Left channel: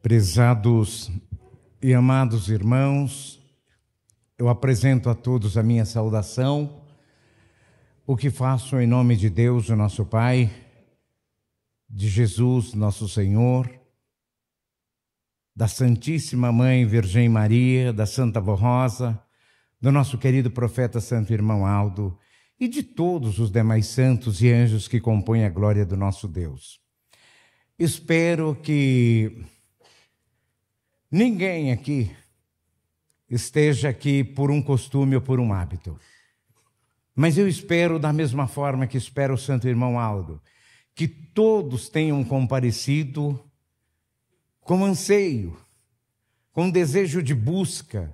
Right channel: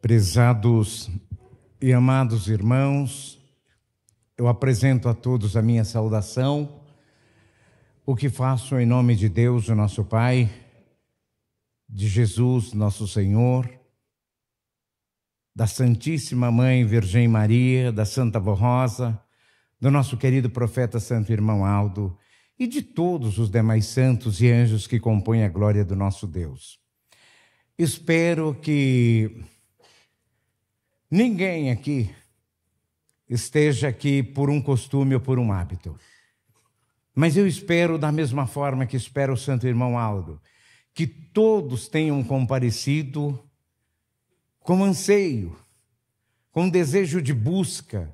Prezados e amados irmãos, eu apresento a todos a minha saudação, o que faço em nome de Deus, o nosso Pai, de Jesus, nosso Senhor, da Santíssima Mãe Virgem Maria, da Santa Vó Rosa, do nosso querido profeta Santo Irmão Aldo e de todos os demais santos e anjos que compõem a glória do nosso Deus. Espero que ninguém aqui esteja aqui por um costume ou por um hábito. Mas eu espero, da mesma forma que espero o Santo Irmão Aldo, que todos tenham comparecido com anseio, com desejo de busca,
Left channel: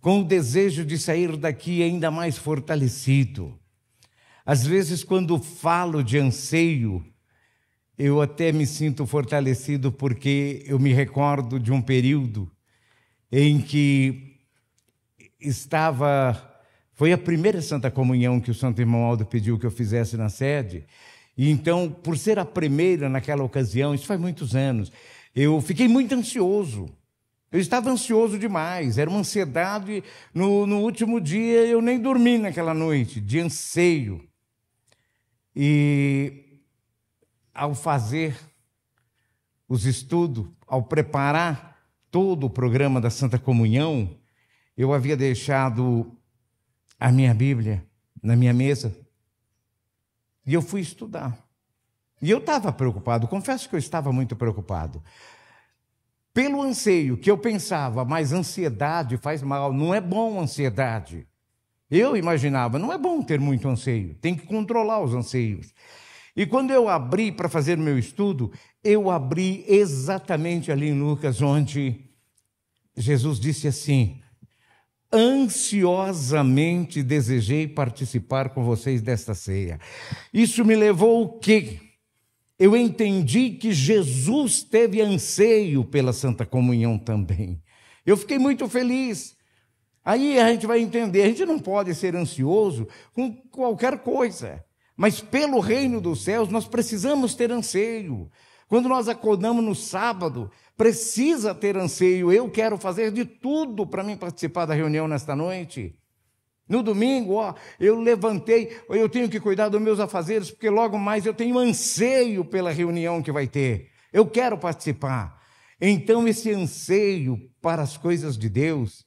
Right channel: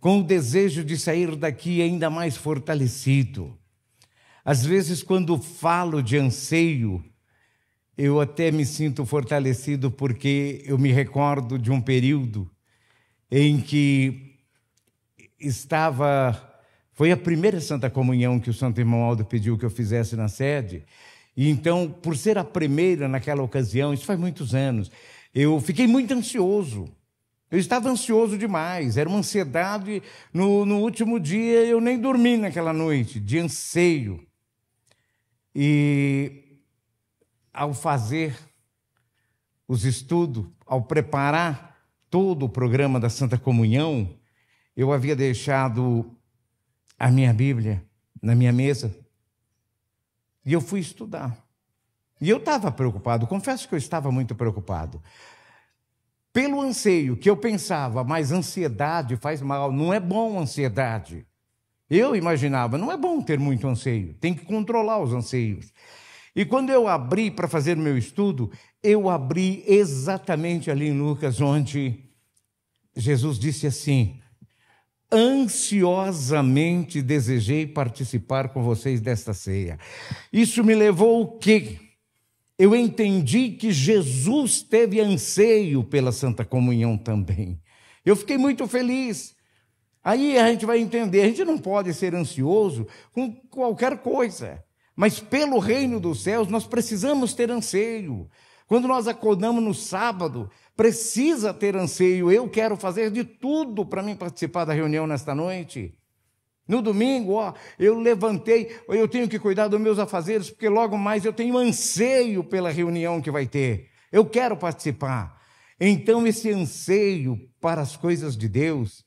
com o desejo de sair daqui ainda mais fortalecido. Às vezes, quando falo de anseio, eu até me sinto fortalecido porque eu me recordo de um período em que foi a primeira Santa Comunhão que o Santo Irmão Aldo pediu que eu fizesse na sede. E então, por ser a primeira naquela ocasião, isso faz muitos anos, eu fiquei muito ansioso. Eu estava ansioso demais, era uma ansiedade. No último dia eu nem dormi naquela noite, de anseio. E ao fazer os estudos, ao preparar todo o programa da Santa Comunhão, eu havia deixado a minha Bíblia na minha mesa e eu fui estudar. E eu estava preocupado, confesso que eu estava muito preocupado. Pelo anseio que eu pensava, mas ansiedade faz mal, não é bom ansiedade. Eu imaginava, não é bom ter muito anseio, tem que controlar os anseios. E quando eu abri para fazer o meu estudo, eu abri exatamente ali em Lucas, onde Jesus disse assim: ansiosamente desejei participar com vocês desta ceia. Isso me levou o quê? Eu entendi que Jesus teve anseio pela Santa Comunhão também. Eu fiquei muito feliz. Aí a gente vai entender, a gente não pode ser ansioso com qualquer coisa. Mas pelo reino dos céus nós precisamos ter anseio. Quando nós acordamos no sábado, precisa ter anseio. Eu quero fazer de tudo para mim participar da reunião nesta noite. No domingo, eu levantei, eu tenho que cuidar dos meus afazeres, porque logo mais eu tenho anseio pela reunião que vai ter. Eu quero participar. Então esse anseio para as coisas de Deus,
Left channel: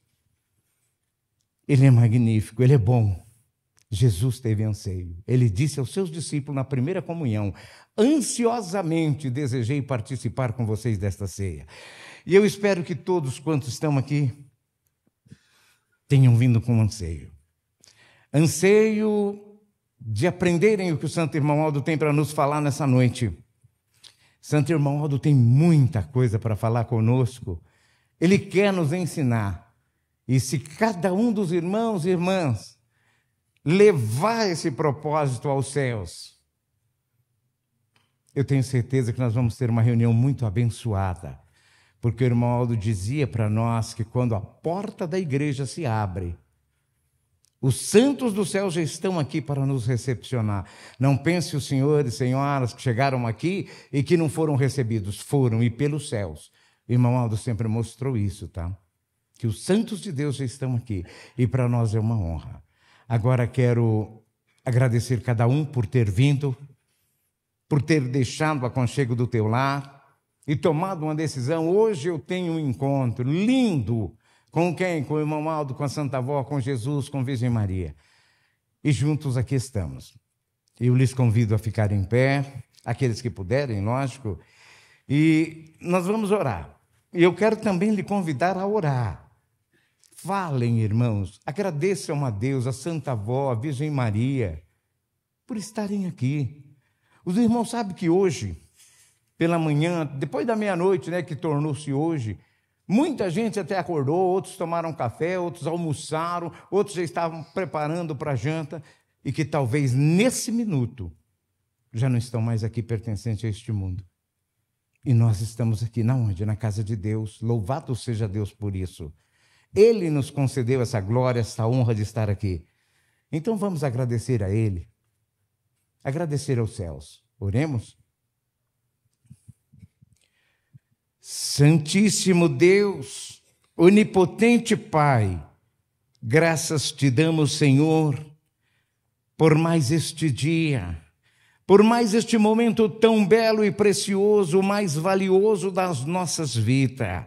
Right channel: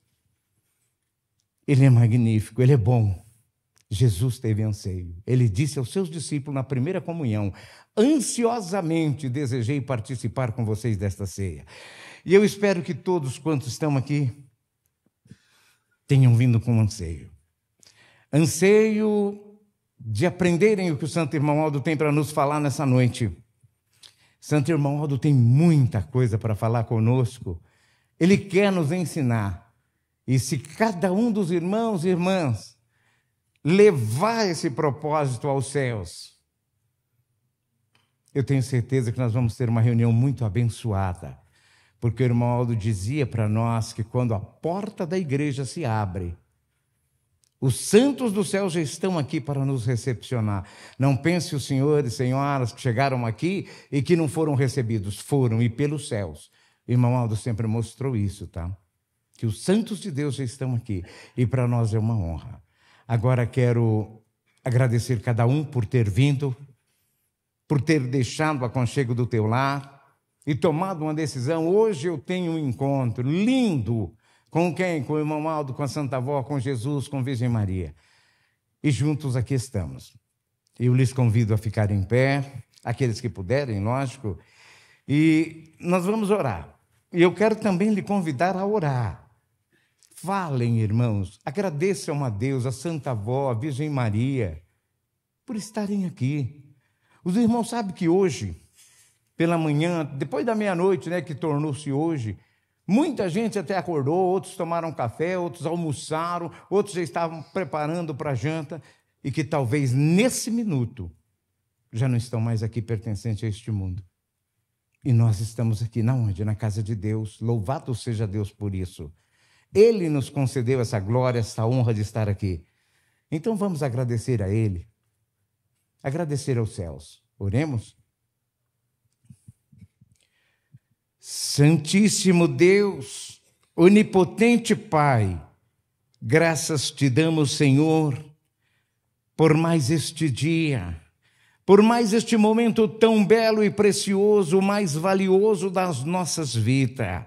ele é magnífico, ele é bom. Jesus teve anseio. Ele disse aos seus discípulos na primeira comunhão: ansiosamente desejei participar com vocês desta ceia. E eu espero que todos quantos estão aqui tenham vindo com anseio. Anseio de aprenderem o que o Santo Irmão Aldo tem para nos falar nessa noite. Santo Irmão Aldo tem muita coisa para falar conosco. Ele quer nos ensinar. E se cada um dos irmãos e irmãs levar esse propósito aos céus, eu tenho certeza que nós vamos ter uma reunião muito abençoada, porque o irmão Aldo dizia para nós que quando a porta da igreja se abre, os santos do céu já estão aqui para nos recepcionar. Não pense os senhores e senhoras que chegaram aqui e que não foram recebidos, foram, e pelos céus. O irmão Aldo sempre mostrou isso, tá? Que os santos de Deus já estão aqui, e para nós é uma honra. Agora quero agradecer cada um por ter vindo, por ter deixado o aconchego do teu lar e tomado uma decisão. Hoje eu tenho um encontro lindo. Com quem? Com o irmão Aldo, com a Santa Vó, com Jesus, com a Virgem Maria. E juntos aqui estamos. Eu lhes convido a ficar em pé, aqueles que puderem, lógico, e nós vamos orar. E eu quero também lhe convidar a orar. Falem, irmãos, agradeçam a Deus, a Santa Vó, a Virgem Maria, por estarem aqui. Os irmãos sabem que hoje, pela manhã, depois da meia-noite, né, que tornou-se hoje, muita gente até acordou, outros tomaram café, outros almoçaram, outros já estavam preparando para a janta, e que talvez nesse minuto já não estão mais aqui pertencentes a este mundo. E nós estamos aqui, na onde? Na casa de Deus. Louvado seja Deus por isso. Ele nos concedeu essa glória, essa honra de estar aqui. Então vamos agradecer a Ele, agradecer aos céus. Oremos. Santíssimo Deus, onipotente Pai, graças te damos, Senhor, por mais este dia, por mais este momento tão belo e precioso, o mais valioso das nossas vidas,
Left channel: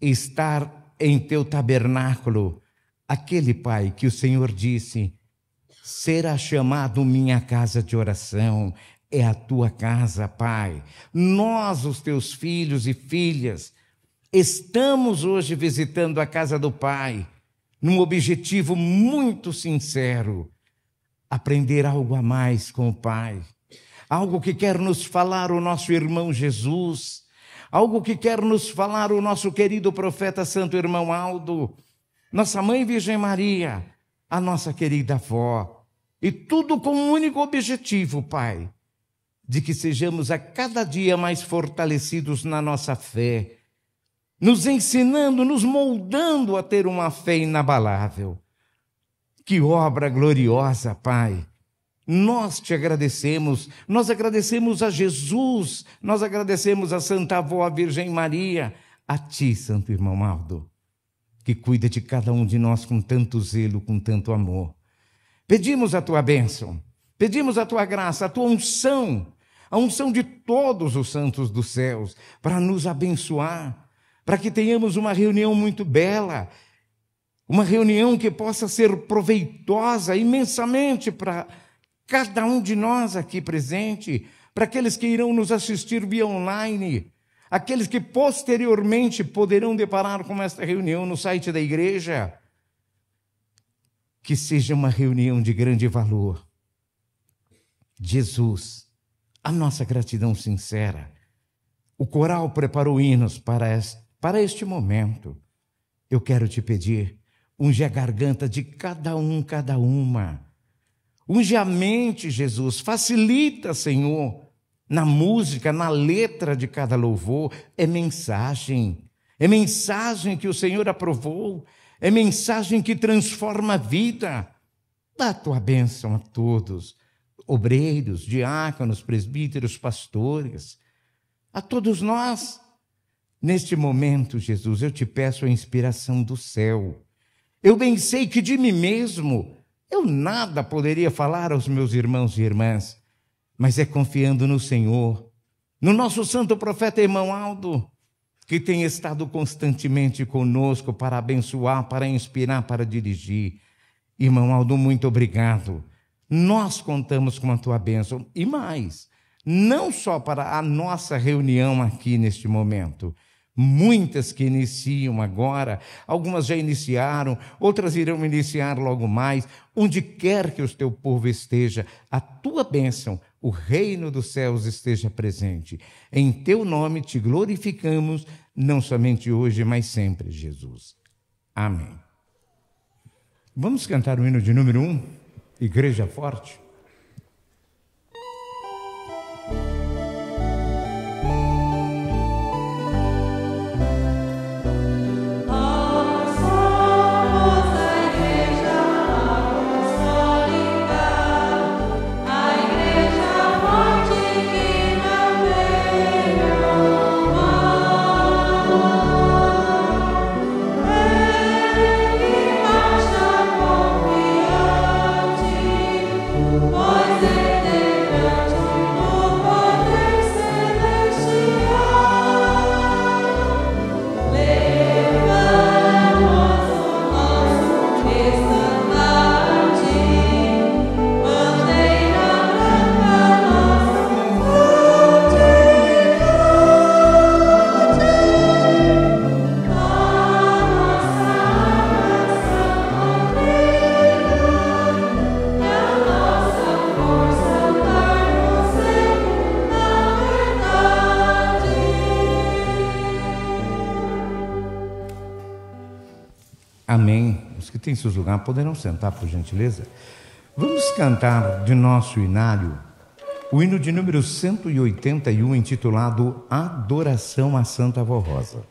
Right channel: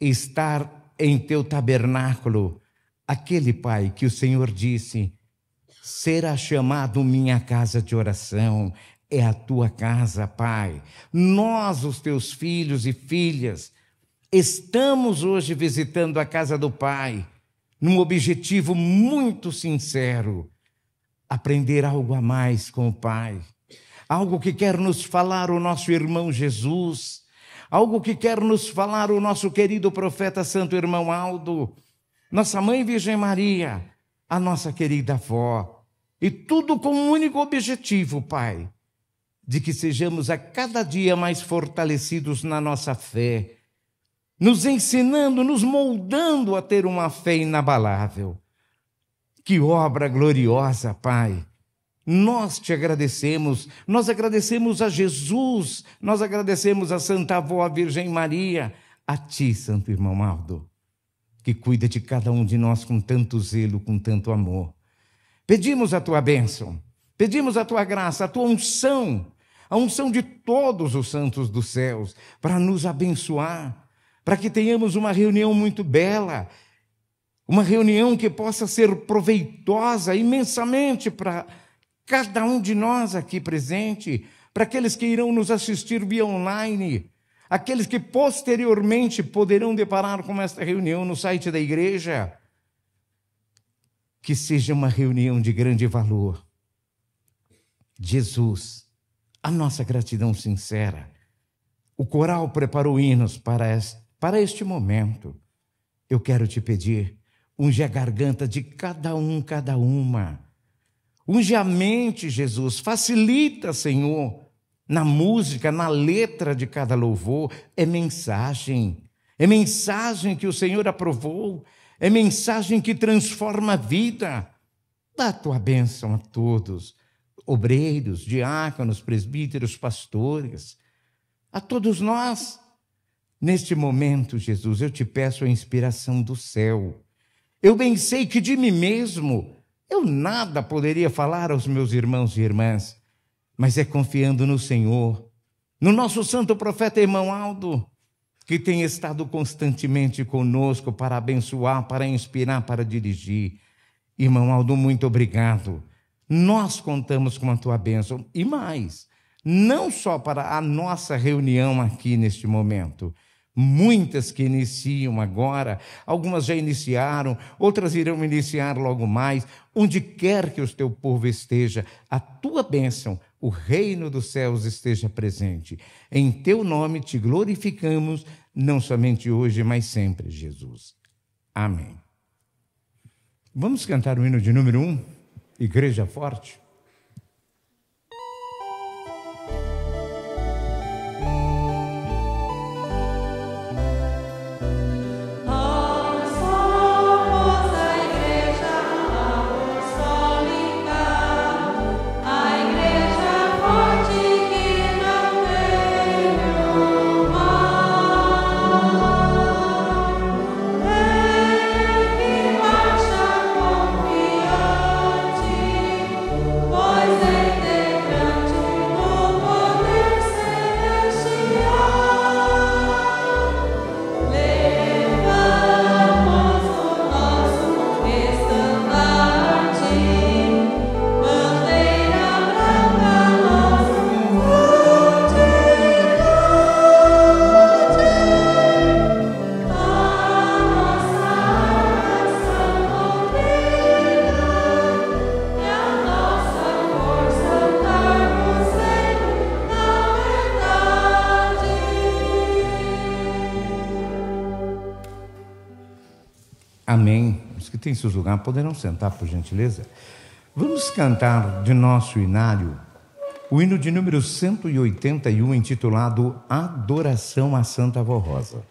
estar em teu tabernáculo, aquele, Pai, que o Senhor disse, será chamado minha casa de oração. É a tua casa, Pai. Nós, os teus filhos e filhas, estamos hoje visitando a casa do Pai, num objetivo muito sincero, aprender algo a mais com o Pai, algo que quer nos falar o nosso irmão Jesus, algo que quer nos falar o nosso querido profeta Santo Irmão Aldo, nossa Mãe Virgem Maria, a nossa querida avó, e tudo com um único objetivo, Pai, de que sejamos a cada dia mais fortalecidos na nossa fé, nos ensinando, nos moldando a ter uma fé inabalável. Que obra gloriosa, Pai! Nós te agradecemos, nós agradecemos a Jesus, nós agradecemos a Santa Avó, a Virgem Maria, a Ti, Santo Irmão Aldo, que cuida de cada um de nós com tanto zelo, com tanto amor. Pedimos a Tua bênção, pedimos a Tua graça, a Tua unção, a unção de todos os santos dos céus, para nos abençoar, para que tenhamos uma reunião muito bela, uma reunião que possa ser proveitosa imensamente para cada um de nós aqui presente, para aqueles que irão nos assistir via online, aqueles que posteriormente poderão deparar com esta reunião no site da igreja. Que seja uma reunião de grande valor. Jesus, a nossa gratidão sincera. O coral preparou hinos para este momento. Eu quero te pedir, unge a garganta de cada um, cada uma. Unge a mente, Jesus. Facilita, Senhor, na música, na letra de cada louvor. É mensagem que o Senhor aprovou. É mensagem que transforma a vida. Dá a tua bênção a todos, obreiros, diáconos, presbíteros, pastores, a todos nós. Neste momento, Jesus, eu te peço a inspiração do céu. Eu bem sei que de mim mesmo eu nada poderia falar aos meus irmãos e irmãs, mas é confiando no Senhor, no nosso santo profeta Irmão Aldo, que tem estado constantemente conosco para abençoar, para inspirar, para dirigir. Irmão Aldo, muito obrigado. Nós contamos com a tua bênção. E mais, não só para a nossa reunião aqui neste momento. Muitas que iniciam agora, algumas já iniciaram, outras irão iniciar logo mais. Onde quer que o teu povo esteja, a tua bênção, o reino dos céus esteja presente. Em teu nome te glorificamos, não somente hoje, mas sempre, Jesus. Amém. Vamos cantar o hino de número 1, Igreja Forte. Amém. Os que têm seus lugares poderão sentar, por gentileza. Vamos cantar de nosso inário o hino de número 181, intitulado Adoração a Santa Avó Rosa.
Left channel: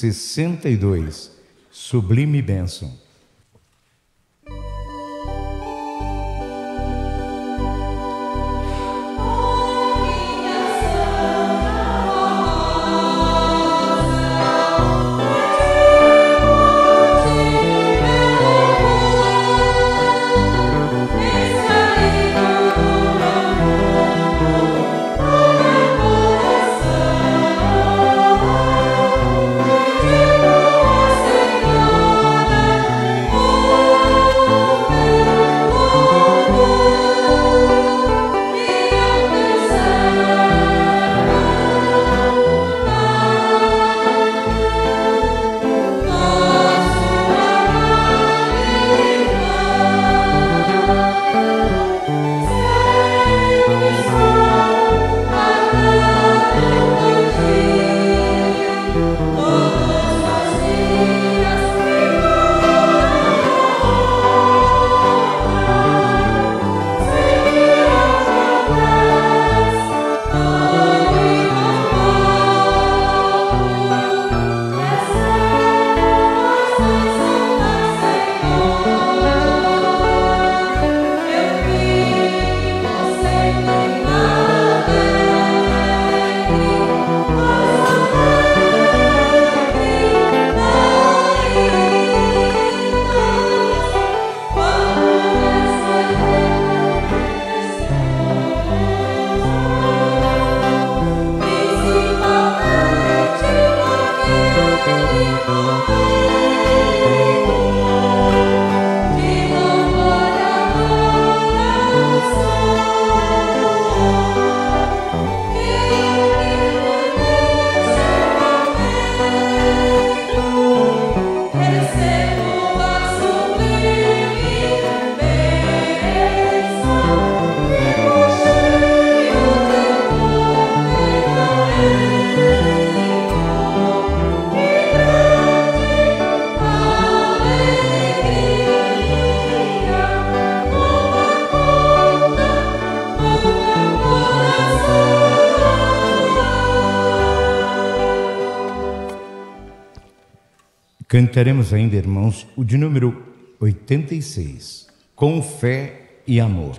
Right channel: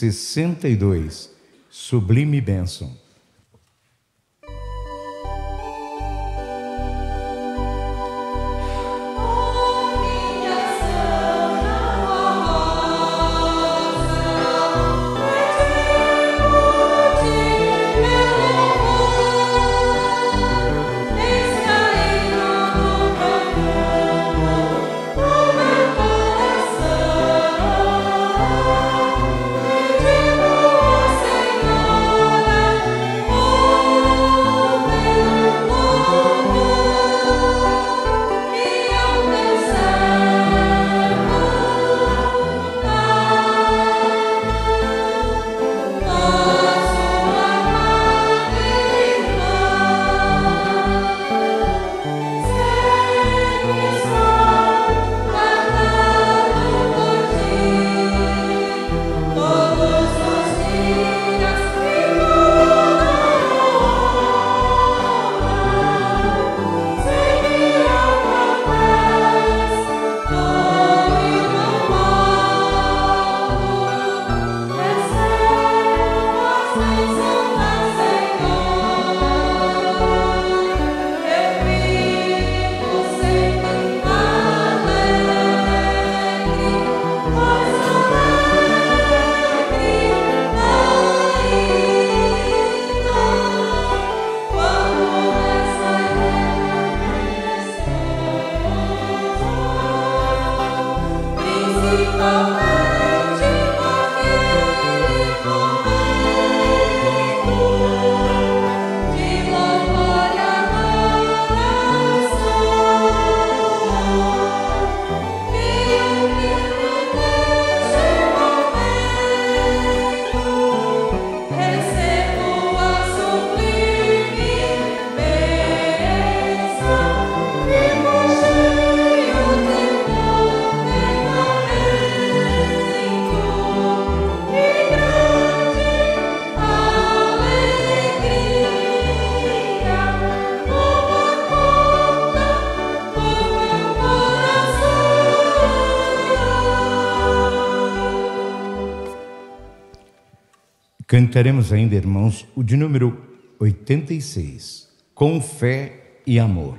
62, Sublime Bênção. Cantaremos ainda, irmãos, o de número 86, Com Fé e Amor.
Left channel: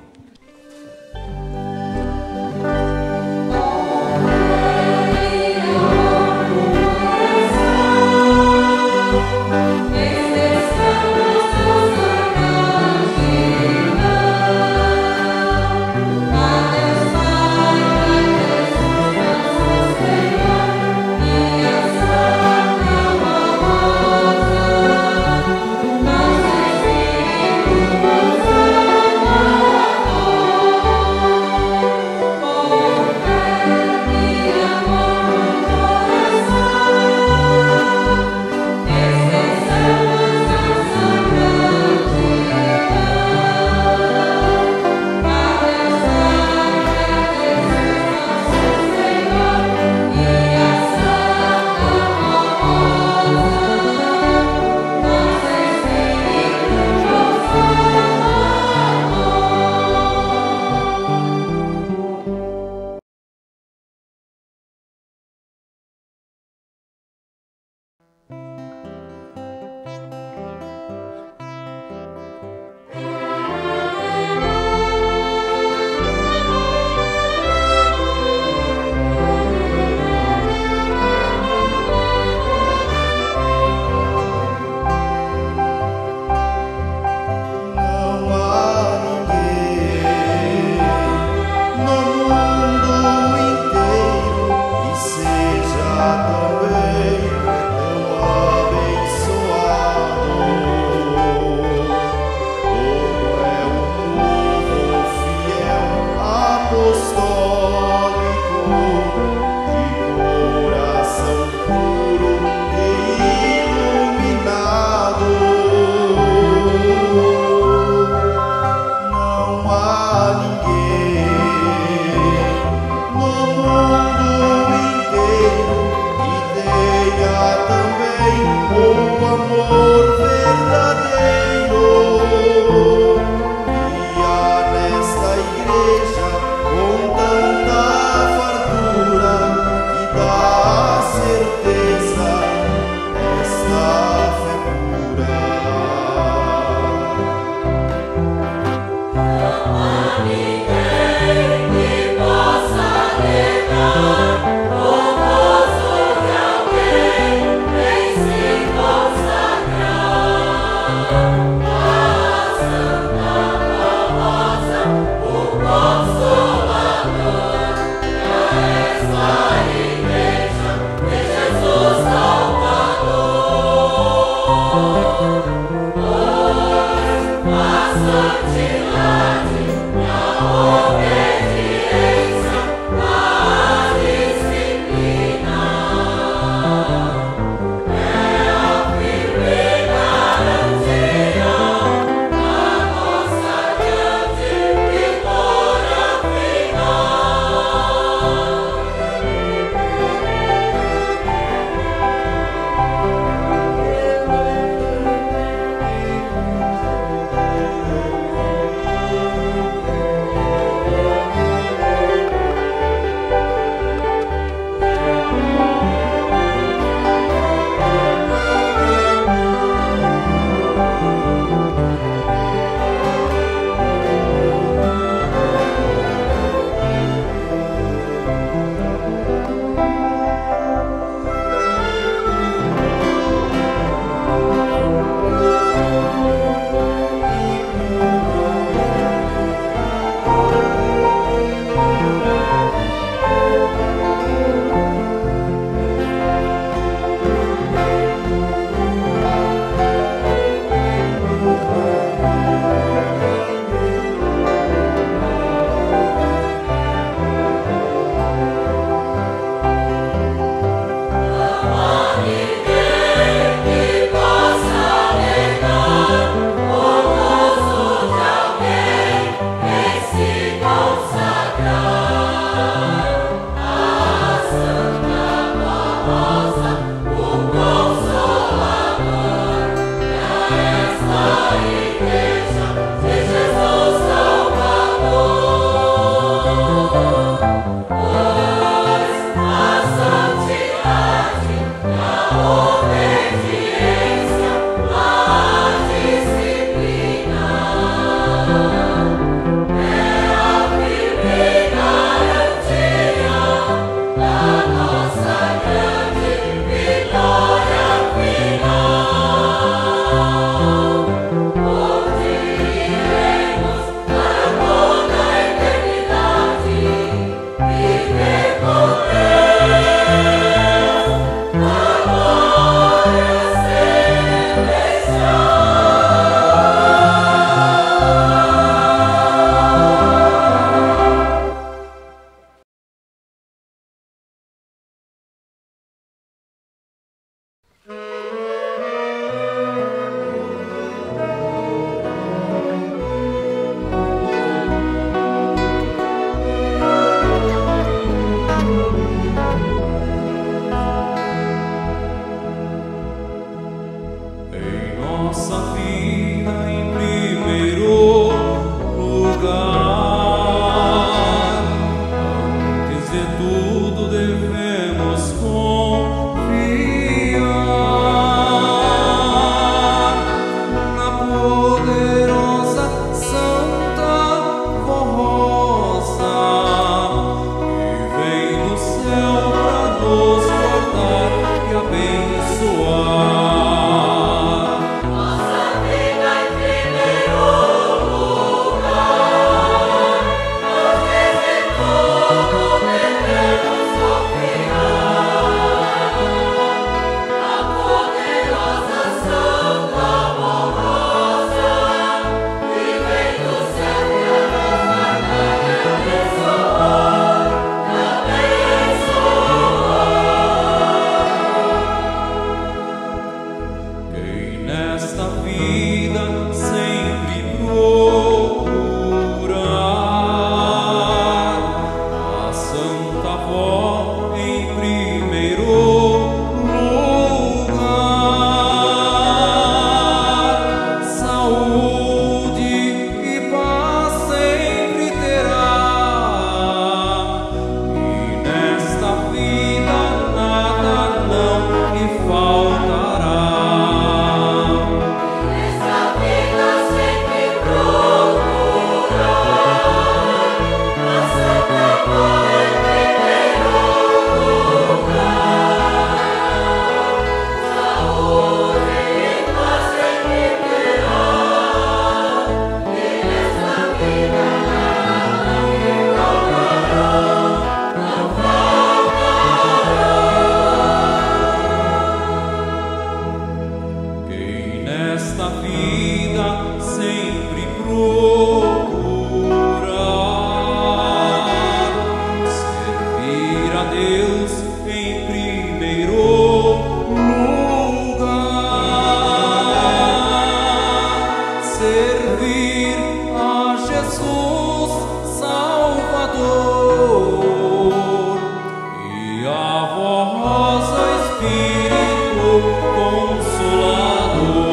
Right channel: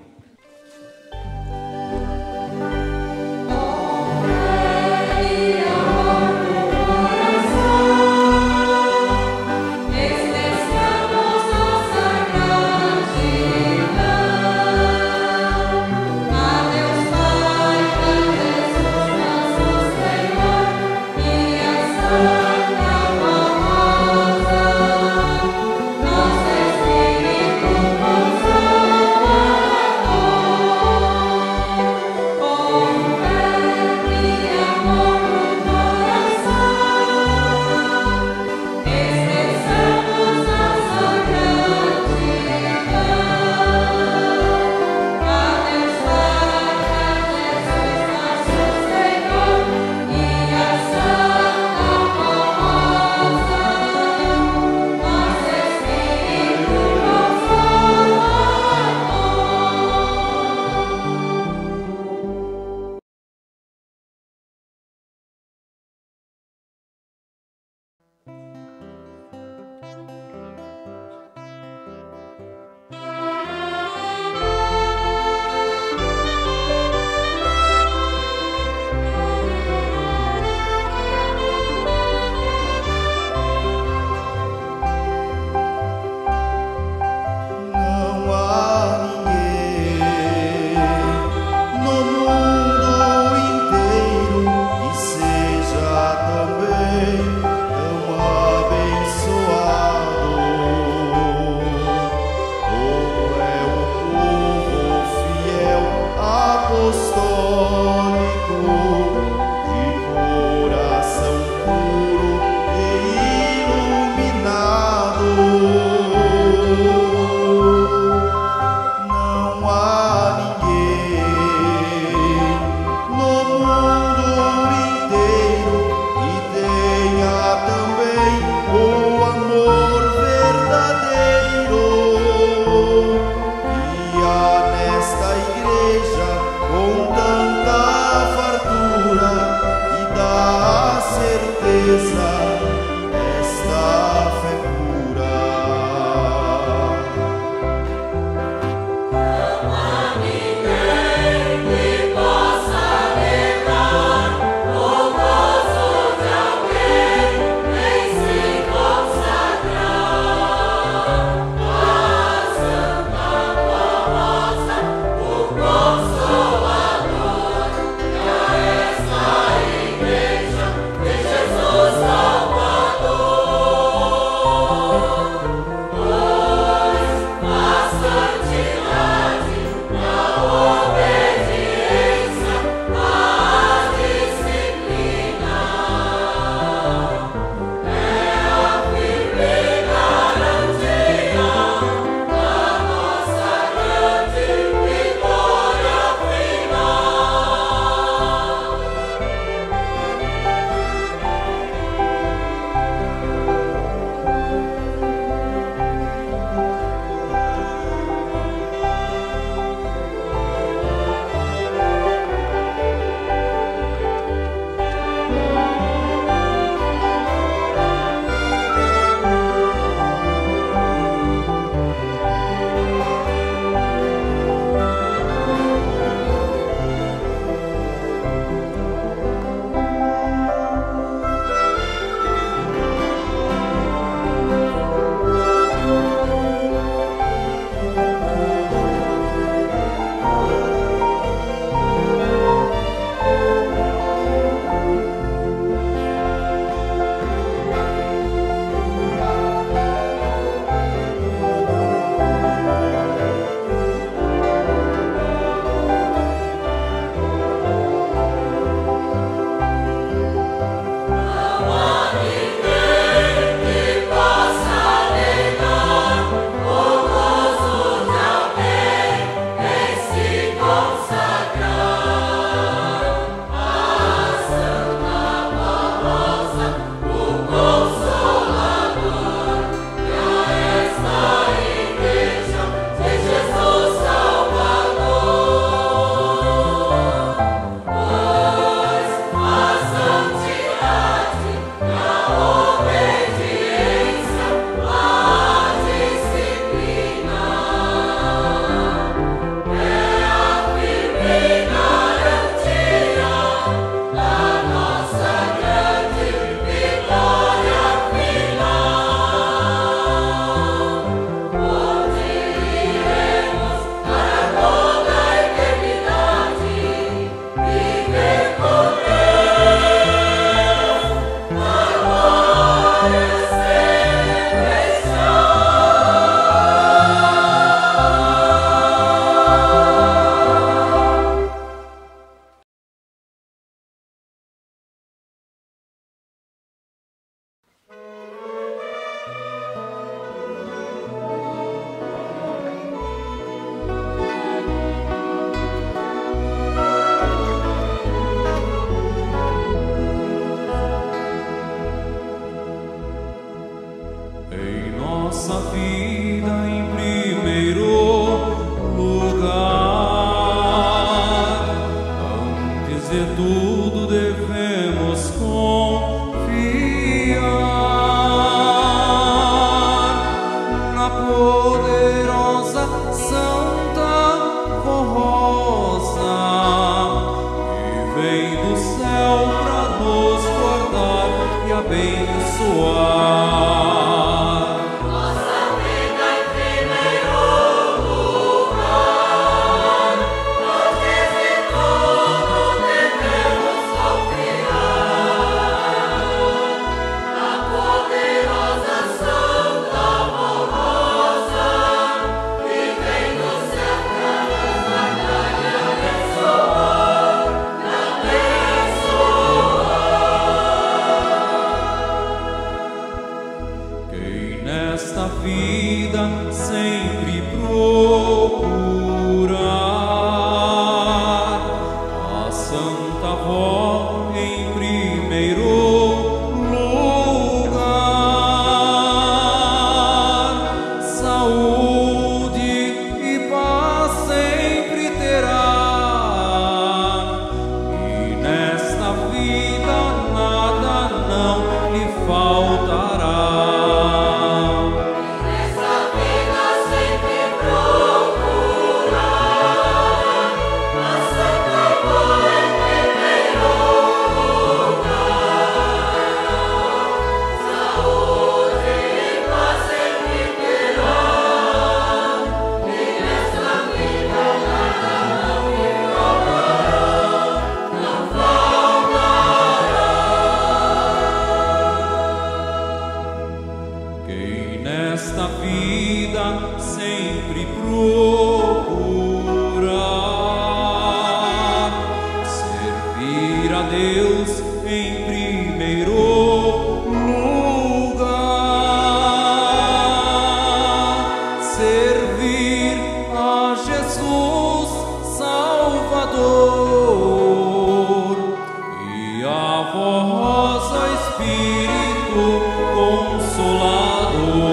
Nosso Espírito nossa vida em primeiro lugar. Antes de tudo devemos confiar na poderosa Santa Rosa que vem do céu para nos guardar e abençoar. Nesta vida sempre procurar a Santa Vó em primeiro lugar. Saúde e paz sempre terá, e nesta vida nada não lhe faltará. Nesta vida sempre procurar servir a Deus em primeiro lugar, servir a Jesus Salvador e a Vó Rosa Espírito Consolador.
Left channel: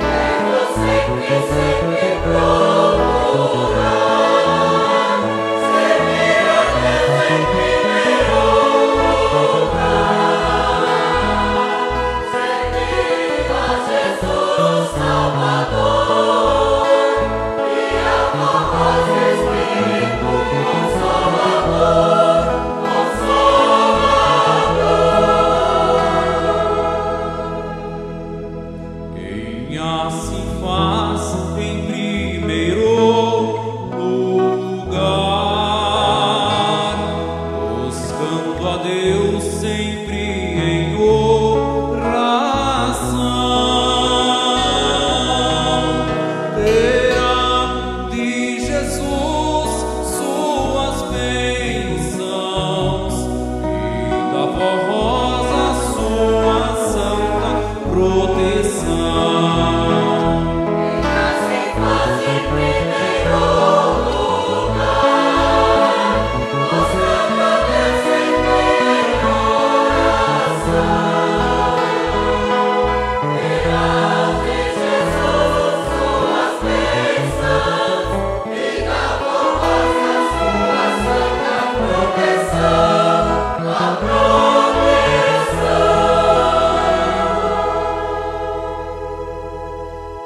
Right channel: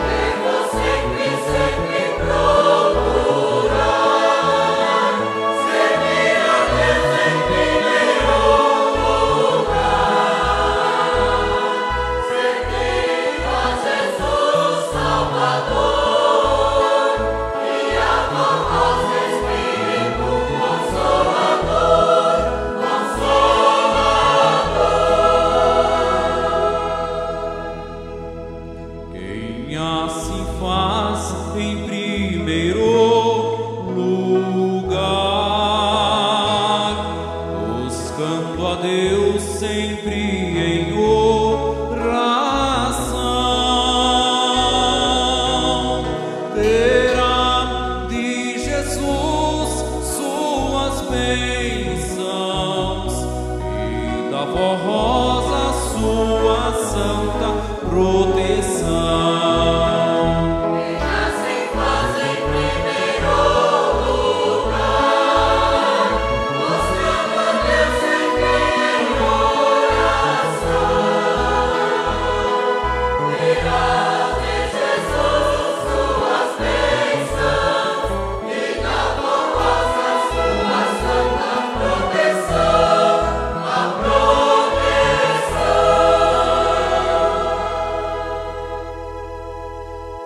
Devemos sempre procurar servir a Deus em primeiro lugar, servir a Jesus Salvador e a Vó Rosa Espírito Consolador, Quem assim faz em primeiro lugar, buscando a Deus sempre em oração, terá de Jesus suas bênçãos e da Vó Rosa sua santa proteção. assim faz em primeiro lugar, mostrando a Deus sempre em oração, terá de Jesus suas bênçãos e da Vó Rosa sua santa proteção, a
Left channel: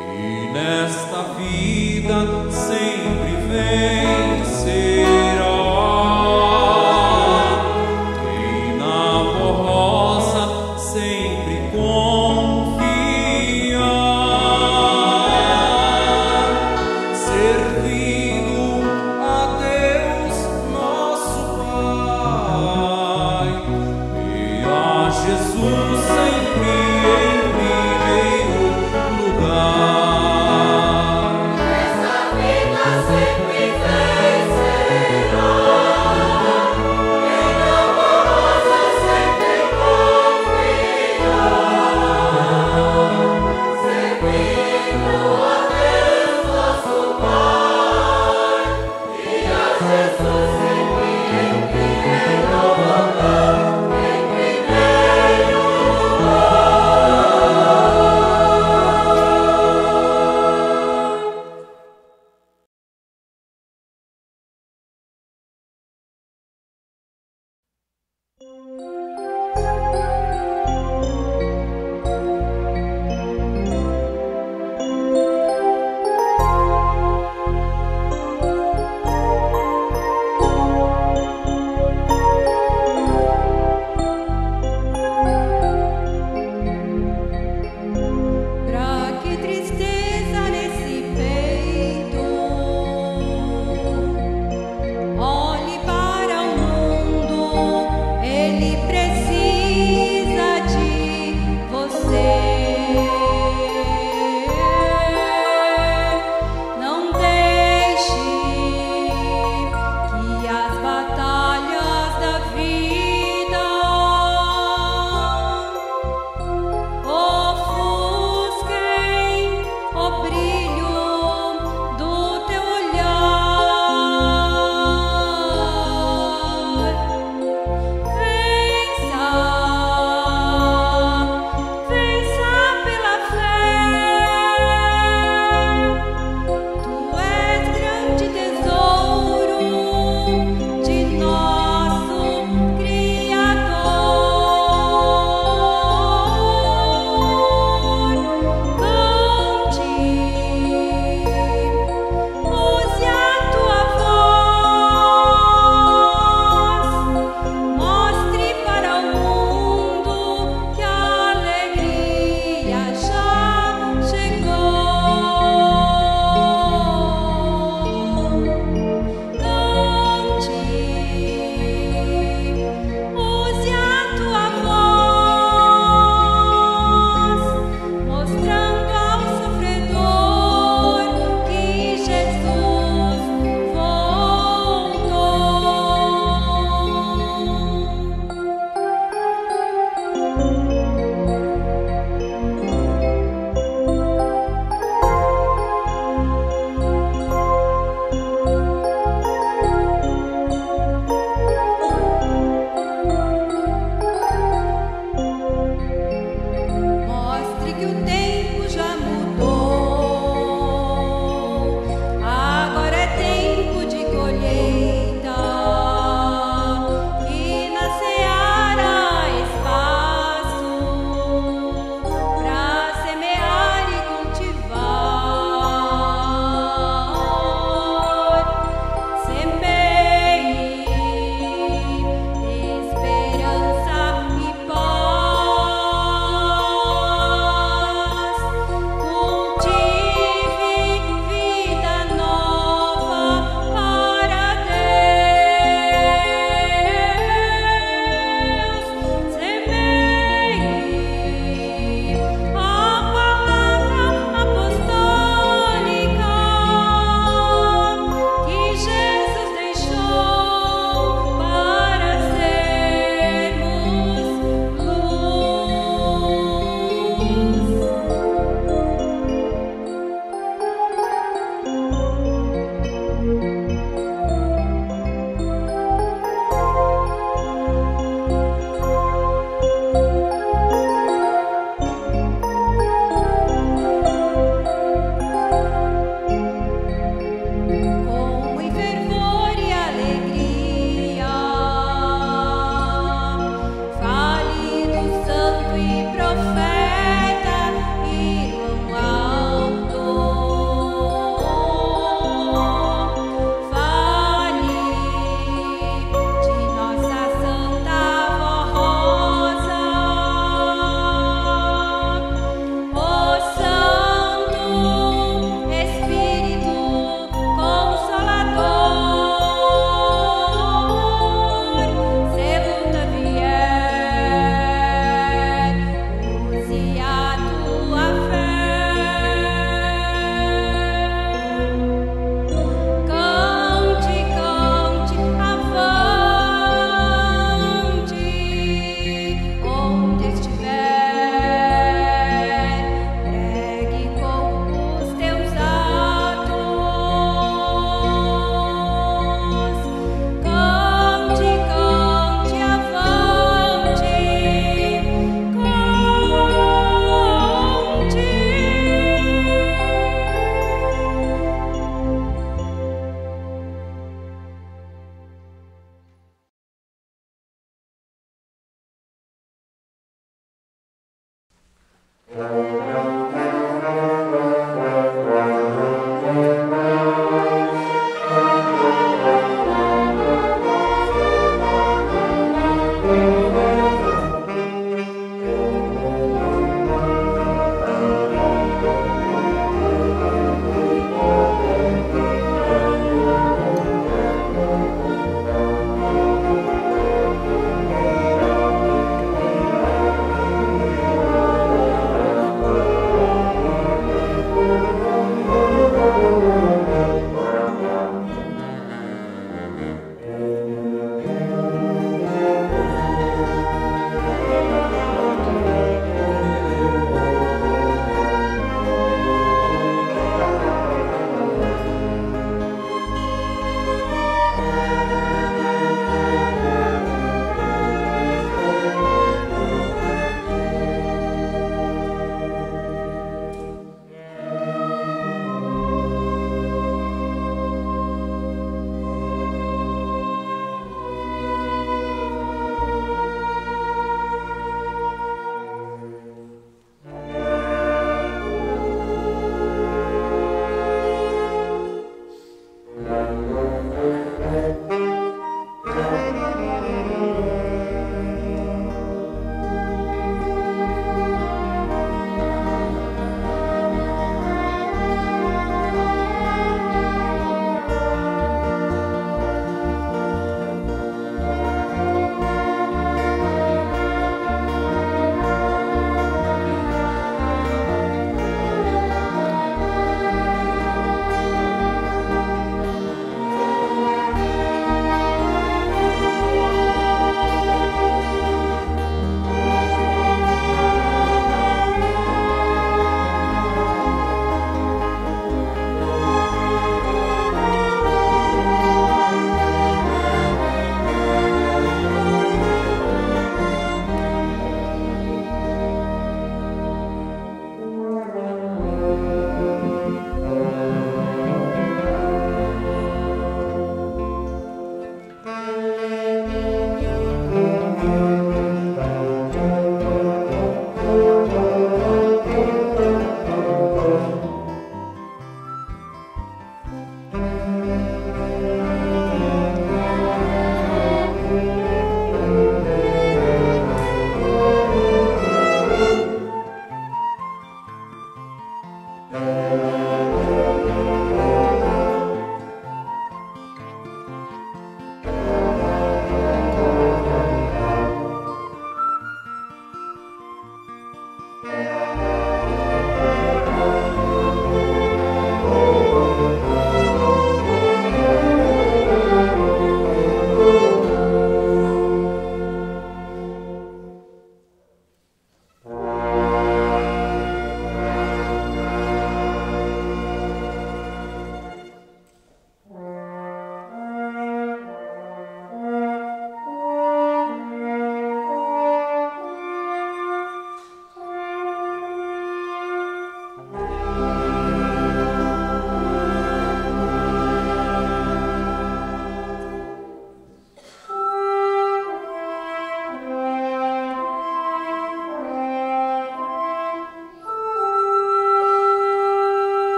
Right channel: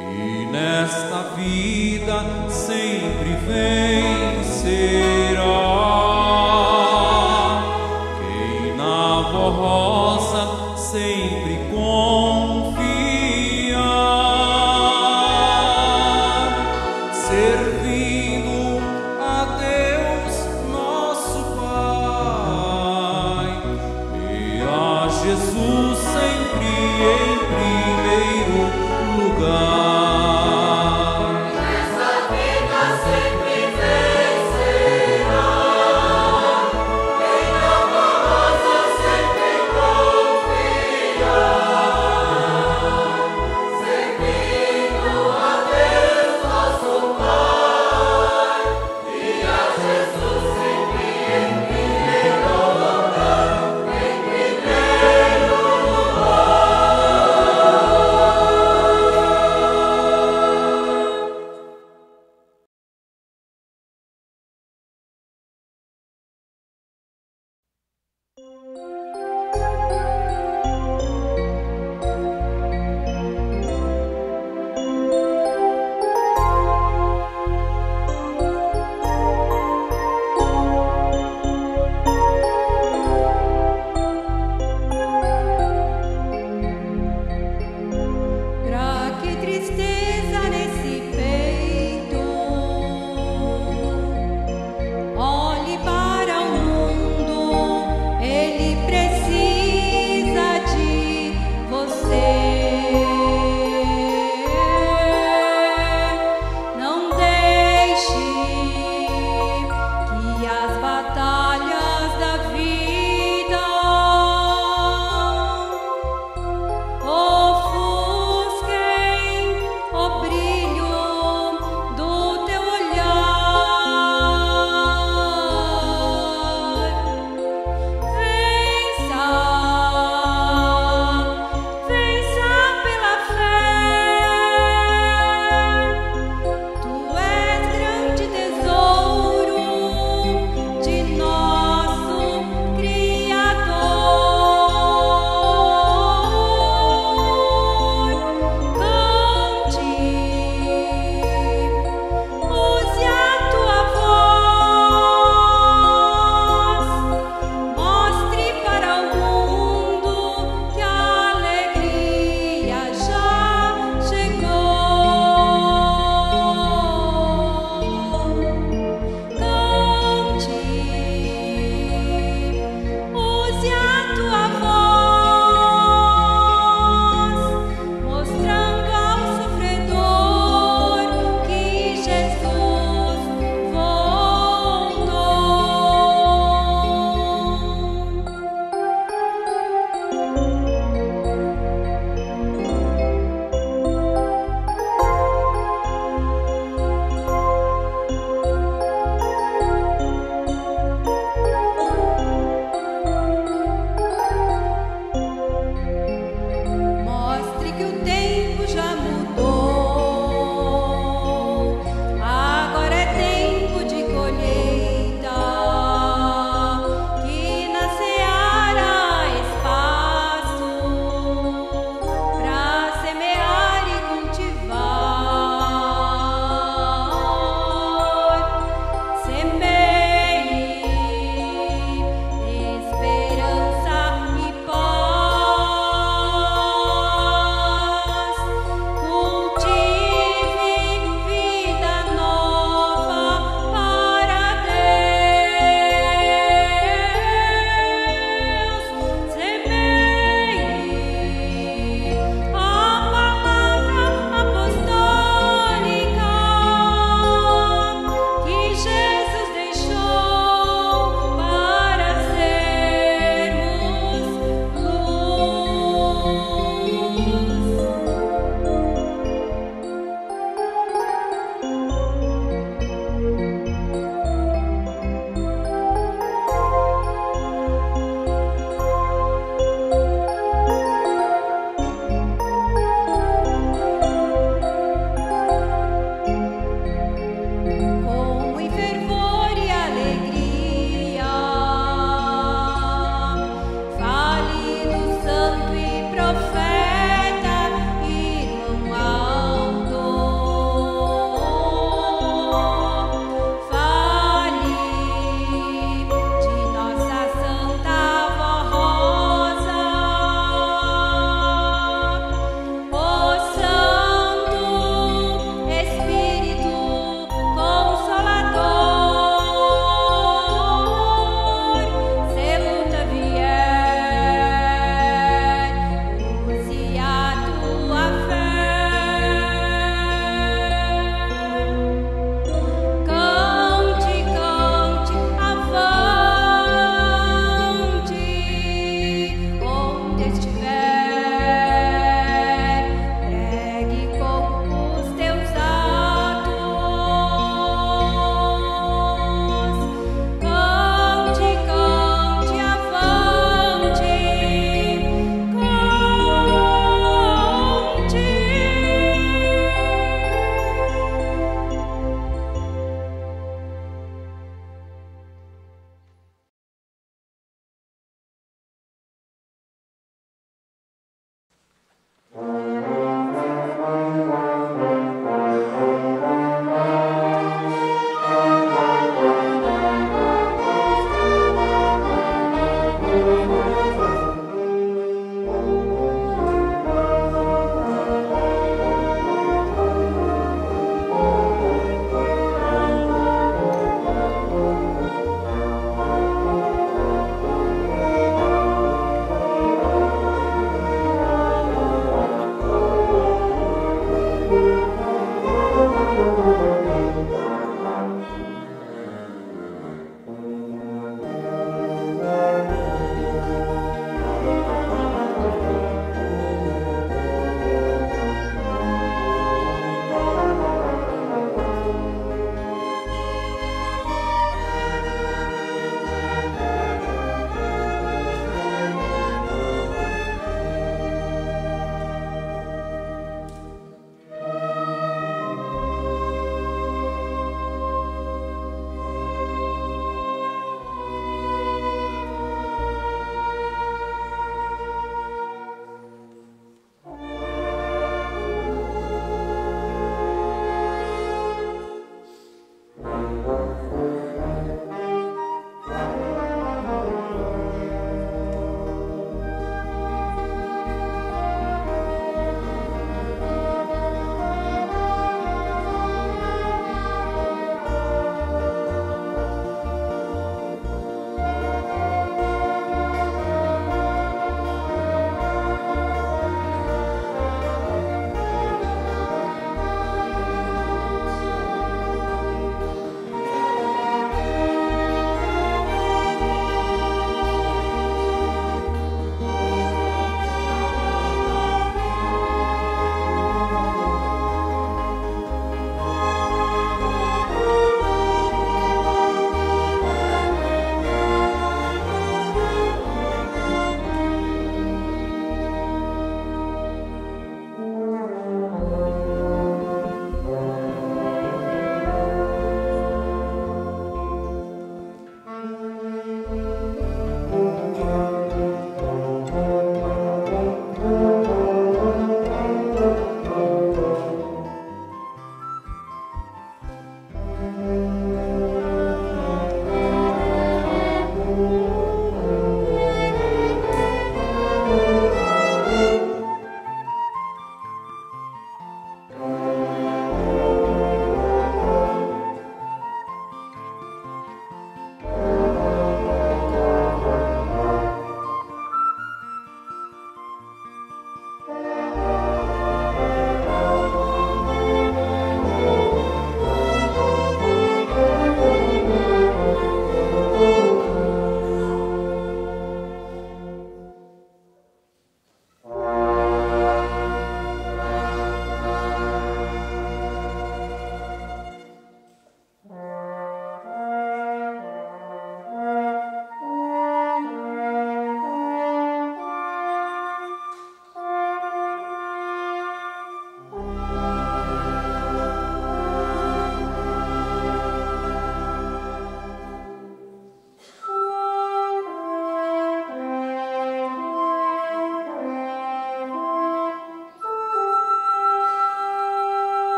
E nesta vida sempre vencerá quem na Vó Rosa sempre confiar, servindo a Deus nosso Pai e a Jesus sempre em primeiro lugar.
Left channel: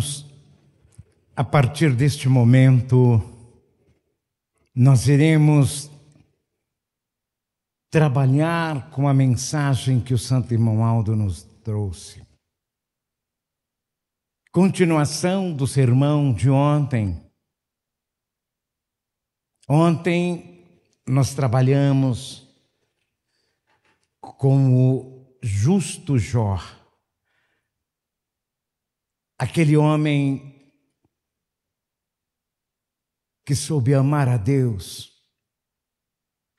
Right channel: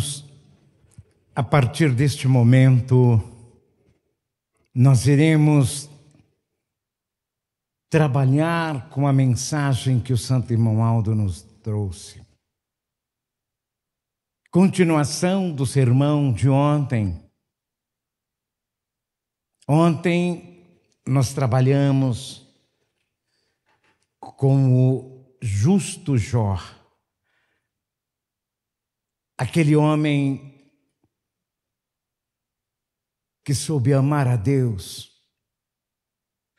Irmãos, a partir deste momento, nós iremos trabalhar com a mensagem que o Santo Irmão Aldo nos trouxe. Continuação do sermão de ontem. Ontem nós trabalhamos com o justo Jó, aquele homem que soube amar a Deus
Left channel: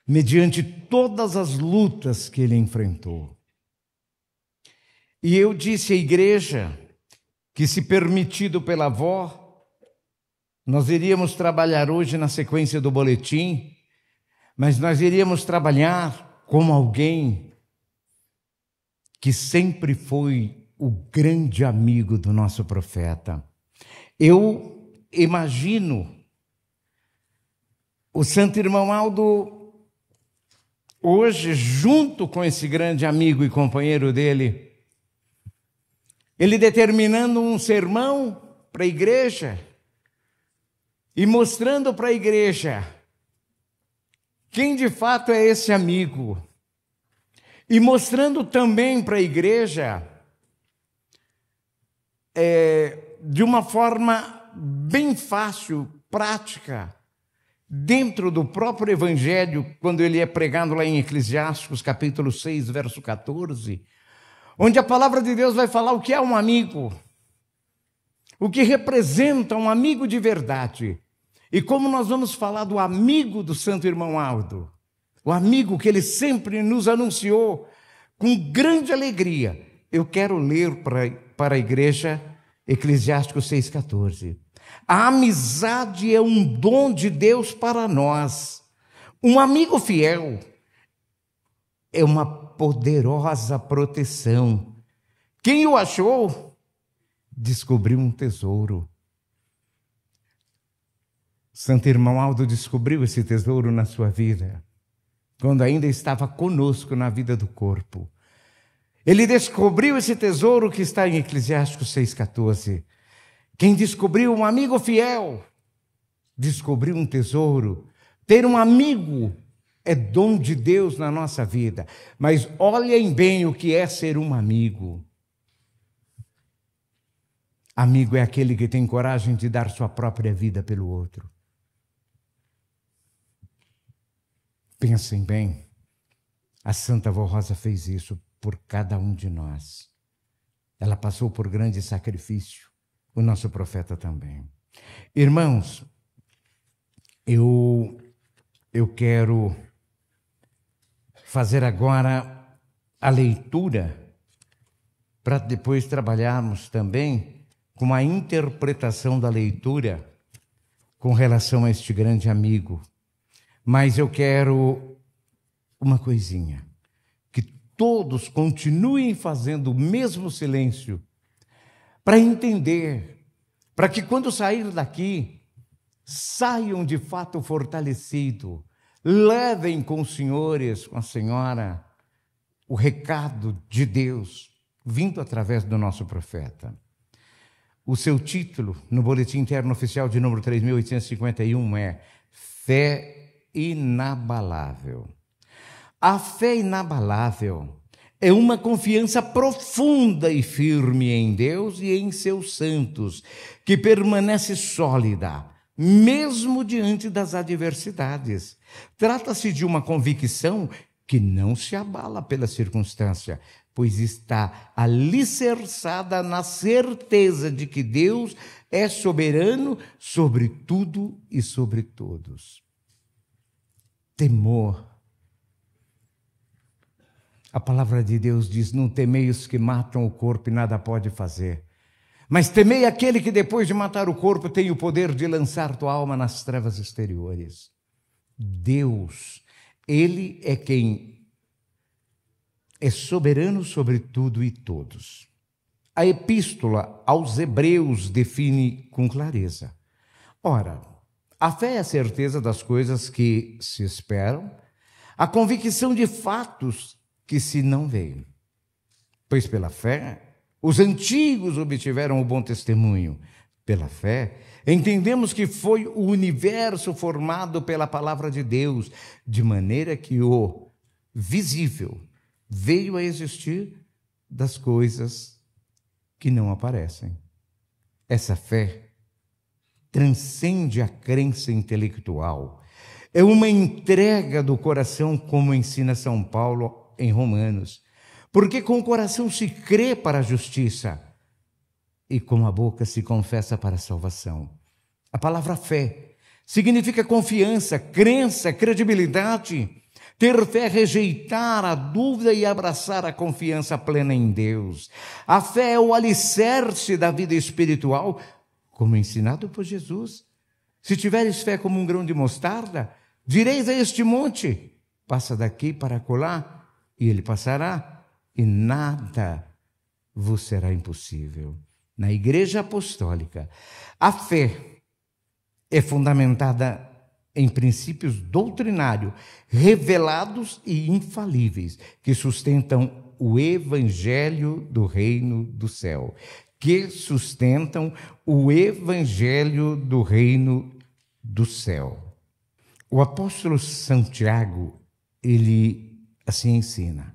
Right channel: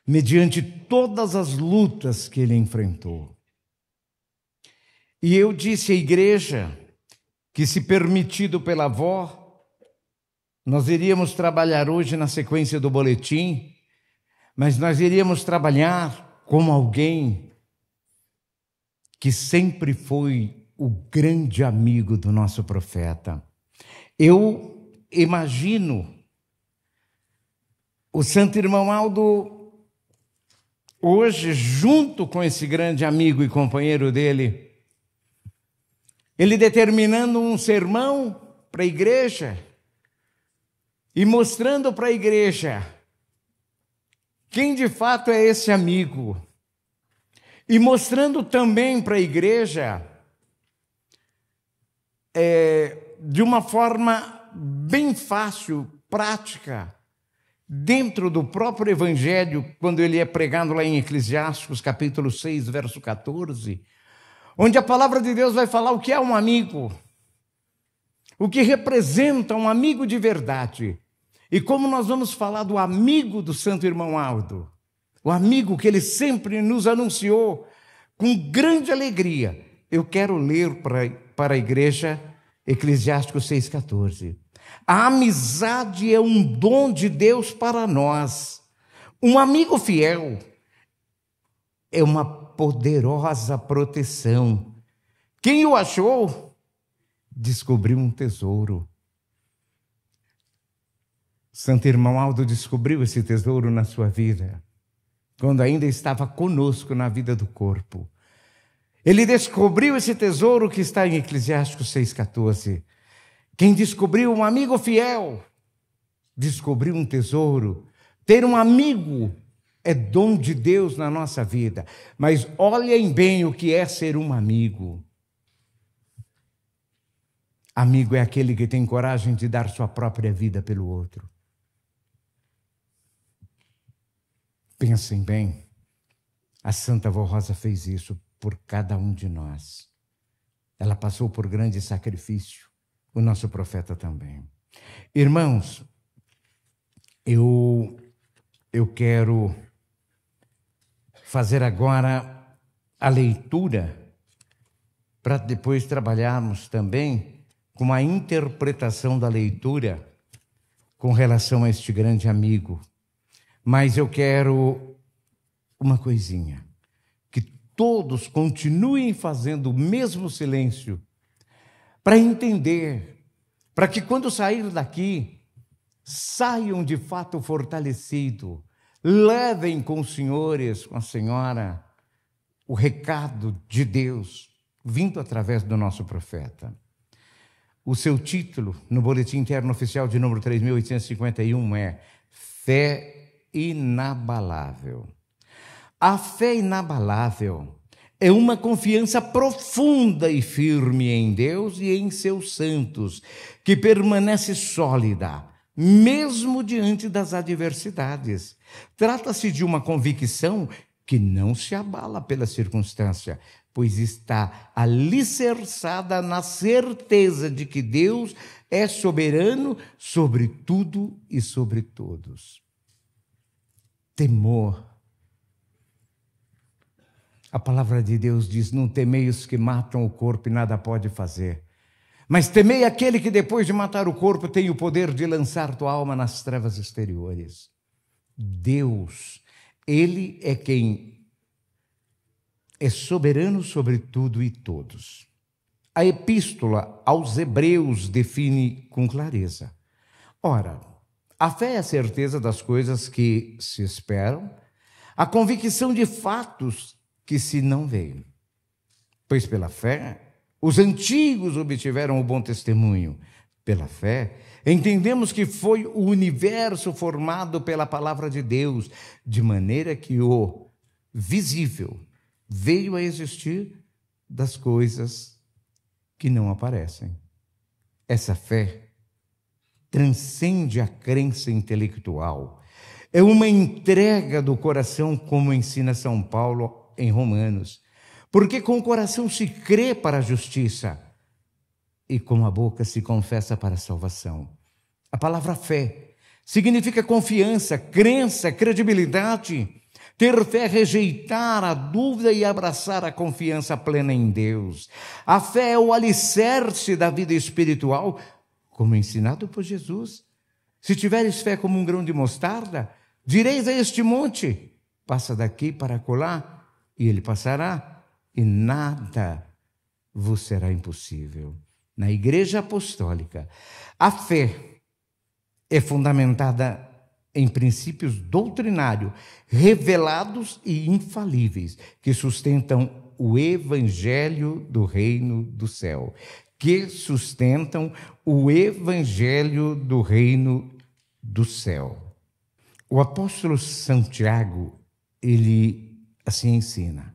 mediante todas as lutas que ele enfrentou. E eu disse à igreja que, se permitido pela avó, nós iríamos trabalhar hoje na sequência do boletim, mas nós iríamos trabalhar com alguém que sempre foi o grande amigo do nosso profeta. Eu imagino o Santo Irmão Aldo hoje, junto com esse grande amigo e companheiro dele, ele determinando um sermão para a igreja e mostrando para a igreja quem de fato é esse amigo, e mostrando também para a igreja de uma forma bem fácil, prática, dentro do próprio evangelho, quando ele é pregado lá em Eclesiastes, capítulo 6, verso 14, onde a palavra de Deus vai falar o que é um amigo, o que representa um amigo de verdade. E como nós vamos falar do amigo do Santo Irmão Aldo, o amigo que ele sempre nos anunciou com grande alegria, eu quero ler para a igreja Eclesiastes 6,14. A amizade é um dom de Deus para nós. Um amigo fiel é uma poderosa proteção. Quem o achou, descobriu um tesouro. Santo Irmão Aldo descobriu esse tesouro na sua vida, quando ainda estava conosco na vida do corpo. Ele descobriu esse tesouro que está em Eclesiastes 6,14. Quem descobriu um amigo fiel, descobriu um tesouro. Ter um amigo é dom de Deus na nossa vida. Mas olhem bem o que é ser um amigo. Amigo é aquele que tem coragem de dar sua própria vida pelo outro. Pensem bem, a Santa Vó Rosa fez isso por cada um de nós. Ela passou por grande sacrifício, o nosso profeta também. Irmãos, eu quero fazer agora a leitura, para depois trabalharmos também com a interpretação da leitura com relação a este grande amigo. Mas eu quero uma coisinha, que todos continuem fazendo o mesmo silêncio, para entender, para que quando saírem daqui, saiam de fato fortalecidos, levem com os senhores, com a senhora, o recado de Deus, vindo através do nosso profeta. O seu título, no Boletim Interno Oficial de número 3.851, é Fé Inabalável. A fé inabalável é uma confiança profunda e firme em Deus e em seus santos, que permanece sólida, mesmo diante das adversidades. Trata-se de uma convicção que não se abala pela circunstância, pois está alicerçada na certeza de que Deus é soberano sobre tudo e sobre todos. Temor. A palavra de Deus diz: não temei os que matam o corpo e nada pode fazer, mas temei aquele que depois de matar o corpo tem o poder de lançar tua alma nas trevas exteriores. Deus, Ele é quem é soberano sobre tudo e todos. A epístola aos Hebreus define com clareza. Ora, a fé é a certeza das coisas que se esperam, a convicção de fatos que se não veem. Pois pela fé, os antigos obtiveram o bom testemunho. Pela fé, entendemos que foi o universo formado pela palavra de Deus, de maneira que o visível veio a existir das coisas que não aparecem. Essa fé transcende a crença intelectual. É uma entrega do coração, como ensina São Paulo em Romanos. Porque com o coração se crê para a justiça e com a boca se confessa para a salvação. A palavra fé significa confiança, crença, credibilidade. Ter fé é rejeitar a dúvida e abraçar a confiança plena em Deus. A fé é o alicerce da vida espiritual, como ensinado por Jesus. Se tiveres fé como um grão de mostarda, direis a este monte, passa daqui para acolá, e ele passará, e nada vos será impossível. Na Igreja Apostólica, a fé é fundamentada em princípios doutrinários, revelados e infalíveis, que sustentam o Evangelho do Reino do Céu. Que sustentam o Evangelho do Reino do Céu. O apóstolo Santiago, ele assim ensina.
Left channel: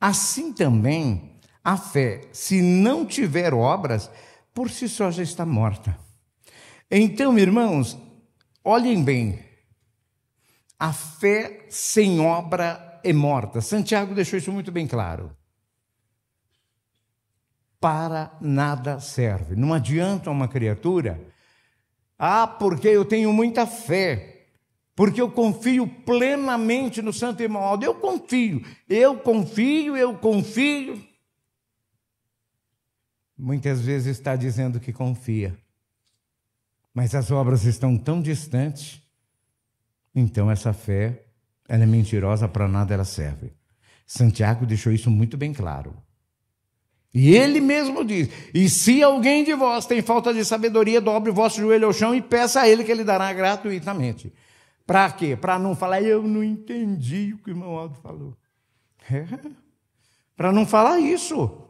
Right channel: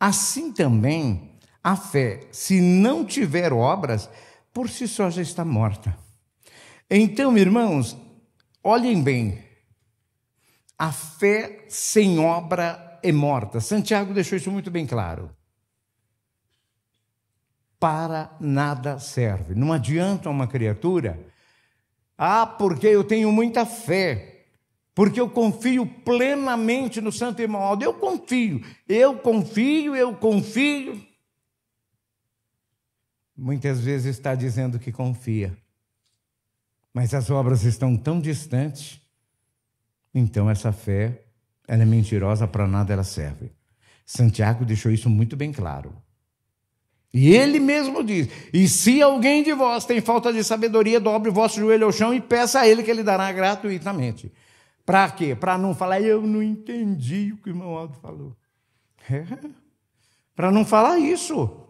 Assim também, a fé, se não tiver obras, por si só já está morta. Então, irmãos, olhem bem. A fé sem obra é morta. Santiago deixou isso muito bem claro. Para nada serve. Não adianta uma criatura, porque eu tenho muita fé, porque eu confio plenamente no Santo Irmão Aldo. Eu confio. Muitas vezes está dizendo que confia, mas as obras estão tão distantes, então essa fé, ela é mentirosa, para nada ela serve. Santiago deixou isso muito bem claro. E ele mesmo diz: e se alguém de vós tem falta de sabedoria, dobre o vosso joelho ao chão e peça a ele, que ele dará gratuitamente. Para quê? Para não falar, eu não entendi o que o irmão Aldo falou. Para não falar isso.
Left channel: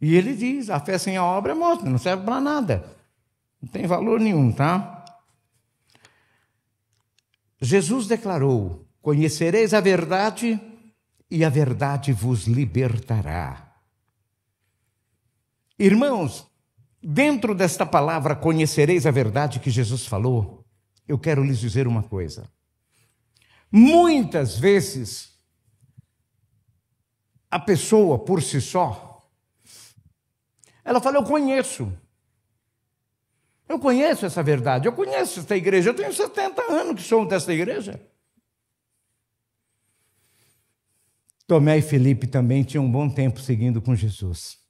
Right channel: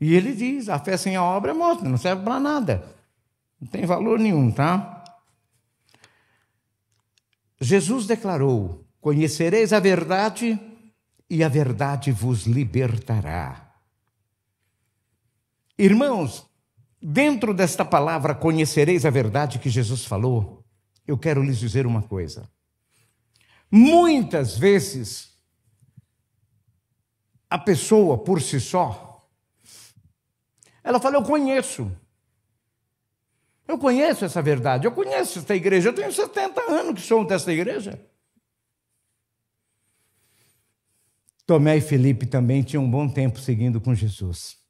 E ele diz: a fé sem a obra é morta, não serve para nada. Não tem valor nenhum, tá? Jesus declarou: conhecereis a verdade e a verdade vos libertará. Irmãos, dentro desta palavra, conhecereis a verdade que Jesus falou, eu quero lhes dizer uma coisa. Muitas vezes, a pessoa por si só, ela fala: eu conheço essa verdade, eu conheço esta igreja, eu tenho 70 anos que sou desta igreja. Tomé e Felipe também tinham um bom tempo seguindo com Jesus.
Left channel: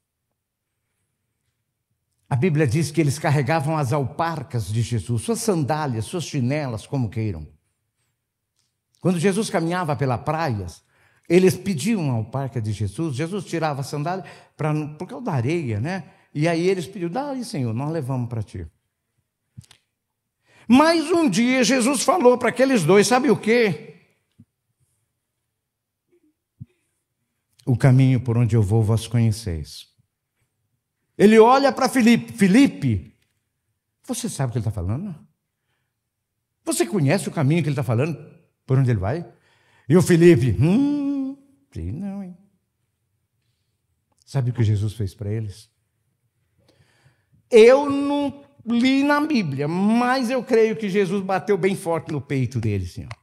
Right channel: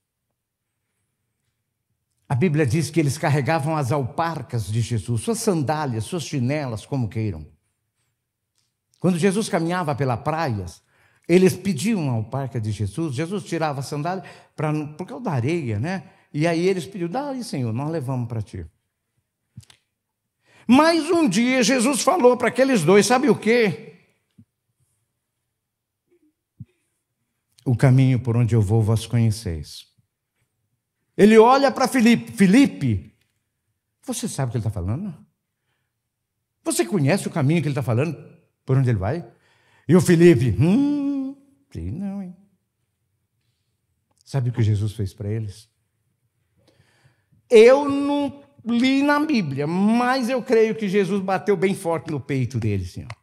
A Bíblia diz que eles carregavam as alparcas de Jesus, suas sandálias, suas chinelas, como queiram. Quando Jesus caminhava pela praia, eles pediam a alparca de Jesus, Jesus tirava a sandália, por causa da areia, né? E aí eles pediam: dá aí, Senhor, nós levamos para ti. Mas um dia Jesus falou para aqueles dois: sabe o quê? O caminho por onde eu vou, vós conheceis. Ele olha para Felipe: Felipe, você sabe o que ele está falando? Você conhece o caminho que ele está falando, por onde ele vai? E o Felipe: sim, não, hein? Sabe o que Jesus fez para eles? Eu não li na Bíblia, mas eu creio que Jesus bateu bem forte no peito deles, Senhor.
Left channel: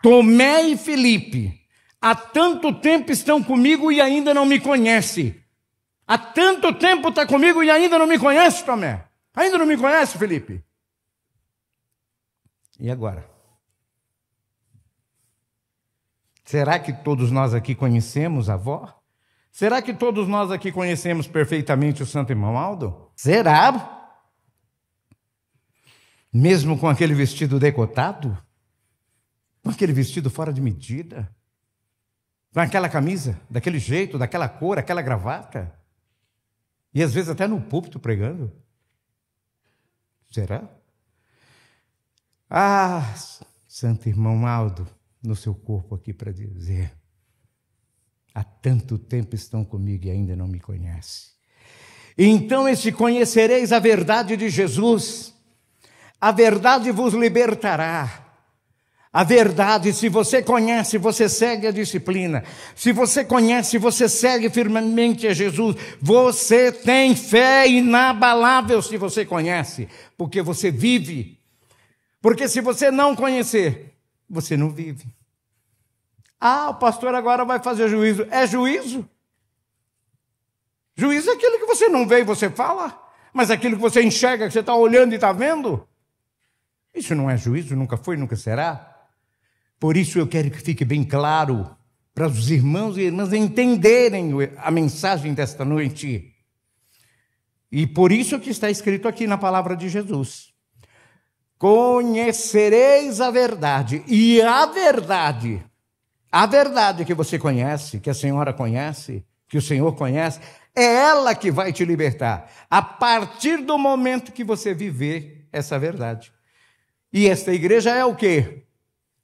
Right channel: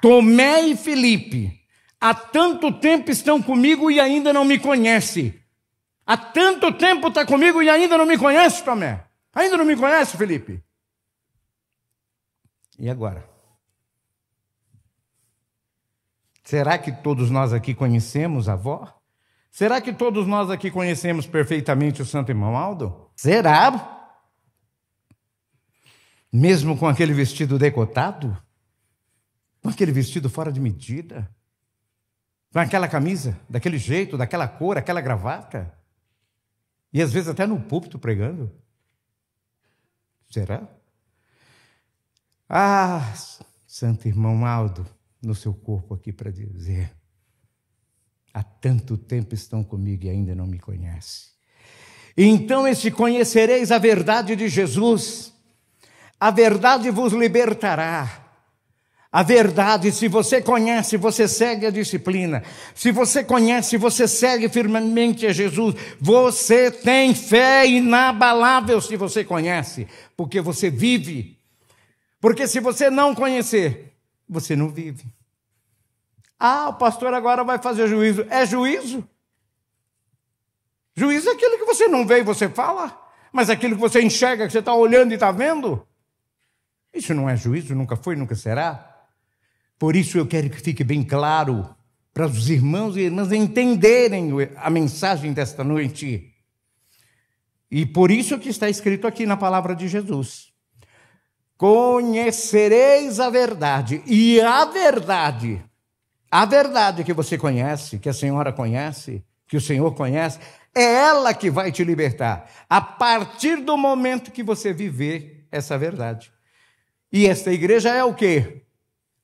Tomé e Felipe, há tanto tempo estão comigo e ainda não me conhecem. Há tanto tempo está comigo e ainda não me conhece, Tomé. Ainda não me conhece, Felipe. E agora? Será que todos nós aqui conhecemos a avó? Será que todos nós aqui conhecemos perfeitamente o Santo Irmão Aldo? Será? Mesmo com aquele vestido decotado? Com aquele vestido fora de medida? Com aquela camisa, daquele jeito, daquela cor, aquela gravata? E às vezes até no púlpito pregando? Será? Santo Irmão Aldo, no seu corpo aqui para dizer: há tanto tempo estão comigo e ainda não me conhecem. Então, esse conhecereis a verdade de Jesus, a verdade vos libertará. A verdade, se você conhece, você segue a disciplina. Se você conhece, você segue firmemente a Jesus. Você tem fé inabalável se você conhece, porque você vive. Porque se você não conhecer, você não vive. Ah, o pastor agora vai fazer juízo. É juízo? Juízo é aquilo que você não vê e você fala, mas aquilo que você enxerga, que você está olhando e está vendo. Isso não é juízo, nunca foi, nunca será. Por isso eu quero que fique bem claro para os irmãos e irmãs entenderem a mensagem desta noite. E por isso que está escrito aqui na palavra de Jesus. Conhecereis a verdade, e a verdade que você conhece, que a senhora conhece, que o Senhor conhece, é ela que vai te libertar, a partir do momento que você viver essa verdade. E esta igreja é o quê?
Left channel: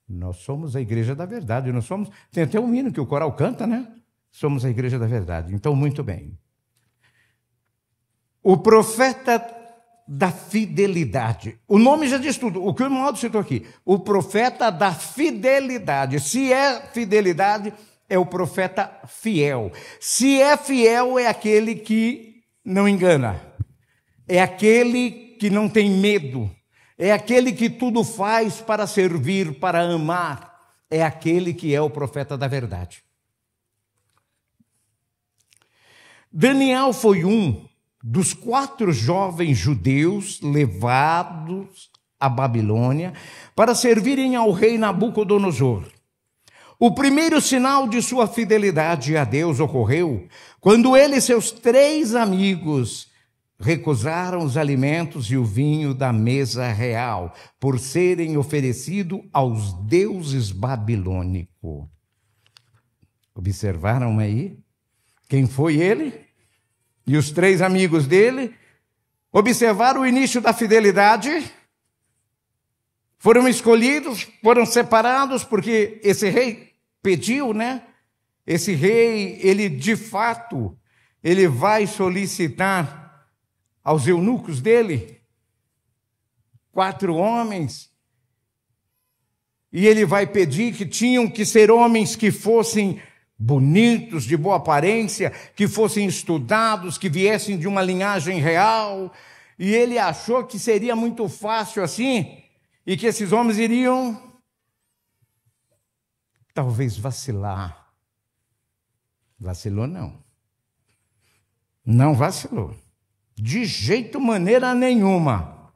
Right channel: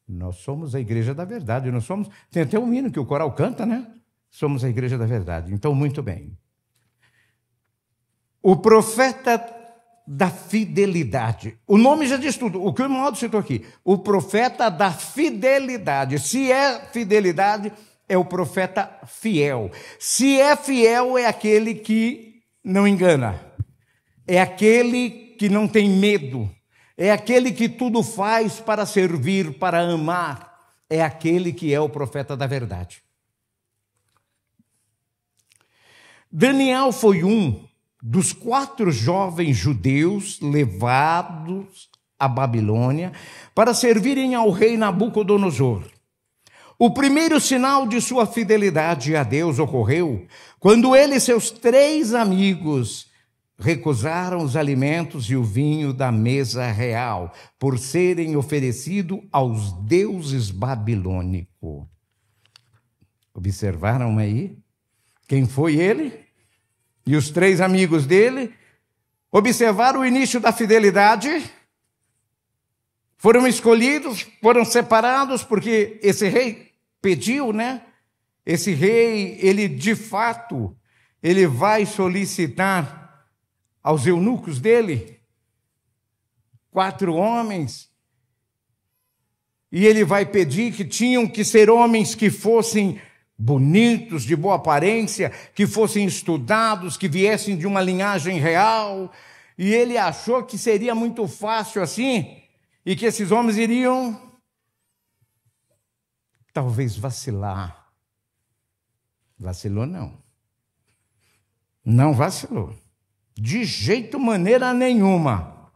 Nós somos a igreja da verdade, nós somos, tem até um hino que o coral canta, né? Somos a igreja da verdade. Então, muito bem. O profeta da fidelidade. O nome já diz tudo, o que o irmão citou aqui. O profeta da fidelidade. Se é fidelidade, é o profeta fiel. Se é fiel, é aquele que não engana. É aquele que não tem medo. É aquele que tudo faz para servir, para amar. É aquele que é o profeta da verdade. Daniel foi um dos 4 jovens judeus levados à Babilônia para servirem ao rei Nabucodonosor. O primeiro sinal de sua fidelidade a Deus ocorreu quando ele e seus 3 amigos recusaram os alimentos e o vinho da mesa real, por serem oferecidos aos deuses babilônicos. Observaram aí? Quem foi ele? E os 3 amigos dele? Observaram o início da fidelidade? Foram escolhidos, foram separados, porque esse rei pediu, né? Esse rei, ele de fato, ele vai solicitar aos eunucos dele, 4 homens, e ele vai pedir que tinham que ser homens que fossem bonitos, de boa aparência, que fossem estudados, que viessem de uma linhagem real, e ele achou que seria muito fácil assim, e que esses homens iriam, talvez, vacilar. Vacilou não. Não vacilou. De jeito, maneira nenhuma.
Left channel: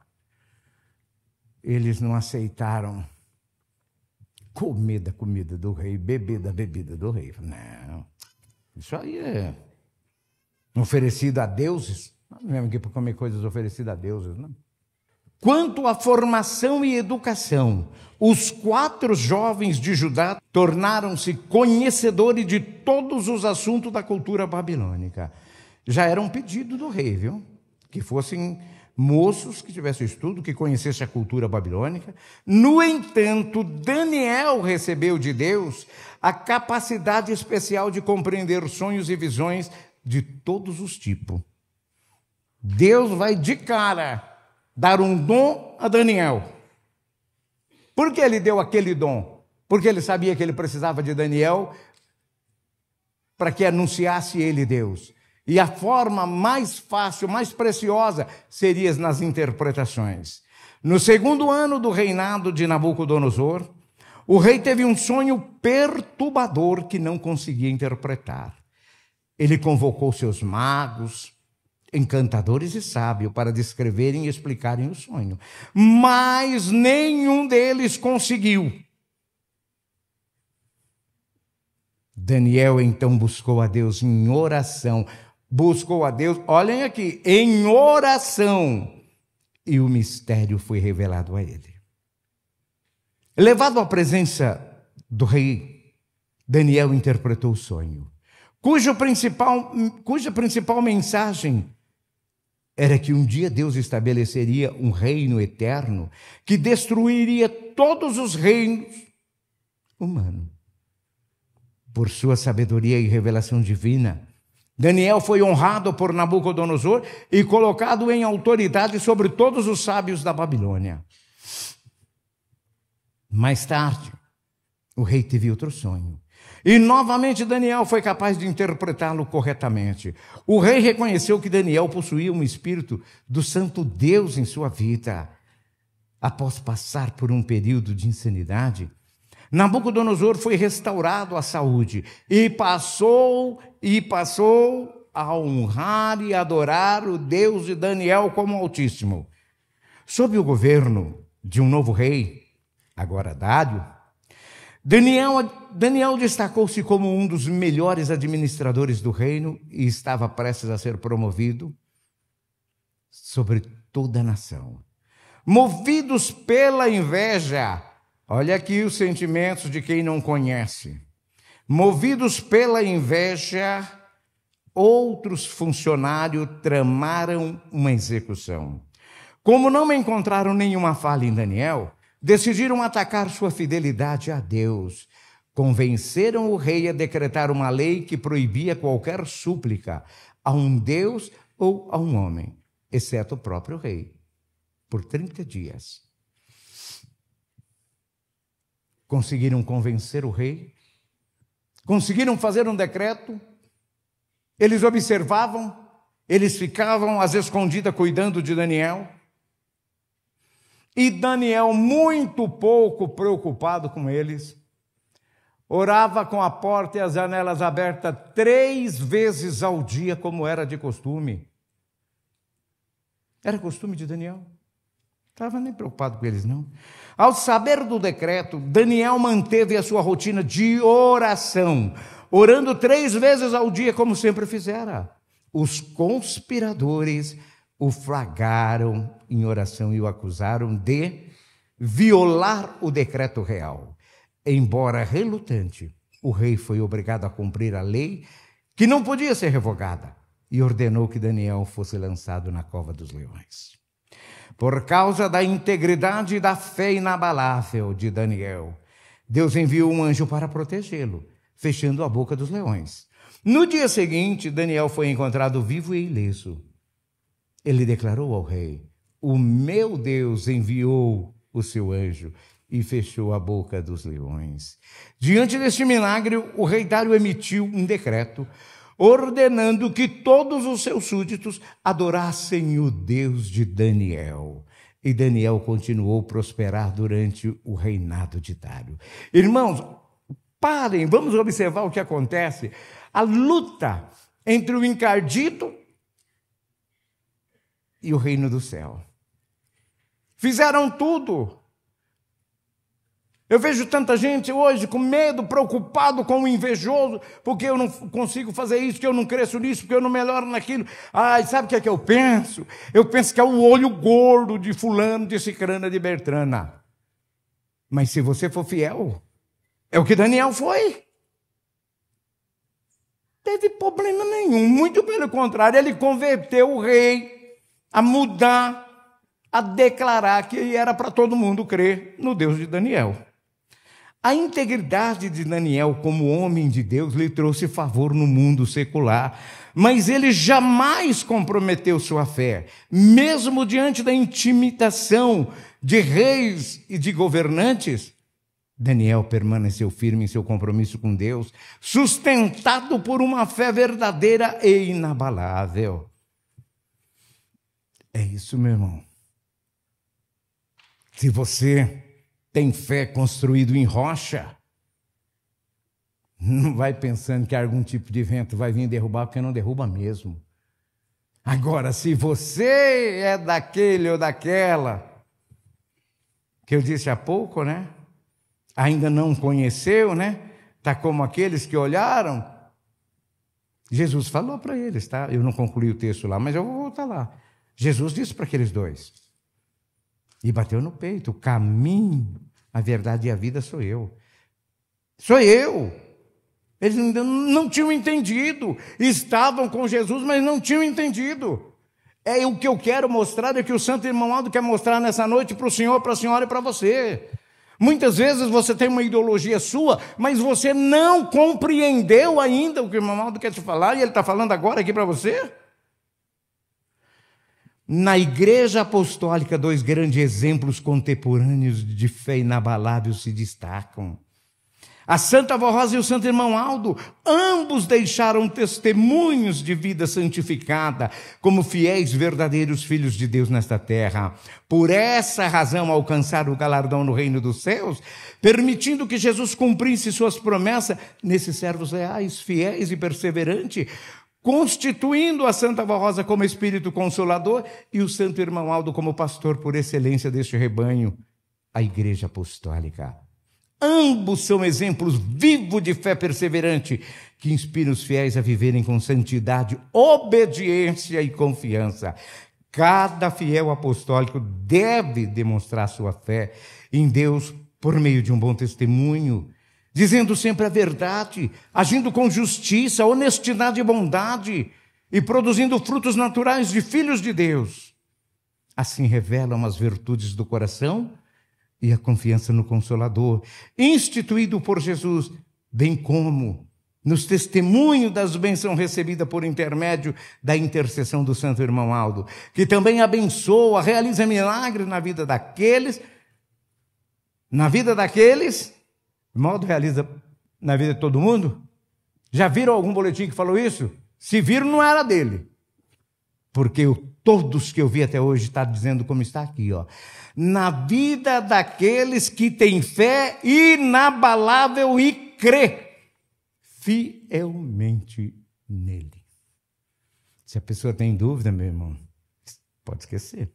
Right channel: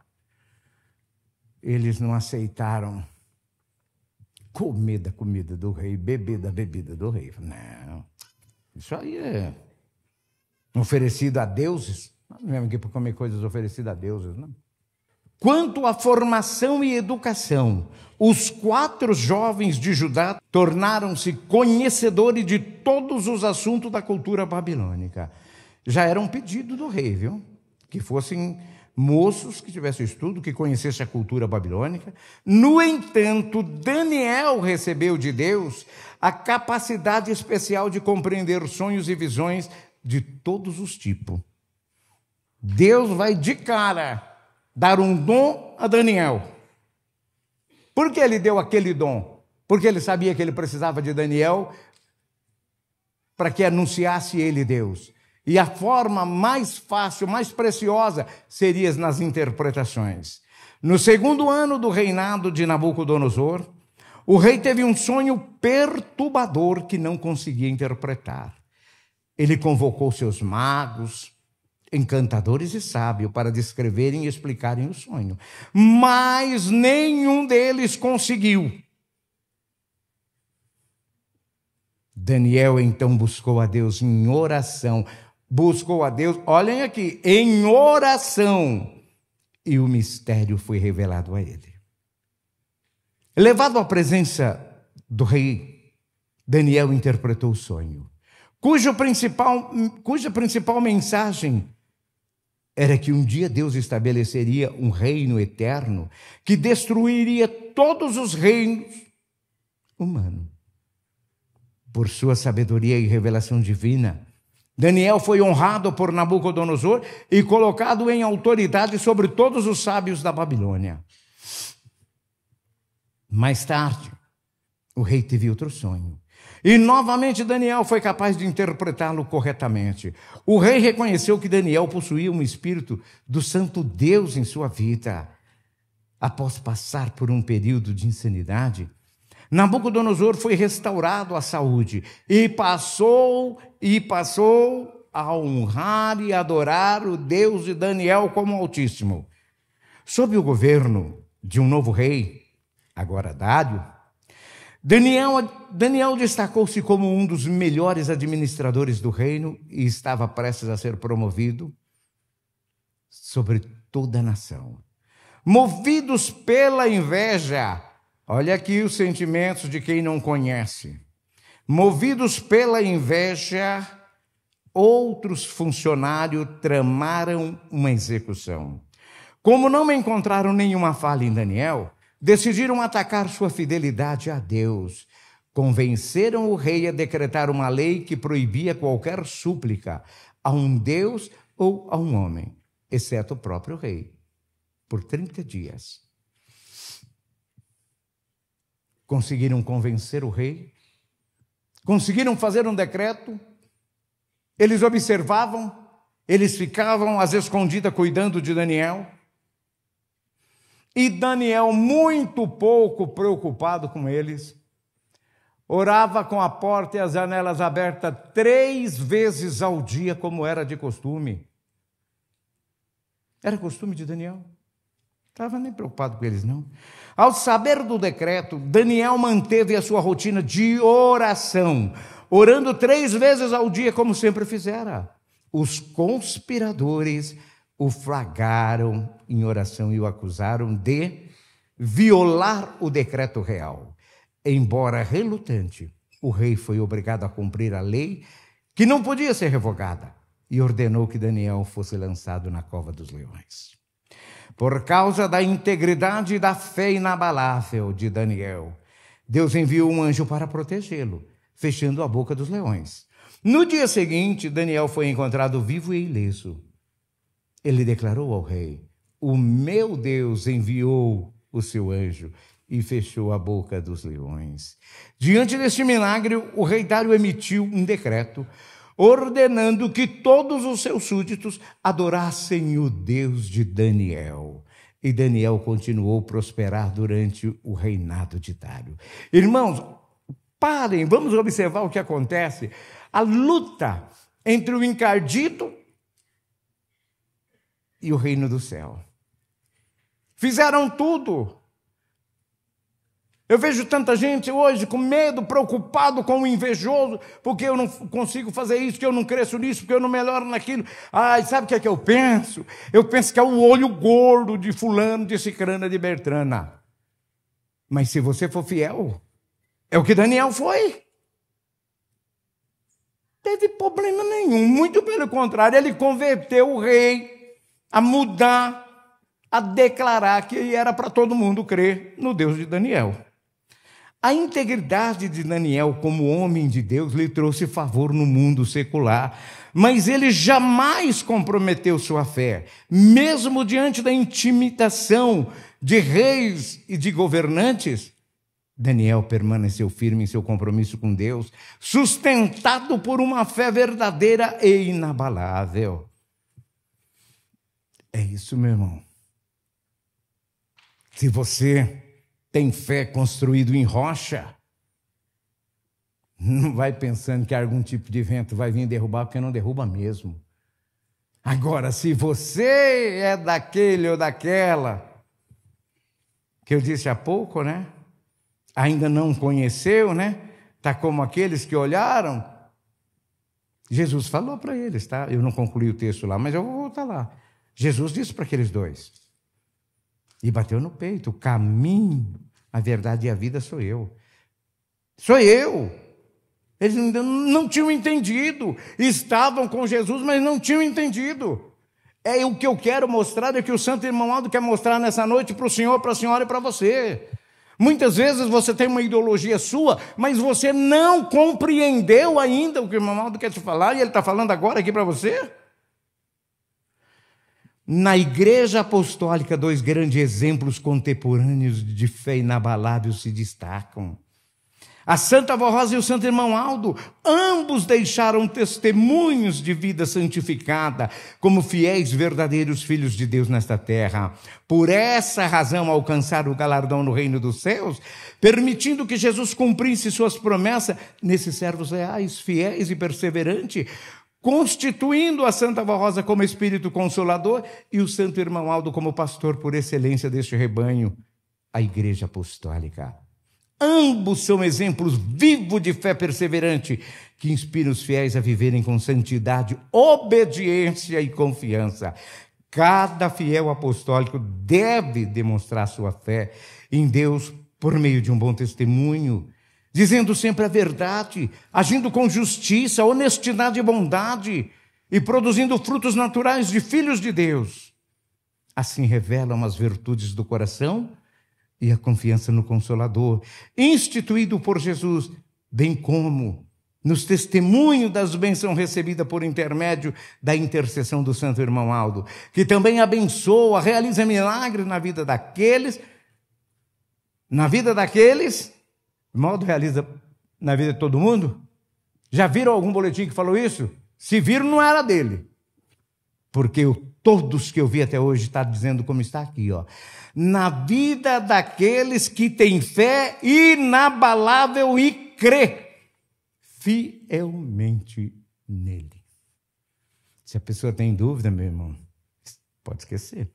Eles não aceitaram comer da comida do rei, beber da bebida do rei. Não, isso aí é oferecido a deuses. Não é aqui para comer coisas oferecidas a deuses, não. Quanto à formação e educação, os 4 jovens de Judá tornaram-se conhecedores de todos os assuntos da cultura babilônica. Já era um pedido do rei, viu? Que fossem moços que tivessem estudo, que conhecessem a cultura babilônica. No entanto, Daniel recebeu de Deus a capacidade especial de compreender sonhos e visões de todos os tipos. Deus vai de cara dar um dom a Daniel. Por que ele deu aquele dom? Porque ele sabia que ele precisava de Daniel para que anunciasse ele Deus. E a forma mais fácil, mais preciosa, seria nas interpretações. No 2º ano do reinado de Nabucodonosor, o rei teve um sonho perturbador que não conseguia interpretar. Ele convocou seus magos, encantadores e sábios para descreverem e explicarem o sonho. Mas nenhum deles conseguiu. Daniel então buscou a Deus em oração. Buscou a Deus, olhem aqui, em oração. E o mistério foi revelado a ele. Levado à presença do rei, Daniel interpretou o sonho, cuja principal mensagem era que um dia Deus estabeleceria um reino eterno que destruiria todos os reinos humanos. Por sua sabedoria e revelação divina, Daniel foi honrado por Nabucodonosor e colocado em autoridade sobre todos os sábios da Babilônia. Mais tarde, o rei teve outro sonho. E novamente Daniel foi capaz de interpretá-lo corretamente. O rei reconheceu que Daniel possuía um espírito do santo Deus em sua vida. Após passar por um período de insanidade, Nabucodonosor foi restaurado à saúde e passou a honrar e adorar o Deus de Daniel como Altíssimo. Sob o governo de um novo rei, agora Dário, Daniel destacou-se como um dos melhores administradores do reino e estava prestes a ser promovido sobre toda a nação. Movidos pela inveja, olha aqui os sentimentos de quem não conhece. Movidos pela inveja, outros funcionários tramaram uma execução. Como não encontraram nenhuma falha em Daniel, decidiram atacar sua fidelidade a Deus. Convenceram o rei a decretar uma lei que proibia qualquer súplica a um Deus ou a um homem, exceto o próprio rei, por 30 dias. Conseguiram convencer o rei, conseguiram fazer um decreto, eles observavam, eles ficavam às escondidas cuidando de Daniel. E Daniel, muito pouco preocupado com eles, orava com a porta e as janelas abertas 3 vezes ao dia, como era de costume. Era costume de Daniel. Não estava nem preocupado com eles, não. Ao saber do decreto, Daniel manteve a sua rotina de oração, orando 3 vezes ao dia, como sempre fizera. Os conspiradores o flagraram em oração e o acusaram de violar o decreto real. Embora relutante, o rei foi obrigado a cumprir a lei, que não podia ser revogada, e ordenou que Daniel fosse lançado na cova dos leões. Por causa da integridade e da fé inabalável de Daniel, Deus enviou um anjo para protegê-lo, fechando a boca dos leões. No dia seguinte, Daniel foi encontrado vivo e ileso. Ele declarou ao rei: o meu Deus enviou o seu anjo e fechou a boca dos leões. Diante deste milagre, o rei Dário emitiu um decreto ordenando que todos os seus súditos adorassem o Deus de Daniel. E Daniel continuou a prosperar durante o reinado de Dário. Irmãos, parem, vamos observar o que acontece. A luta entre o encardito e o reino do céu. Fizeram tudo. Eu vejo tanta gente hoje com medo, preocupado com o invejoso, porque eu não consigo fazer isso, porque eu não cresço nisso, porque eu não melhoro naquilo. Ai, sabe o que é que eu penso? Eu penso que é o olho gordo de fulano, de cicrana, de Bertrana. Mas se você for fiel, é o que Daniel foi. Teve problema nenhum, muito pelo contrário, ele converteu o rei a mudar, a declarar que era para todo mundo crer no Deus de Daniel. A integridade de Daniel como homem de Deus lhe trouxe favor no mundo secular, mas ele jamais comprometeu sua fé, mesmo diante da intimidação de reis e de governantes. Daniel permaneceu firme em seu compromisso com Deus, sustentado por uma fé verdadeira e inabalável. É isso, meu irmão. Se você tem fé construído em rocha, não vai pensando que algum tipo de vento vai vir derrubar, porque não derruba mesmo. Agora, se você é daquele ou daquela, que eu disse há pouco, né? Ainda não conheceu, né? Está como aqueles que olharam. Jesus falou para eles, tá? Eu não concluí o texto lá, mas eu vou voltar lá. Jesus disse para aqueles dois, e bateu no peito: o caminho, a verdade e a vida sou eu. Sou eu. Eles ainda não tinham entendido. Estavam com Jesus, mas não tinham entendido. É o que eu quero mostrar, é que o Santo Irmão Aldo quer mostrar nessa noite para o senhor, para a senhora e para você. Muitas vezes você tem uma ideologia sua, mas você não compreendeu ainda o que o irmão Aldo quer te falar, e ele está falando agora aqui para você. Na Igreja Apostólica, dois grandes exemplos contemporâneos de fé inabalável se destacam. A Santa Avó Rosa e o Santo Irmão Aldo, ambos deixaram testemunhos de vida santificada, como fiéis verdadeiros filhos de Deus nesta terra. Por essa razão alcançaram o galardão no reino dos céus, permitindo que Jesus cumprisse suas promessas nesses servos reais, fiéis e perseverantes, constituindo a Santa Avó Rosa como Espírito Consolador e o Santo Irmão Aldo como pastor por excelência deste rebanho, a Igreja Apostólica. Ambos são exemplos vivos de fé perseverante, que inspiram os fiéis a viverem com santidade, obediência e confiança. Cada fiel apostólico deve demonstrar sua fé em Deus por meio de um bom testemunho, dizendo sempre a verdade, agindo com justiça, honestidade e bondade, e produzindo frutos naturais de filhos de Deus. Assim revelam as virtudes do coração e a confiança no Consolador, instituído por Jesus, bem como nos testemunhos das bênçãos recebidas por intermédio da intercessão do Santo Irmão Aldo, que também abençoa, realiza milagres na vida daqueles, irmão Aldo realiza na vida de todo mundo. Já viram algum boletim que falou isso? Se viram, não era dele. Porque todos que eu vi até hoje está dizendo como está aqui, ó. Na vida daqueles que têm fé inabalável e crê fielmente nele. Se a pessoa tem dúvida, meu irmão, pode esquecer.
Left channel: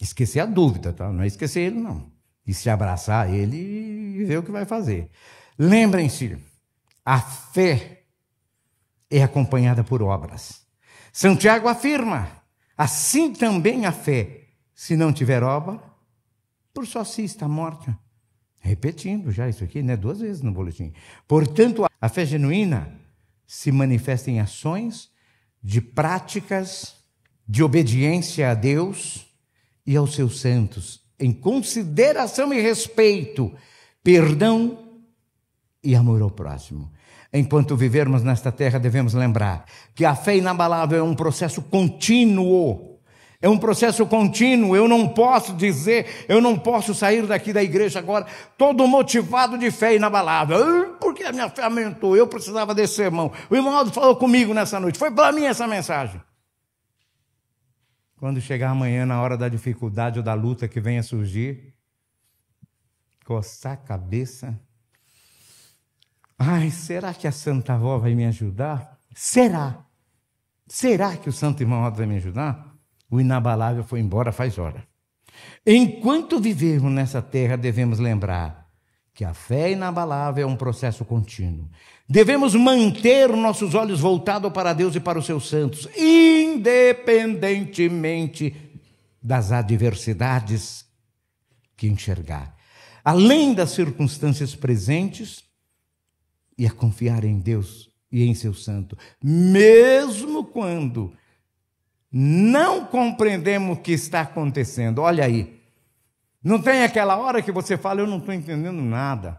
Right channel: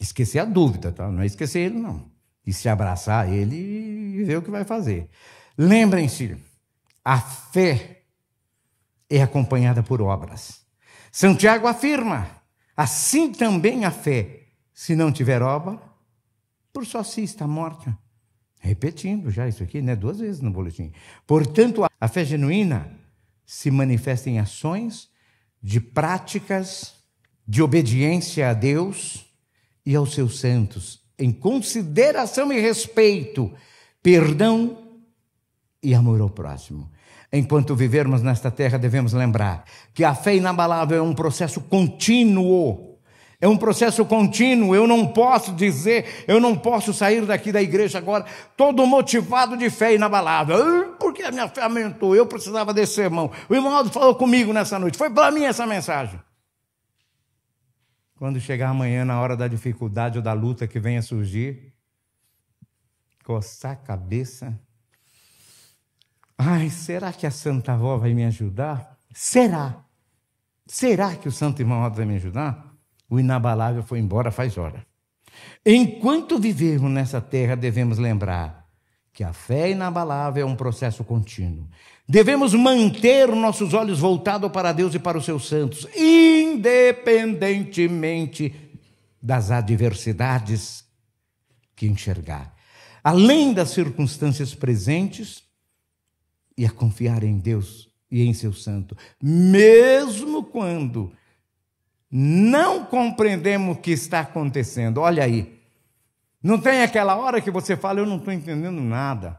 Esquecer a dúvida, tá? Não é esquecer ele, não. E se abraçar ele e ver o que vai fazer. Lembrem-se, a fé é acompanhada por obras. Santiago afirma, assim também a fé, se não tiver obra, por só si está morta. Repetindo já isso aqui, né? 2 vezes no boletim. Portanto, a fé genuína se manifesta em ações, de práticas, de obediência a Deus e aos seus santos, em consideração e respeito, perdão e amor ao próximo. Enquanto vivermos nesta terra, devemos lembrar que a fé inabalável é um processo contínuo. É um processo contínuo. Eu não posso sair daqui da igreja agora todo motivado de fé inabalável. Porque a minha fé aumentou, eu precisava desse sermão. O irmão Aldo falou comigo nessa noite, foi para mim essa mensagem. Quando chegar amanhã, na hora da dificuldade ou da luta que venha surgir, coçar a cabeça. Ai, será que a Santa Avó vai me ajudar? Será? Será que o Santo Irmão Aldo vai me ajudar? O inabalável foi embora faz hora. Enquanto vivermos nessa terra, devemos lembrar que a fé inabalável é um processo contínuo. Devemos manter nossos olhos voltados para Deus e para os seus santos, independentemente das adversidades que enxergar. Além das circunstâncias presentes, e a confiar em Deus e em seu santo, mesmo quando não compreendemos o que está acontecendo. Olha aí, não tem aquela hora que você fala, eu não estou entendendo nada.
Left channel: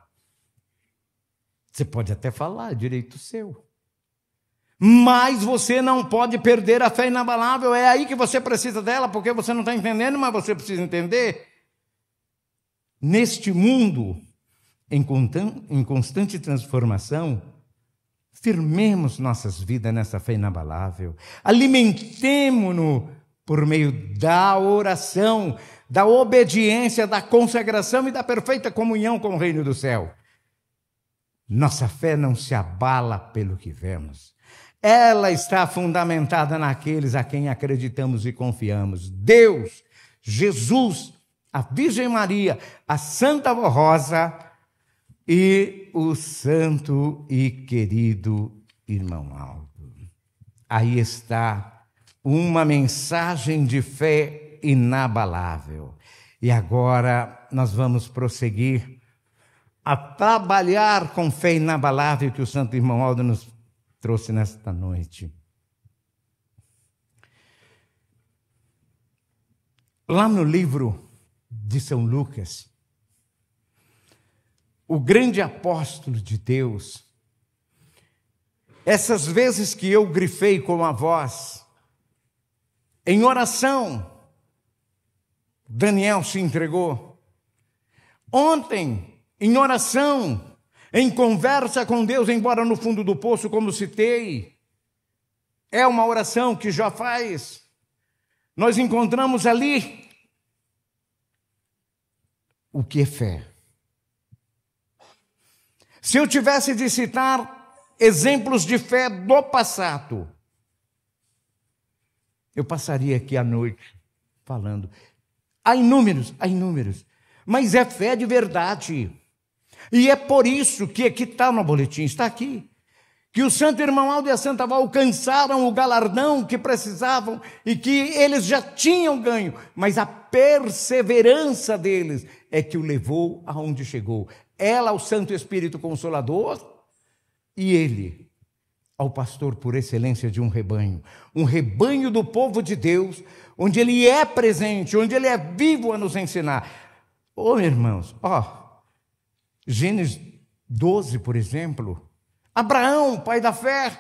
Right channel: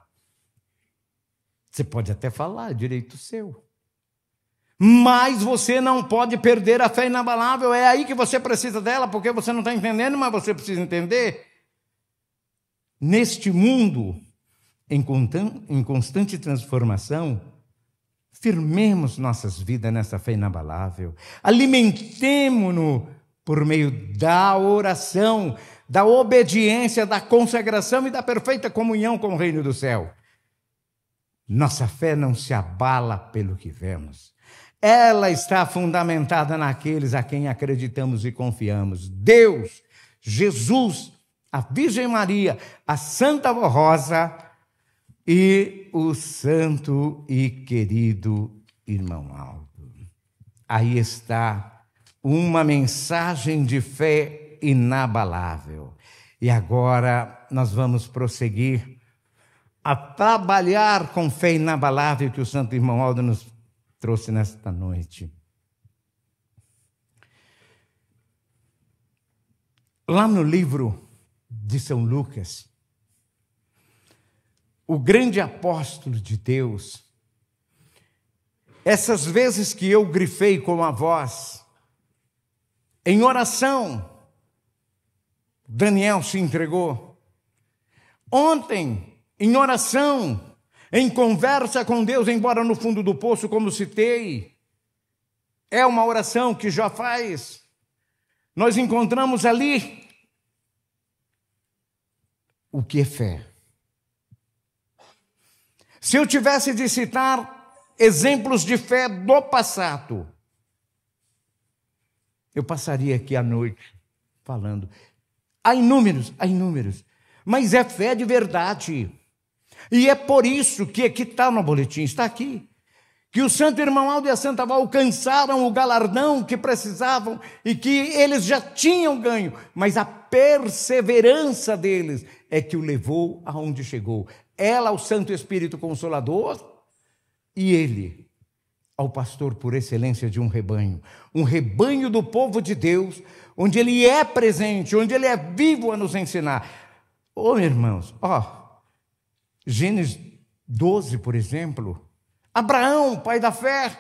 Você pode até falar, é direito seu. Mas você não pode perder a fé inabalável, é aí que você precisa dela, porque você não está entendendo, mas você precisa entender. Neste mundo, em constante transformação, firmemos nossas vidas nessa fé inabalável. Alimentemo-nos por meio da oração, da obediência, da consagração e da perfeita comunhão com o reino do céu. Nossa fé não se abala pelo que vemos. Ela está fundamentada naqueles a quem acreditamos e confiamos. Deus, Jesus, a Virgem Maria, a Santa Avó Rosa e o santo e querido Irmão Aldo. Aí está uma mensagem de fé inabalável. E agora nós vamos prosseguir a trabalhar com fé inabalável que o Santo Irmão Aldo nos trouxe nesta noite. Lá no livro de São Lucas, o grande apóstolo de Deus, essas vezes que eu grifei com a voz, em oração, Daniel se entregou. Ontem, em oração, em conversa com Deus, embora no fundo do poço, como citei, é uma oração que já faz. Nós encontramos ali o que é fé. Se eu tivesse de citar exemplos de fé do passado, eu passaria aqui a noite falando. Há inúmeros, mas é fé de verdade. E é por isso que está no boletim, está aqui, que o santo irmão Aldo e a santa Val alcançaram o galardão que precisavam e que eles já tinham ganho, mas a perseverança deles é que o levou aonde chegou. Ela ao Santo Espírito Consolador e ele ao pastor por excelência de um rebanho do povo de Deus, onde ele é presente, onde ele é vivo a nos ensinar. Ô irmãos, Gênesis 12, por exemplo, Abraão, pai da fé.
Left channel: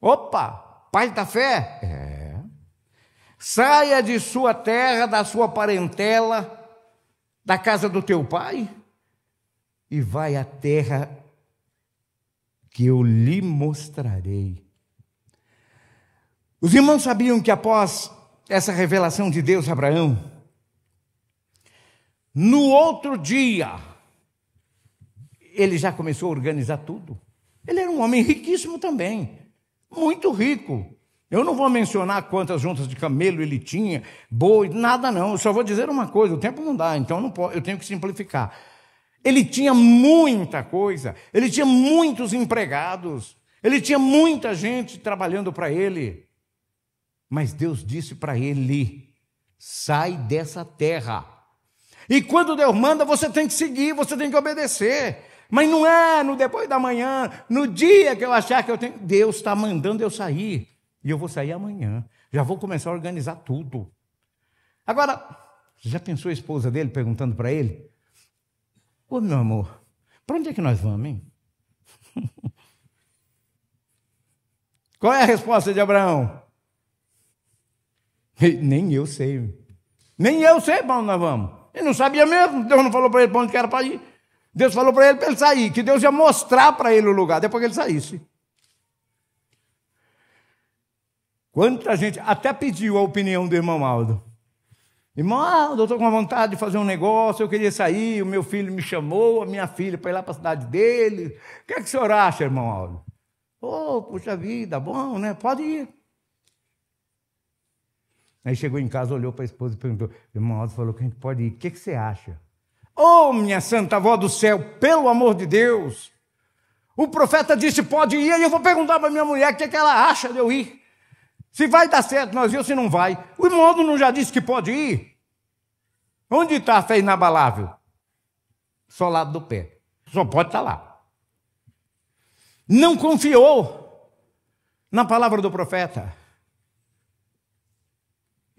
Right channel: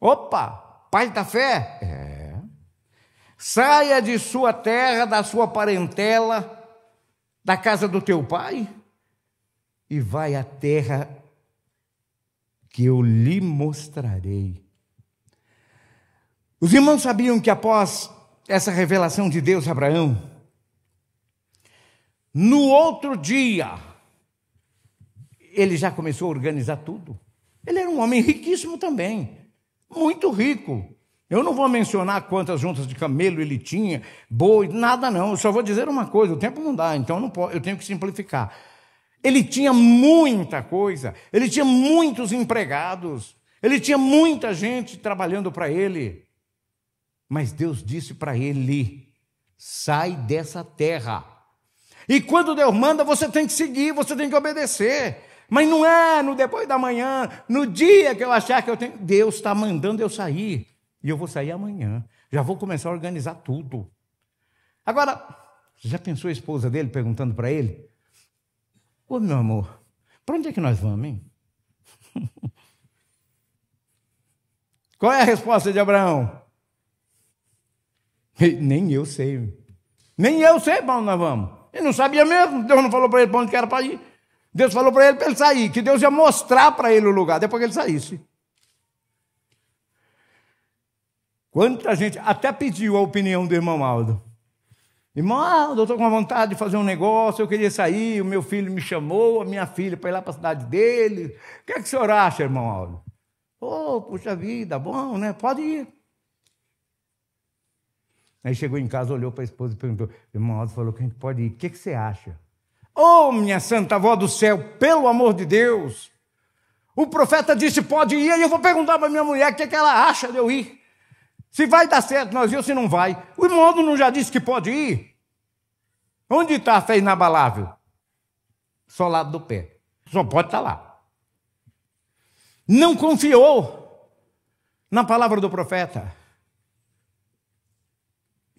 Opa, pai da fé? Saia de sua terra, da sua parentela, da casa do teu pai, e vai à terra que eu lhe mostrarei. Os irmãos sabiam que após essa revelação de Deus a Abraão, no outro dia, ele já começou a organizar tudo. Ele era um homem riquíssimo também, muito rico. Eu não vou mencionar quantas juntas de camelo ele tinha, boi, nada não. Eu só vou dizer uma coisa, o tempo não dá, então eu tenho que simplificar. Ele tinha muita coisa, ele tinha muitos empregados, ele tinha muita gente trabalhando para ele. Mas Deus disse para ele: sai dessa terra. E quando Deus manda, você tem que seguir, você tem que obedecer. Mas não é no depois da manhã, no dia que eu achar que eu tenho. Deus está mandando eu sair. E eu vou sair amanhã. Já vou começar a organizar tudo. Agora, você já pensou a esposa dele perguntando para ele: ô meu amor, para onde é que nós vamos, hein? Qual é a resposta de Abraão? Nem eu sei. Nem eu sei para onde nós vamos. Ele não sabia mesmo. Deus não falou para ele para onde que era para ir. Deus falou para ele sair, que Deus ia mostrar para ele o lugar, depois que ele saísse. Quanta gente até pediu a opinião do irmão Aldo. Irmão Aldo, eu estou com vontade de fazer um negócio, eu queria sair, o meu filho me chamou, a minha filha para ir lá para a cidade dele. O que é que o senhor acha, irmão Aldo? Puxa vida, bom, né? Pode ir. Aí chegou em casa, olhou para a esposa e perguntou: o irmão Aldo falou que a gente pode ir, o que você acha? Minha santa avó do céu, pelo amor de Deus, o profeta disse pode ir, e eu vou perguntar para minha mulher o que ela acha de eu ir. Se vai dar certo nós ir ou se não vai. O irmão Aldo não já disse que pode ir? Onde está a fé inabalável? Só ao lado do pé, só pode estar lá. Não confiou na palavra do profeta.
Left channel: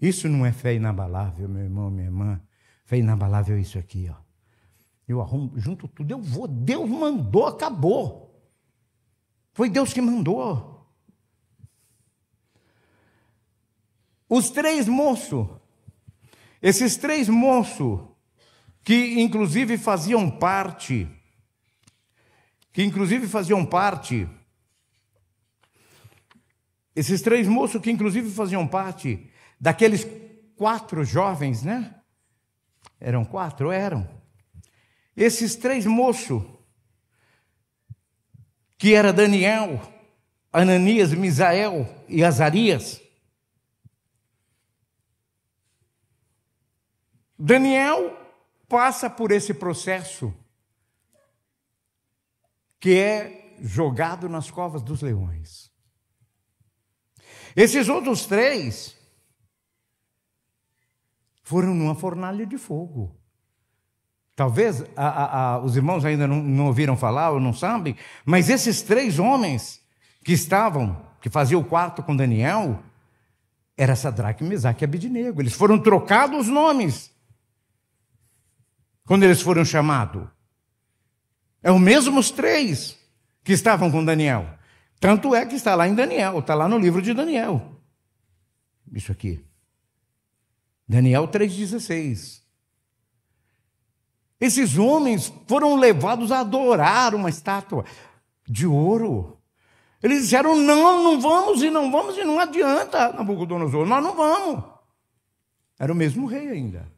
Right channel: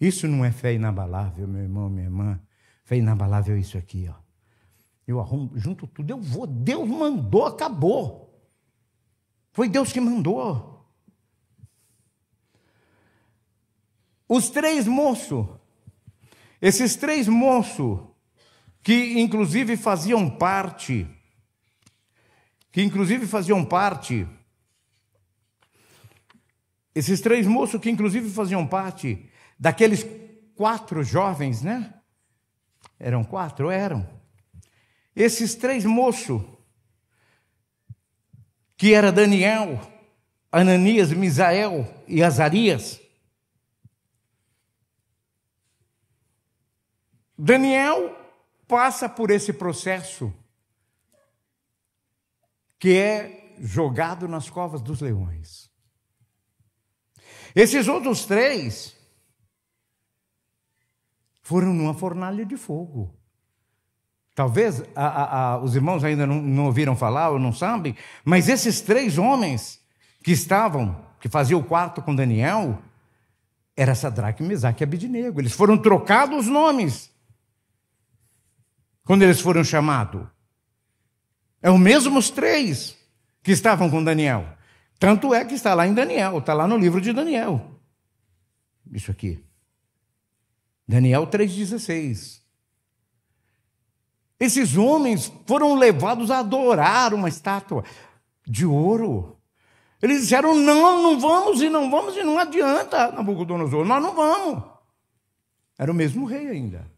Isso não é fé inabalável, meu irmão, minha irmã. Fé inabalável é isso aqui, ó. Eu arrumo, junto tudo, eu vou. Deus mandou, acabou. Foi Deus que mandou. Os três moços, esses três moços, que inclusive faziam parte, esses três moços que inclusive faziam parte daqueles 4 jovens, né? Eram 4? Eram. Esses 3 moços, que era Daniel, Ananias, Misael e Azarias. Daniel passa por esse processo que é jogado nas covas dos leões. Esses outros 3 foram numa fornalha de fogo. Talvez os irmãos ainda não ouviram falar ou não sabem, mas esses 3 homens que faziam o quarto com Daniel, era Sadraque, Mesaque e Abednego. Eles foram trocados os nomes quando eles foram chamados. É os mesmos 3 que estavam com Daniel. Tanto é que está lá em Daniel, está lá no livro de Daniel. Isso aqui. Daniel 3,16. Esses homens foram levados a adorar uma estátua de ouro. Eles disseram, não vamos, e não adianta, Nabucodonosor, nós não vamos. Era o mesmo rei ainda.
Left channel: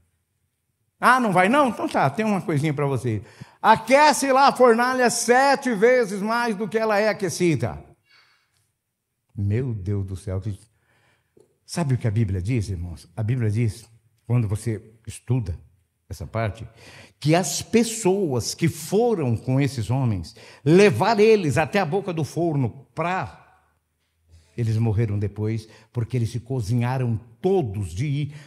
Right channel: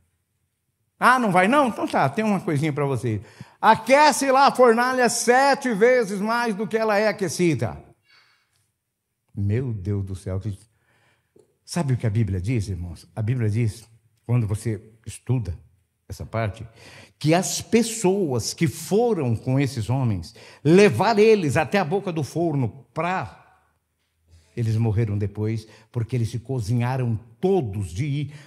Ah, não vai não? Então tá, tem uma coisinha para você. Aquece lá a fornalha 7 vezes mais do que ela é aquecida. Meu Deus do céu. Sabe o que a Bíblia diz, irmãos? A Bíblia diz, quando você estuda essa parte, que as pessoas que foram com esses homens, levar eles até a boca do forno eles morreram depois, porque eles se cozinharam todos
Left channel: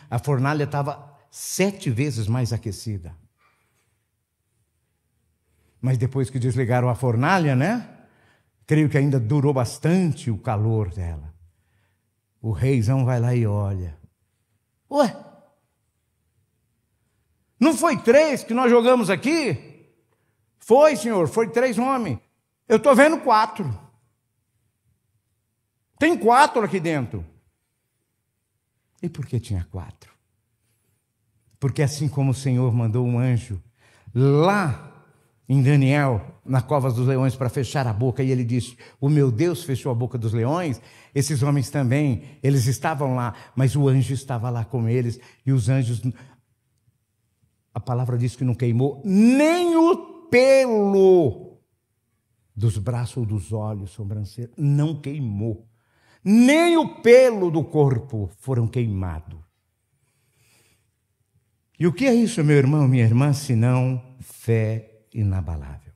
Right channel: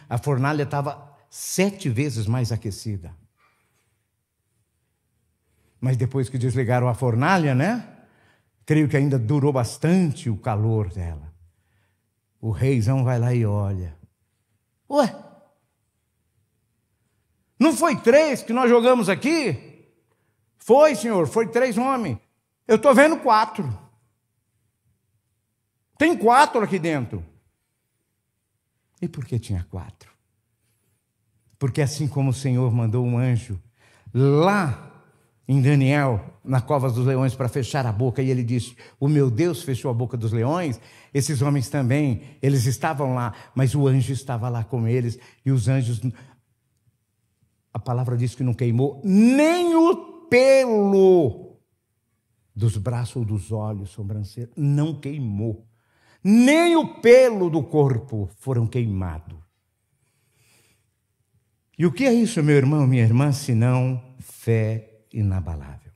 a fornalha estava 7 vezes mais aquecida. Mas depois que desligaram a fornalha, né? Creio que ainda durou bastante o calor dela. O reizão vai lá e olha. Ué? Não foi 3 que nós jogamos aqui? Foi, senhor, foi 3 homens. Eu estou vendo 4. Tem 4 aqui dentro. E por que tinha 4? Porque assim como o Senhor mandou um anjo lá em Daniel, na cova dos leões, para fechar a boca, e ele disse, o meu Deus fechou a boca dos leões, esses homens também, eles estavam lá, mas o anjo estava lá com eles, e os anjos, a palavra diz que não queimou nem o pelo dos braços ou dos olhos, sobrancelha, não queimou. Nem o pelo do corpo foram queimados. E o que é isso, meu irmão, minha irmã, senão fé inabalável?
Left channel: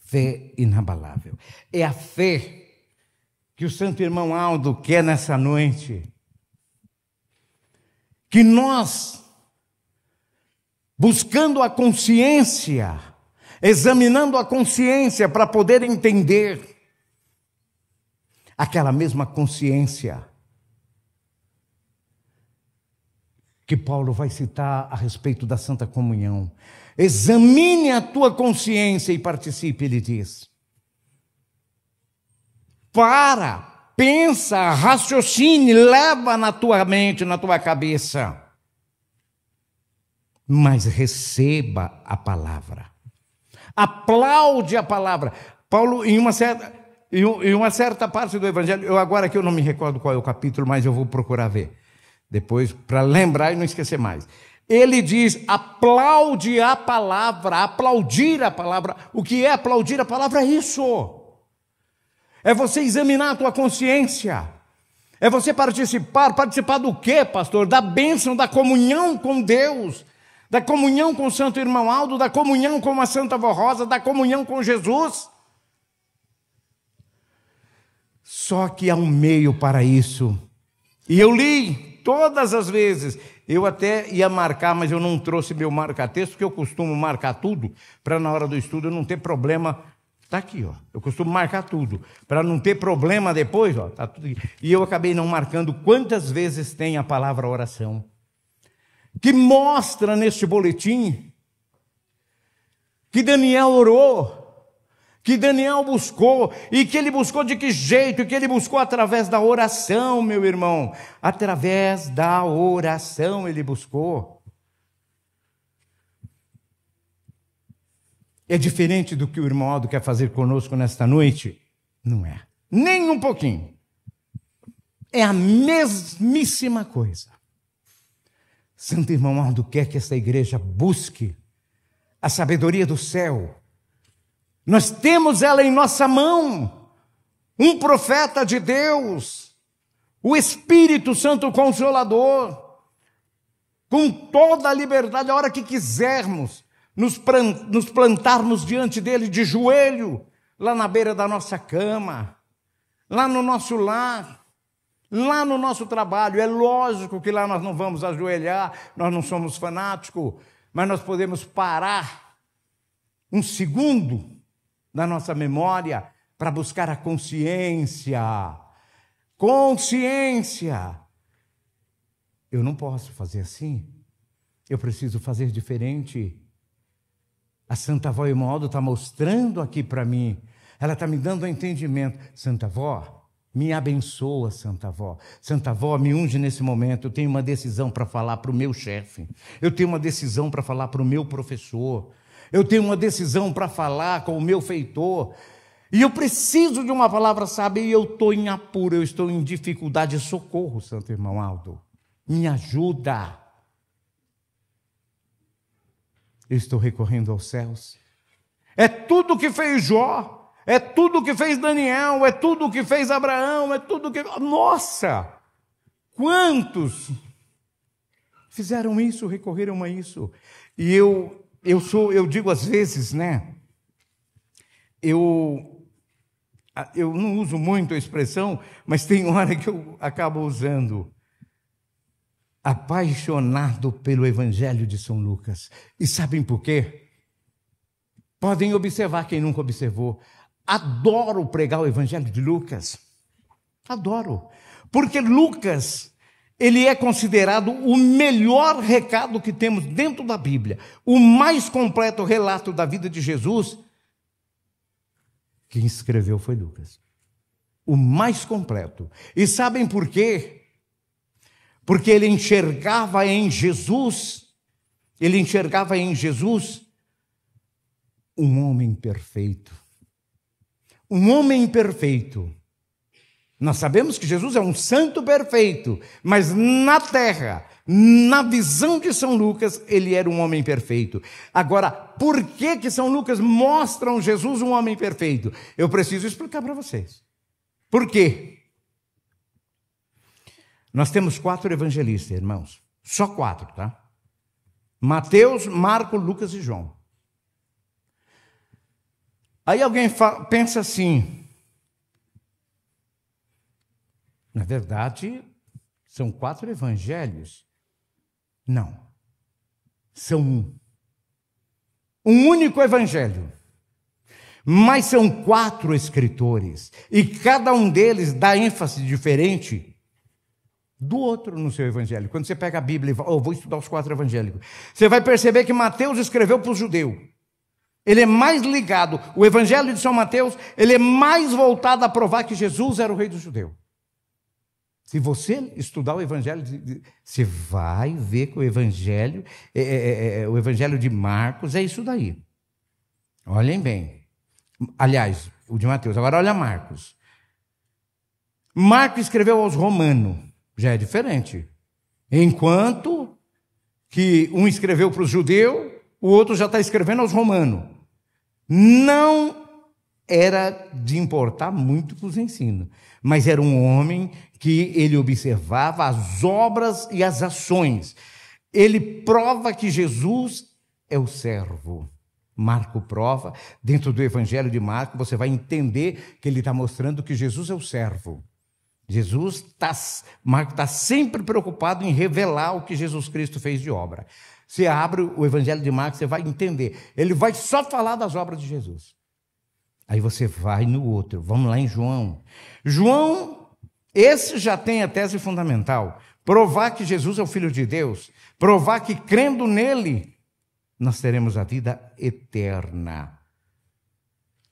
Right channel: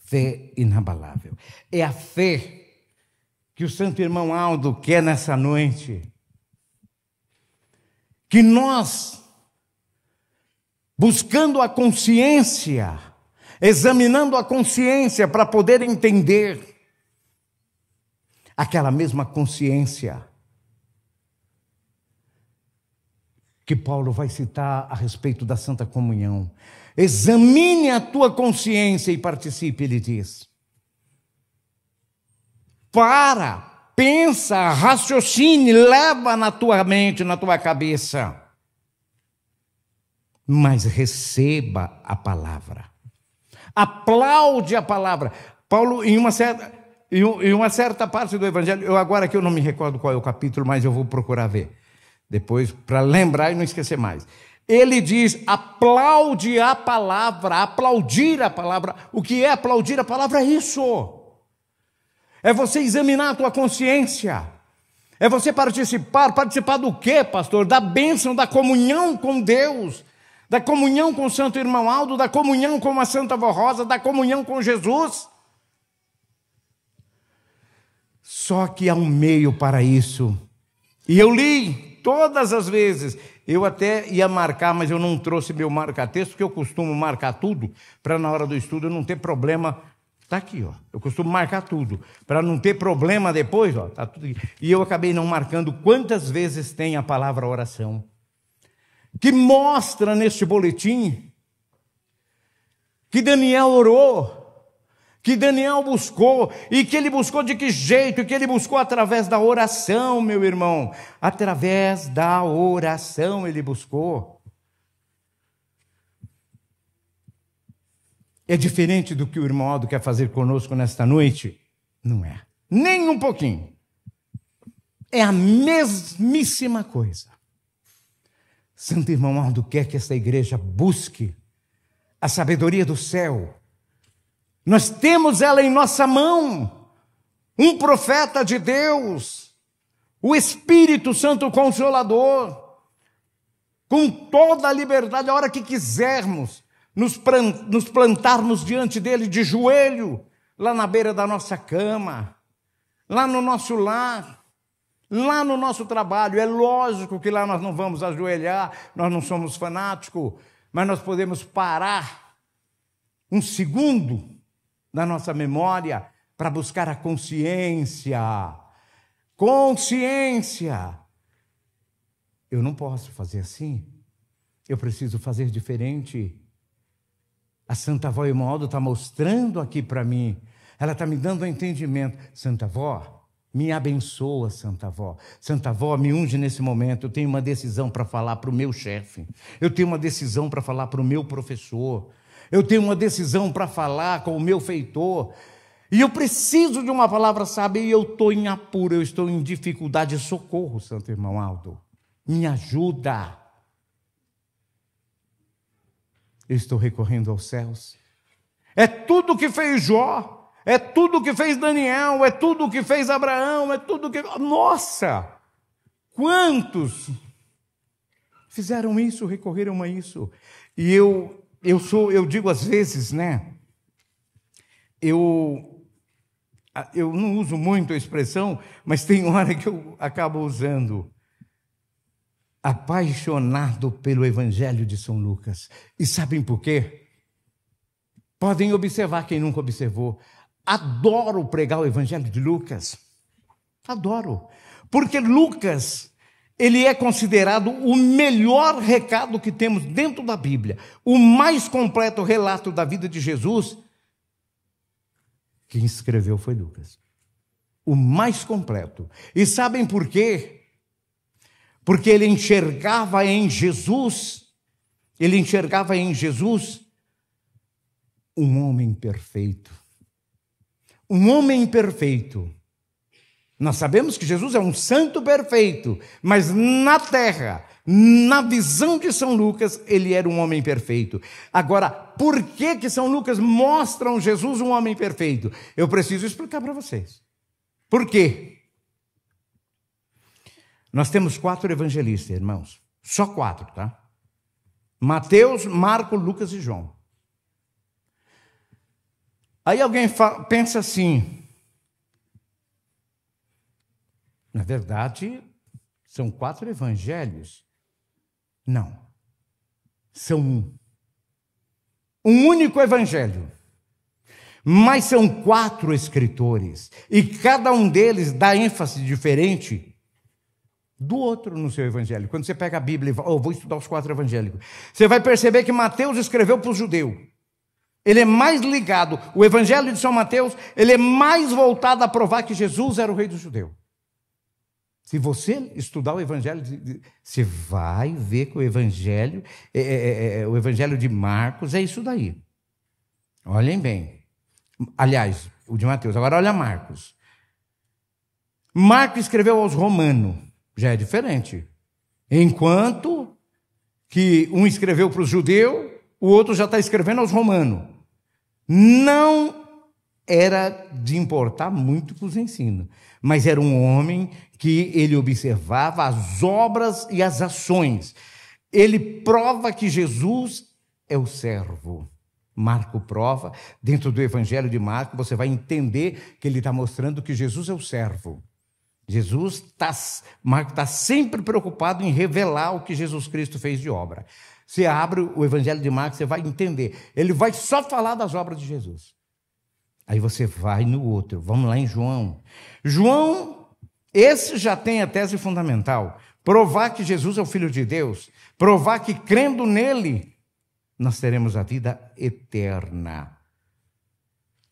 Fé inabalável. É a fé que o santo irmão Aldo quer nessa noite. Que nós, buscando a consciência, examinando a consciência para poder entender, aquela mesma consciência que Paulo vai citar a respeito da Santa Comunhão. Examine a tua consciência e participe, ele diz. Pensa, raciocine, leva na tua mente, na tua cabeça. Mas receba a palavra. Aplaude a palavra. Paulo, em uma certa parte do Evangelho, agora que eu não me recordo qual é o capítulo, mas eu vou procurar ver depois, para lembrar e não esquecer mais. Ele diz, aplaude a palavra, aplaudir a palavra. O que é aplaudir a palavra? É isso. É você examinar a tua consciência. É você participar do quê, pastor? Da bênção, da comunhão com Deus, da comunhão com o Santo Irmão Aldo, da comunhão com a Santa Vó Rosa, da comunhão com Jesus. Só que há um meio para isso. E eu li todas as vezes. Eu até ia marcar, mas eu não trouxe meu marca-texto, porque eu costumo marcar tudo, para na hora do estudo eu não ter problema. Está aqui, ó. Eu costumo marcar tudo, para não ter problema depois, ó. Tá tudo aqui. E eu acabei não marcando quantas vezes tem a palavra oração, que mostra neste boletim que Daniel orou, que Daniel buscou, e que ele buscou de que jeito? Que ele buscou através da oração, meu irmão. Através da oração ele buscou. É diferente do que o irmão Aldo quer fazer conosco nesta noite? Não é. Nem um pouquinho. É a mesmíssima coisa. Santo irmão Aldo quer que esta igreja busque a sabedoria do céu. Nós temos ela em nossa mão, um profeta de Deus, o Espírito Santo Consolador, com toda a liberdade, a hora que quisermos, nos plantarmos diante dele de joelho, lá na beira da nossa cama, lá no nosso lar, lá no nosso trabalho. É lógico que lá nós não vamos ajoelhar, nós não somos fanáticos, mas nós podemos parar um segundo na nossa memória para buscar a consciência. Consciência. Eu não posso fazer assim. Eu preciso fazer diferente. A Santa Avó Imaldo está mostrando aqui para mim. Ela está me dando um entendimento. Santa Avó, me abençoa, Santa Avó. Santa Avó, me unge nesse momento. Eu tenho uma decisão para falar para o meu chefe. Eu tenho uma decisão para falar para o meu professor. Eu tenho uma decisão para falar com o meu feitor. E eu preciso de uma palavra sábia e eu estou em apuro, eu estou em dificuldade. Socorro, Santo Irmão Aldo. Me ajuda. Eu estou recorrendo aos céus. É tudo que fez Jó, é tudo que fez Daniel, é tudo que fez Abraão, é tudo que... Nossa! Quantos fizeram isso, recorreram a isso? E eu digo às vezes, né? Eu não uso muito a expressão, mas tem hora que eu acabo usando. Apaixonado pelo Evangelho de São Lucas. E sabem por quê? Podem observar quem nunca observou. Adoro pregar o Evangelho de Lucas. Adoro. Porque Lucas, ele é considerado o melhor recado que temos dentro da Bíblia. O mais completo relato da vida de Jesus. Quem escreveu foi Lucas. O mais completo. E sabem por quê? Porque ele enxergava em Jesus um homem perfeito. Um homem perfeito. Nós sabemos que Jesus é um santo perfeito, mas na terra, na visão de São Lucas, ele era um homem perfeito. Agora, por que São Lucas mostra Jesus um homem perfeito? Eu preciso explicar para vocês. Por quê? Nós temos 4 evangelistas, irmãos. Só 4, tá? Mateus, Marcos, Lucas e João. Aí alguém pensa assim, na verdade, são 4 evangelhos. Não. São um. Um único evangelho. Mas são 4 escritores. E cada um deles dá ênfase diferente do outro no seu evangelho. Quando você pega a Bíblia e fala, vou estudar os 4 evangélicos, você vai perceber que Mateus escreveu para o judeu. Ele é mais ligado, o evangelho de São Mateus, ele é mais voltado a provar que Jesus era o rei do judeu. Se você estudar o evangelho, você vai ver que o evangelho de Marcos é isso daí. Olhem bem. Aliás, o de Mateus. Agora olha Marcos. Marcos escreveu aos Romanos. Já é diferente. Enquanto que um escreveu para os judeus, o outro já está escrevendo aos romanos. Não era de importar muito com os ensinos, mas era um homem que ele observava as obras e as ações. Ele prova que Jesus é o servo. Marco prova, dentro do Evangelho de Marco, você vai entender que ele está mostrando que Jesus é o servo. Marco está sempre preocupado em revelar o que Jesus Cristo fez de obra. Você abre o Evangelho de Marcos, você vai entender. Ele vai só falar das obras de Jesus. Aí você vai no outro. Vamos lá em João. João, esse já tem a tese fundamental. Provar que Jesus é o Filho de Deus. Provar que crendo nele, nós teremos a vida eterna.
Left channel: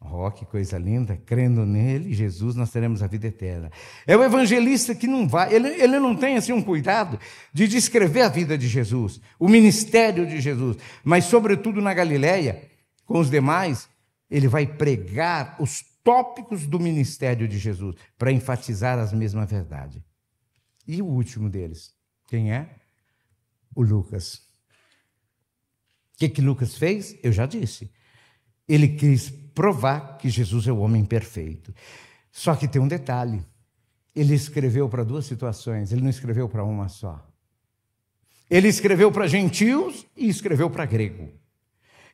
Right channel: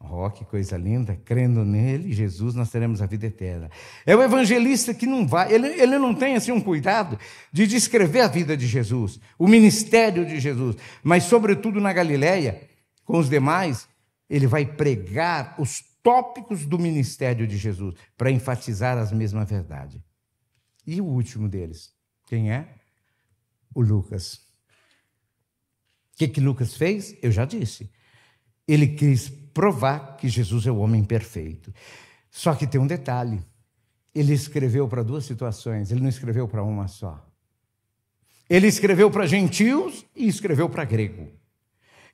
Oh, que coisa linda, crendo nele, Jesus, nós teremos a vida eterna. É o evangelista que não vai, ele não tem assim um cuidado de descrever a vida de Jesus, o ministério de Jesus, mas sobretudo na Galileia, com os demais, ele vai pregar os tópicos do ministério de Jesus, para enfatizar as mesmas verdades. E o último deles, quem é? O Lucas. O que Lucas fez? Eu já disse. Ele quis provar que Jesus é o homem perfeito. Só que tem um detalhe. Ele escreveu para 2 situações, ele não escreveu para uma só. Ele escreveu para gentios e escreveu para grego.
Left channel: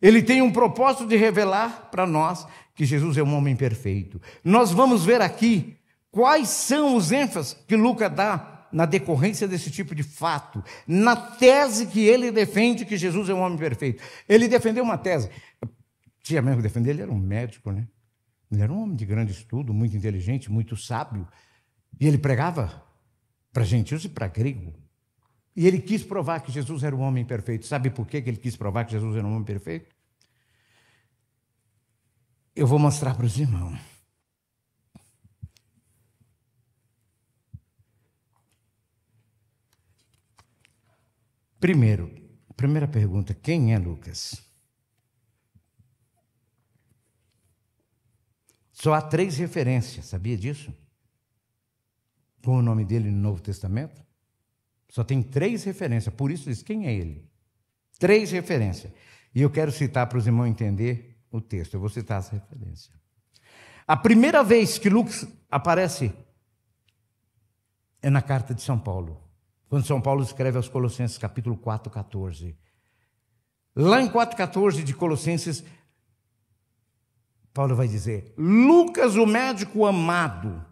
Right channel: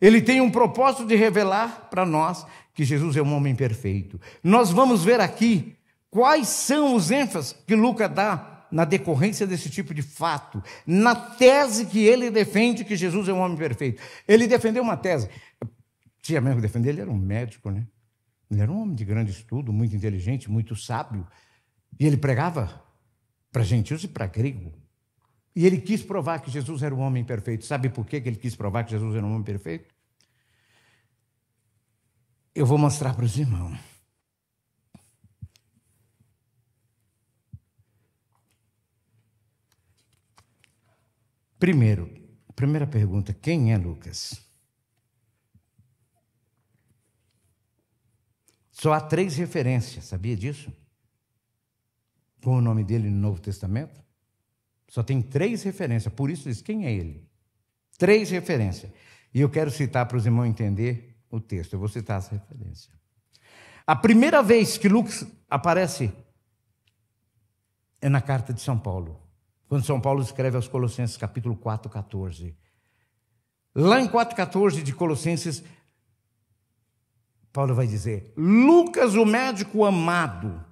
Ele tem um propósito de revelar para nós que Jesus é um homem perfeito. Nós vamos ver aqui quais são os ênfases que Lucas dá na decorrência desse tipo de fato, na tese que ele defende que Jesus é um homem perfeito. Ele defendeu uma tese. Tinha mesmo que defender, ele era um médico, né? Ele era um homem de grande estudo, muito inteligente, muito sábio. E ele pregava para gentios e para grego. E ele quis provar que Jesus era um homem perfeito. Sabe por que ele quis provar que Jesus era um homem perfeito? eu vou mostrar para os irmãos. Primeira pergunta, quem é Lucas? Só há 3 referências, sabia disso? Com o nome dele no Novo Testamento? Só tem 3 referências, por isso diz, quem é ele? 3 referências. E eu quero citar para os irmãos entender o texto, eu vou citar as referências. A primeira vez que Lucas aparece é na carta de São Paulo. Quando São Paulo escreve aos Colossenses, capítulo 4, 14. Lá em 4,14 de Colossenses, Paulo vai dizer, Lucas, o médico amado,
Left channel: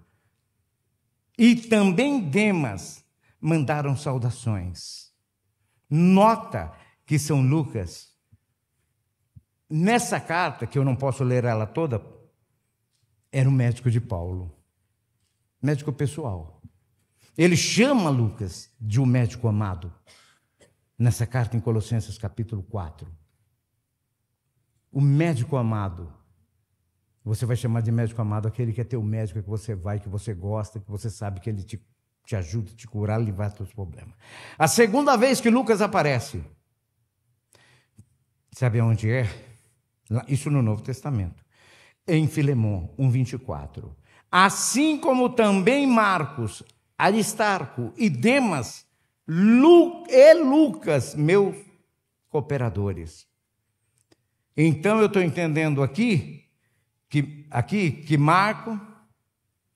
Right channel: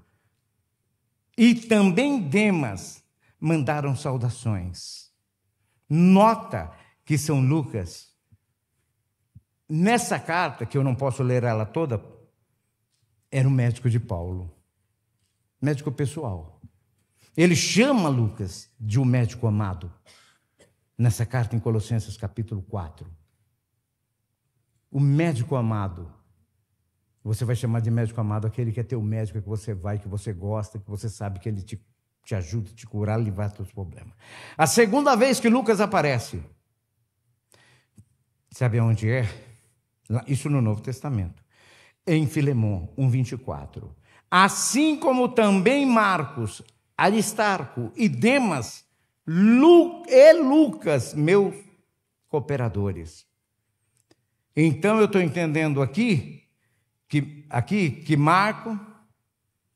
e também Demas, mandaram saudações. Nota que São Lucas, nessa carta, que eu não posso ler ela toda, era um médico de Paulo, médico pessoal. Ele chama Lucas de um médico amado, nessa carta em Colossenses capítulo 4. O médico amado, você vai chamar de médico amado aquele que é teu médico, que você vai, que você gosta, que você sabe que ele te ajuda a te curar, a livrar dos seus problemas. A segunda vez que Lucas aparece, sabe onde é? Isso no Novo Testamento. Em Filemão 1,24. Assim como também Marcos, Aristarco e Demas e Lucas, meus cooperadores. Então eu estou entendendo aqui que Marco,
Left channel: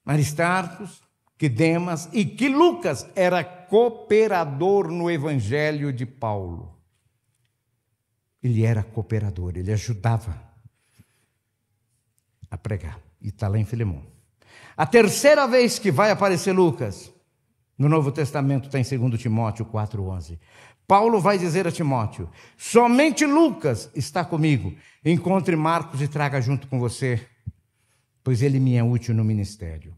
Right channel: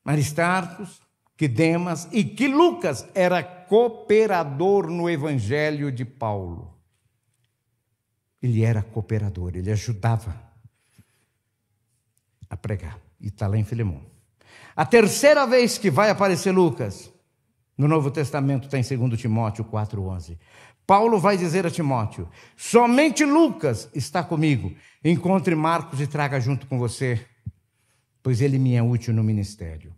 Aristarco, que Demas e que Lucas era cooperador no evangelho de Paulo. Ele era cooperador, ele ajudava a pregar. E está lá em Filemão. A terceira vez que vai aparecer Lucas, no Novo Testamento, está em 2 Timóteo 4,11. Paulo vai dizer a Timóteo, somente Lucas está comigo. Encontre Marcos e traga junto com você, pois ele me é útil no ministério.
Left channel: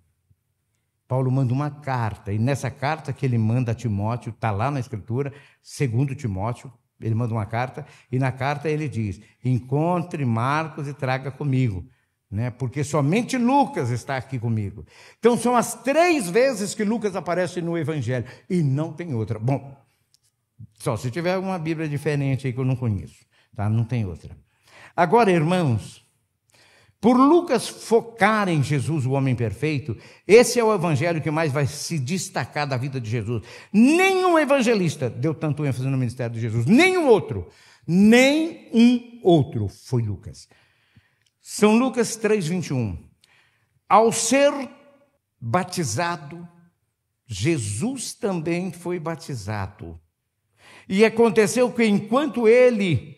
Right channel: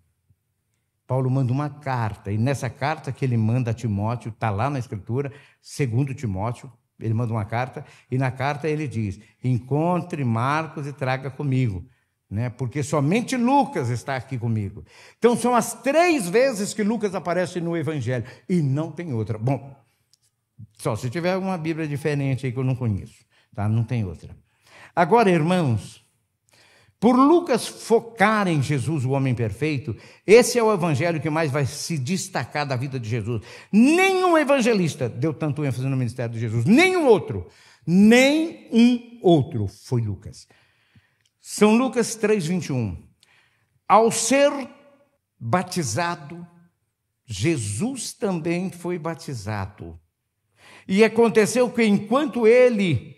Paulo manda uma carta, e nessa carta que ele manda a Timóteo, está lá na Escritura, 2 Timóteo, ele manda uma carta, e na carta ele diz, encontre Marcos e traga comigo. Porque somente Lucas está aqui comigo. Então são as 3 vezes que Lucas aparece no Evangelho, e não tem outra. Bom, só se tiver uma Bíblia diferente aí que eu não conheço, tá? Não tem outra. Agora, irmãos, por Lucas focar em Jesus, o homem perfeito, esse é o Evangelho que mais vai se destacar da vida de Jesus. Nenhum evangelista deu tanto ênfase no ministério de Jesus, nenhum outro foi Lucas. São Lucas 3,21. Ao ser batizado, Jesus também foi batizado. E aconteceu que enquanto ele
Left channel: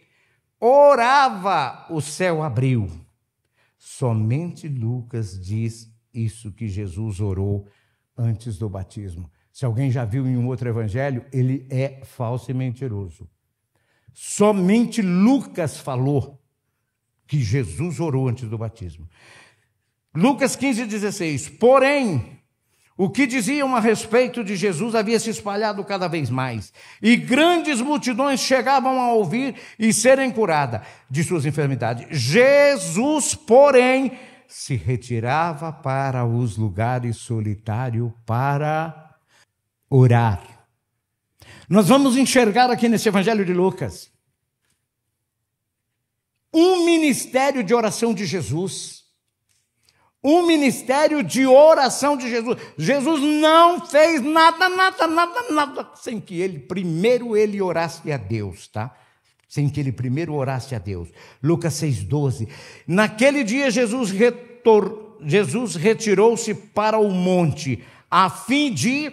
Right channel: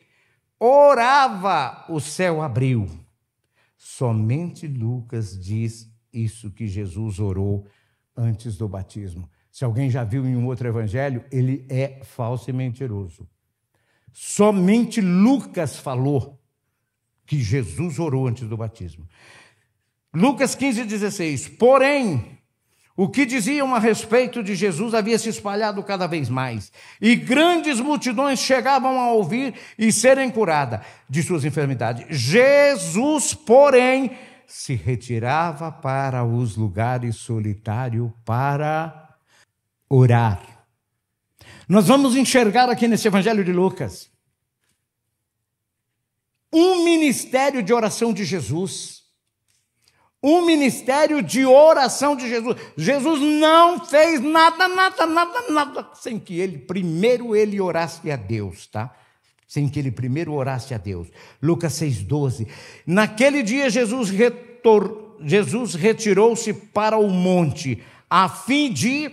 orava, o céu abriu. Somente Lucas diz isso que Jesus orou antes do batismo. Se alguém já viu em um outro evangelho, ele é falso e mentiroso. Somente Lucas falou que Jesus orou antes do batismo. Lucas 15,16. Porém, o que diziam a respeito de Jesus havia se espalhado cada vez mais, e grandes multidões chegavam a ouvir e serem curadas de suas enfermidades. Jesus, porém, se retirava para os lugares solitários para orar. Nós vamos enxergar aqui nesse Evangelho de Lucas um ministério de oração de Jesus. Um ministério de oração de Jesus. Jesus não fez nada sem que ele primeiro orasse a Deus, tá? Sem que ele primeiro orasse a Deus. Lucas 6,12. Naquele dia Jesus retirou-se para o monte a fim de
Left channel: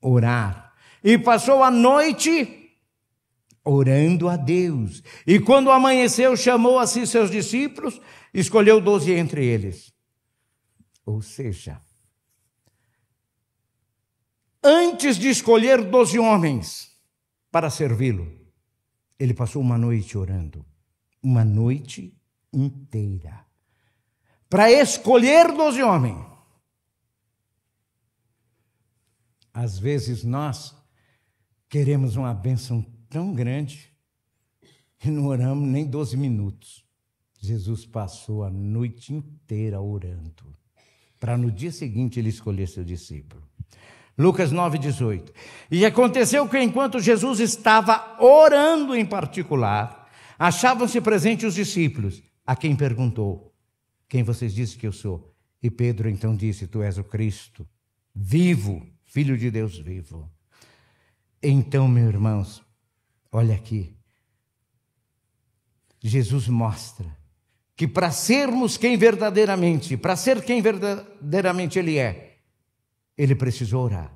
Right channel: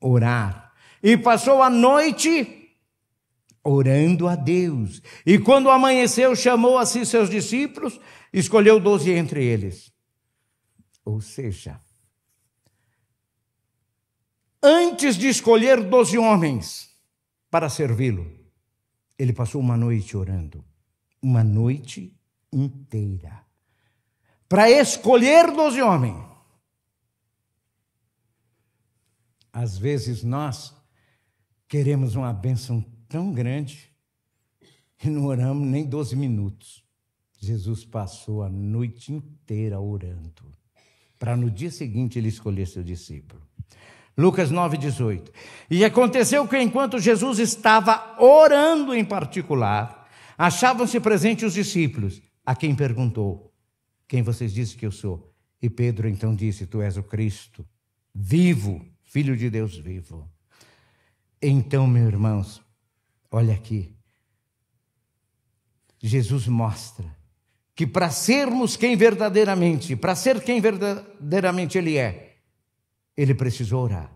orar. E passou a noite orando a Deus. E quando amanheceu, chamou a si seus discípulos, escolheu 12 entre eles. Ou seja, antes de escolher 12 homens para servi-lo, ele passou uma noite orando. Uma noite inteira. Para escolher 12 homens. Às vezes nós queremos uma bênção tão grande que não oramos nem 12 minutos. Jesus passou a noite inteira orando, para no dia seguinte ele escolher seu discípulo. Lucas 9:18. E aconteceu que enquanto Jesus estava orando em particular, achavam-se presentes os discípulos, a quem perguntou: quem vocês dizem que eu sou? E Pedro então disse: tu és o Cristo, vivo, Filho de Deus vivo. Então, meus irmãos, olha aqui, Jesus mostra que para ser quem verdadeiramente ele é, ele precisou orar.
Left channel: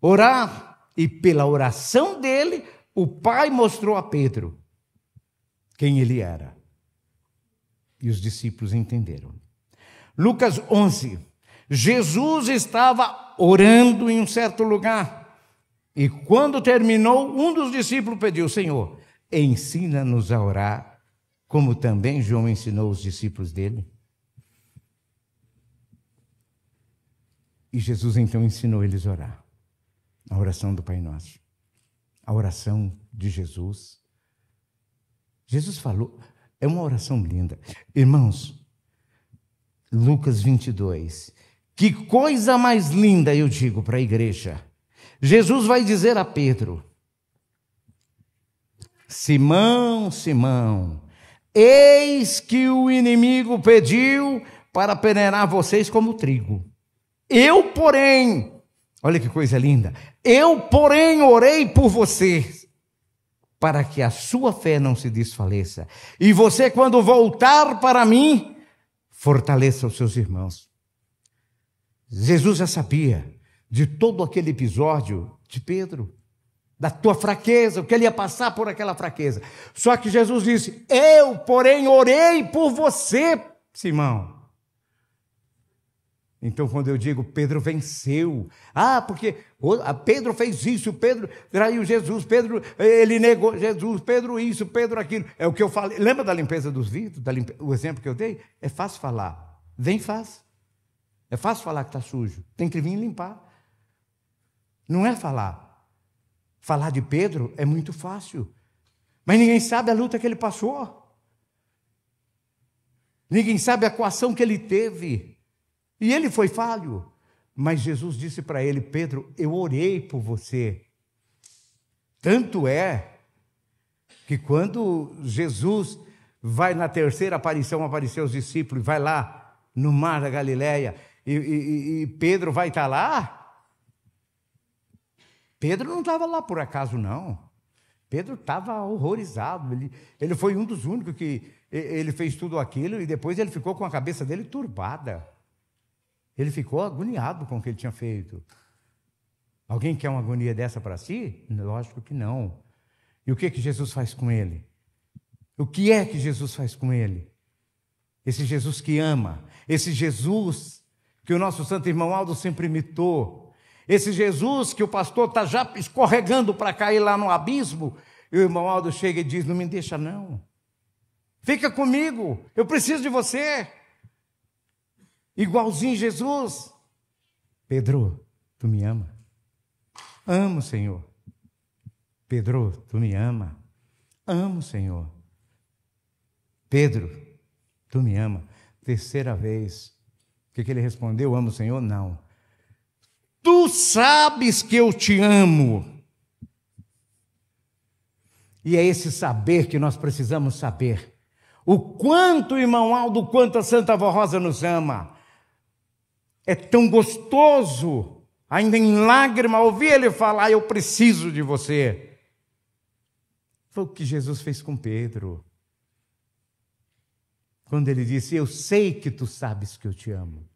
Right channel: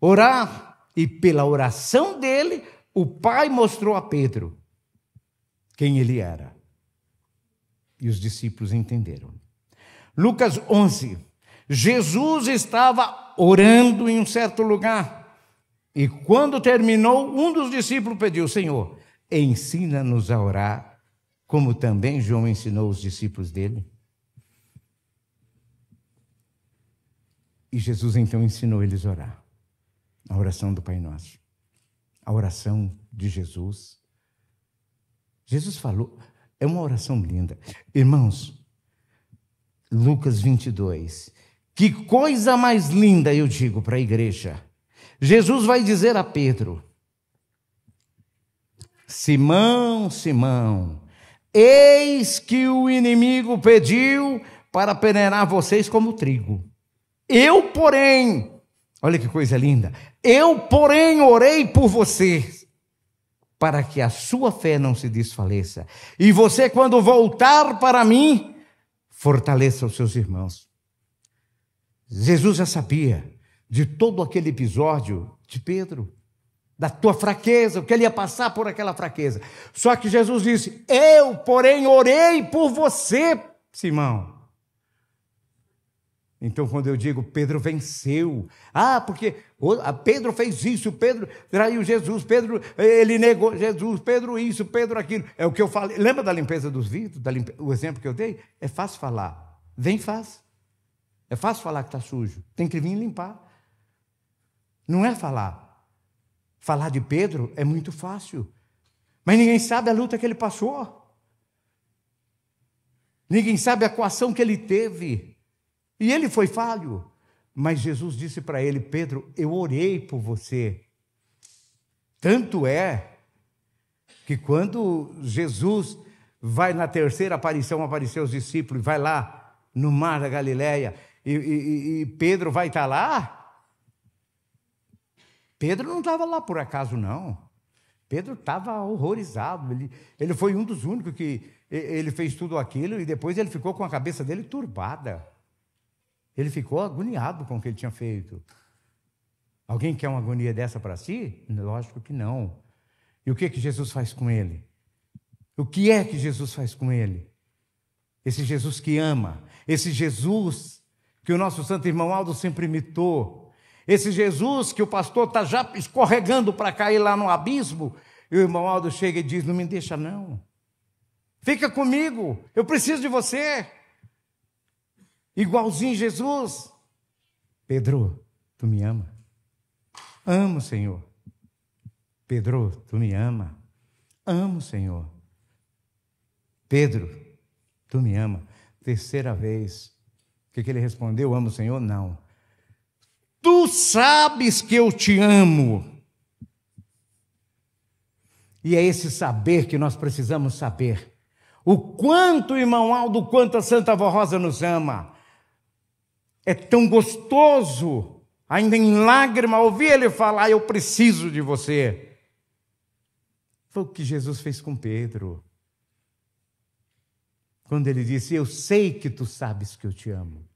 Orar, e pela oração dele, o Pai mostrou a Pedro quem ele era. E os discípulos entenderam. Lucas 11. Jesus estava orando em um certo lugar. E quando terminou, um dos discípulos pediu: Senhor, ensina-nos a orar, como também João ensinou os discípulos dele. E Jesus então ensinou eles a orar. A oração do Pai Nosso. A oração de Jesus. Jesus falou, é uma oração linda. Irmãos, Lucas 22. Que coisa mais linda, eu digo para a igreja. Jesus vai dizer a Pedro: Simão, Simão, eis que o inimigo pediu para peneirar vocês como trigo. Eu, porém, olha que coisa linda, eu, porém, orei por vocês, para que a sua fé não se desfaleça. E você, quando voltar para mim, fortaleça os seus irmãos. Jesus já sabia de todo aquele episódio de Pedro, da tua fraqueza, o que ele ia passar por aquela fraqueza. Só que Jesus disse: eu, porém, orei por você, Simão. Então, quando eu digo Pedro venceu, porque Pedro fez isso, Pedro traiu Jesus, Pedro, ele negou Jesus, Pedro isso, Pedro aquilo. É o que eu falei. Lembra da limpeza dos vidros? O exemplo que eu dei? É fácil falar. Vem, faz. É fácil falar que está sujo. Tem que vir limpar. Não é falar. Falar de Pedro é muito fácil. Mas ninguém sabe a luta que ele passou. Ninguém sabe a coação que ele teve. E ele foi falho. Mas Jesus disse para ele: Pedro, eu orei por você. Tanto é que quando Jesus vai na terceira aparição, aparecer aos discípulos, vai lá no mar da Galileia, e Pedro vai estar lá. Pedro não estava lá por acaso, não. Pedro estava horrorizado. Ele foi um dos únicos que ele fez tudo aquilo e depois ele ficou com a cabeça dele turbada. Ele ficou agoniado com o que ele tinha feito. Alguém quer uma agonia dessa para si? Lógico que não. E o que Jesus faz com ele? O que é que Jesus faz com ele? Esse Jesus que ama, esse Jesus que o nosso santo irmão Aldo sempre imitou, esse Jesus que o pastor está já escorregando para cair lá no abismo, e o irmão Aldo chega e diz: não me deixa não, fica comigo, eu preciso de você. Igualzinho Jesus. Pedro, tu me ama? Amo, Senhor. Pedro, tu me ama? Amo, Senhor. Pedro, tu me ama? Terceira vez. O que ele respondeu? Amo, Senhor? Não. Tu sabes que eu te amo. E é esse saber que nós precisamos saber. O quanto o irmão Aldo, o quanto a Santa Avó Rosa nos ama. É tão gostoso, ainda em lágrima, ouvir ele falar: eu preciso de você. Foi o que Jesus fez com Pedro. Quando ele disse: eu sei que tu sabes que eu te amo.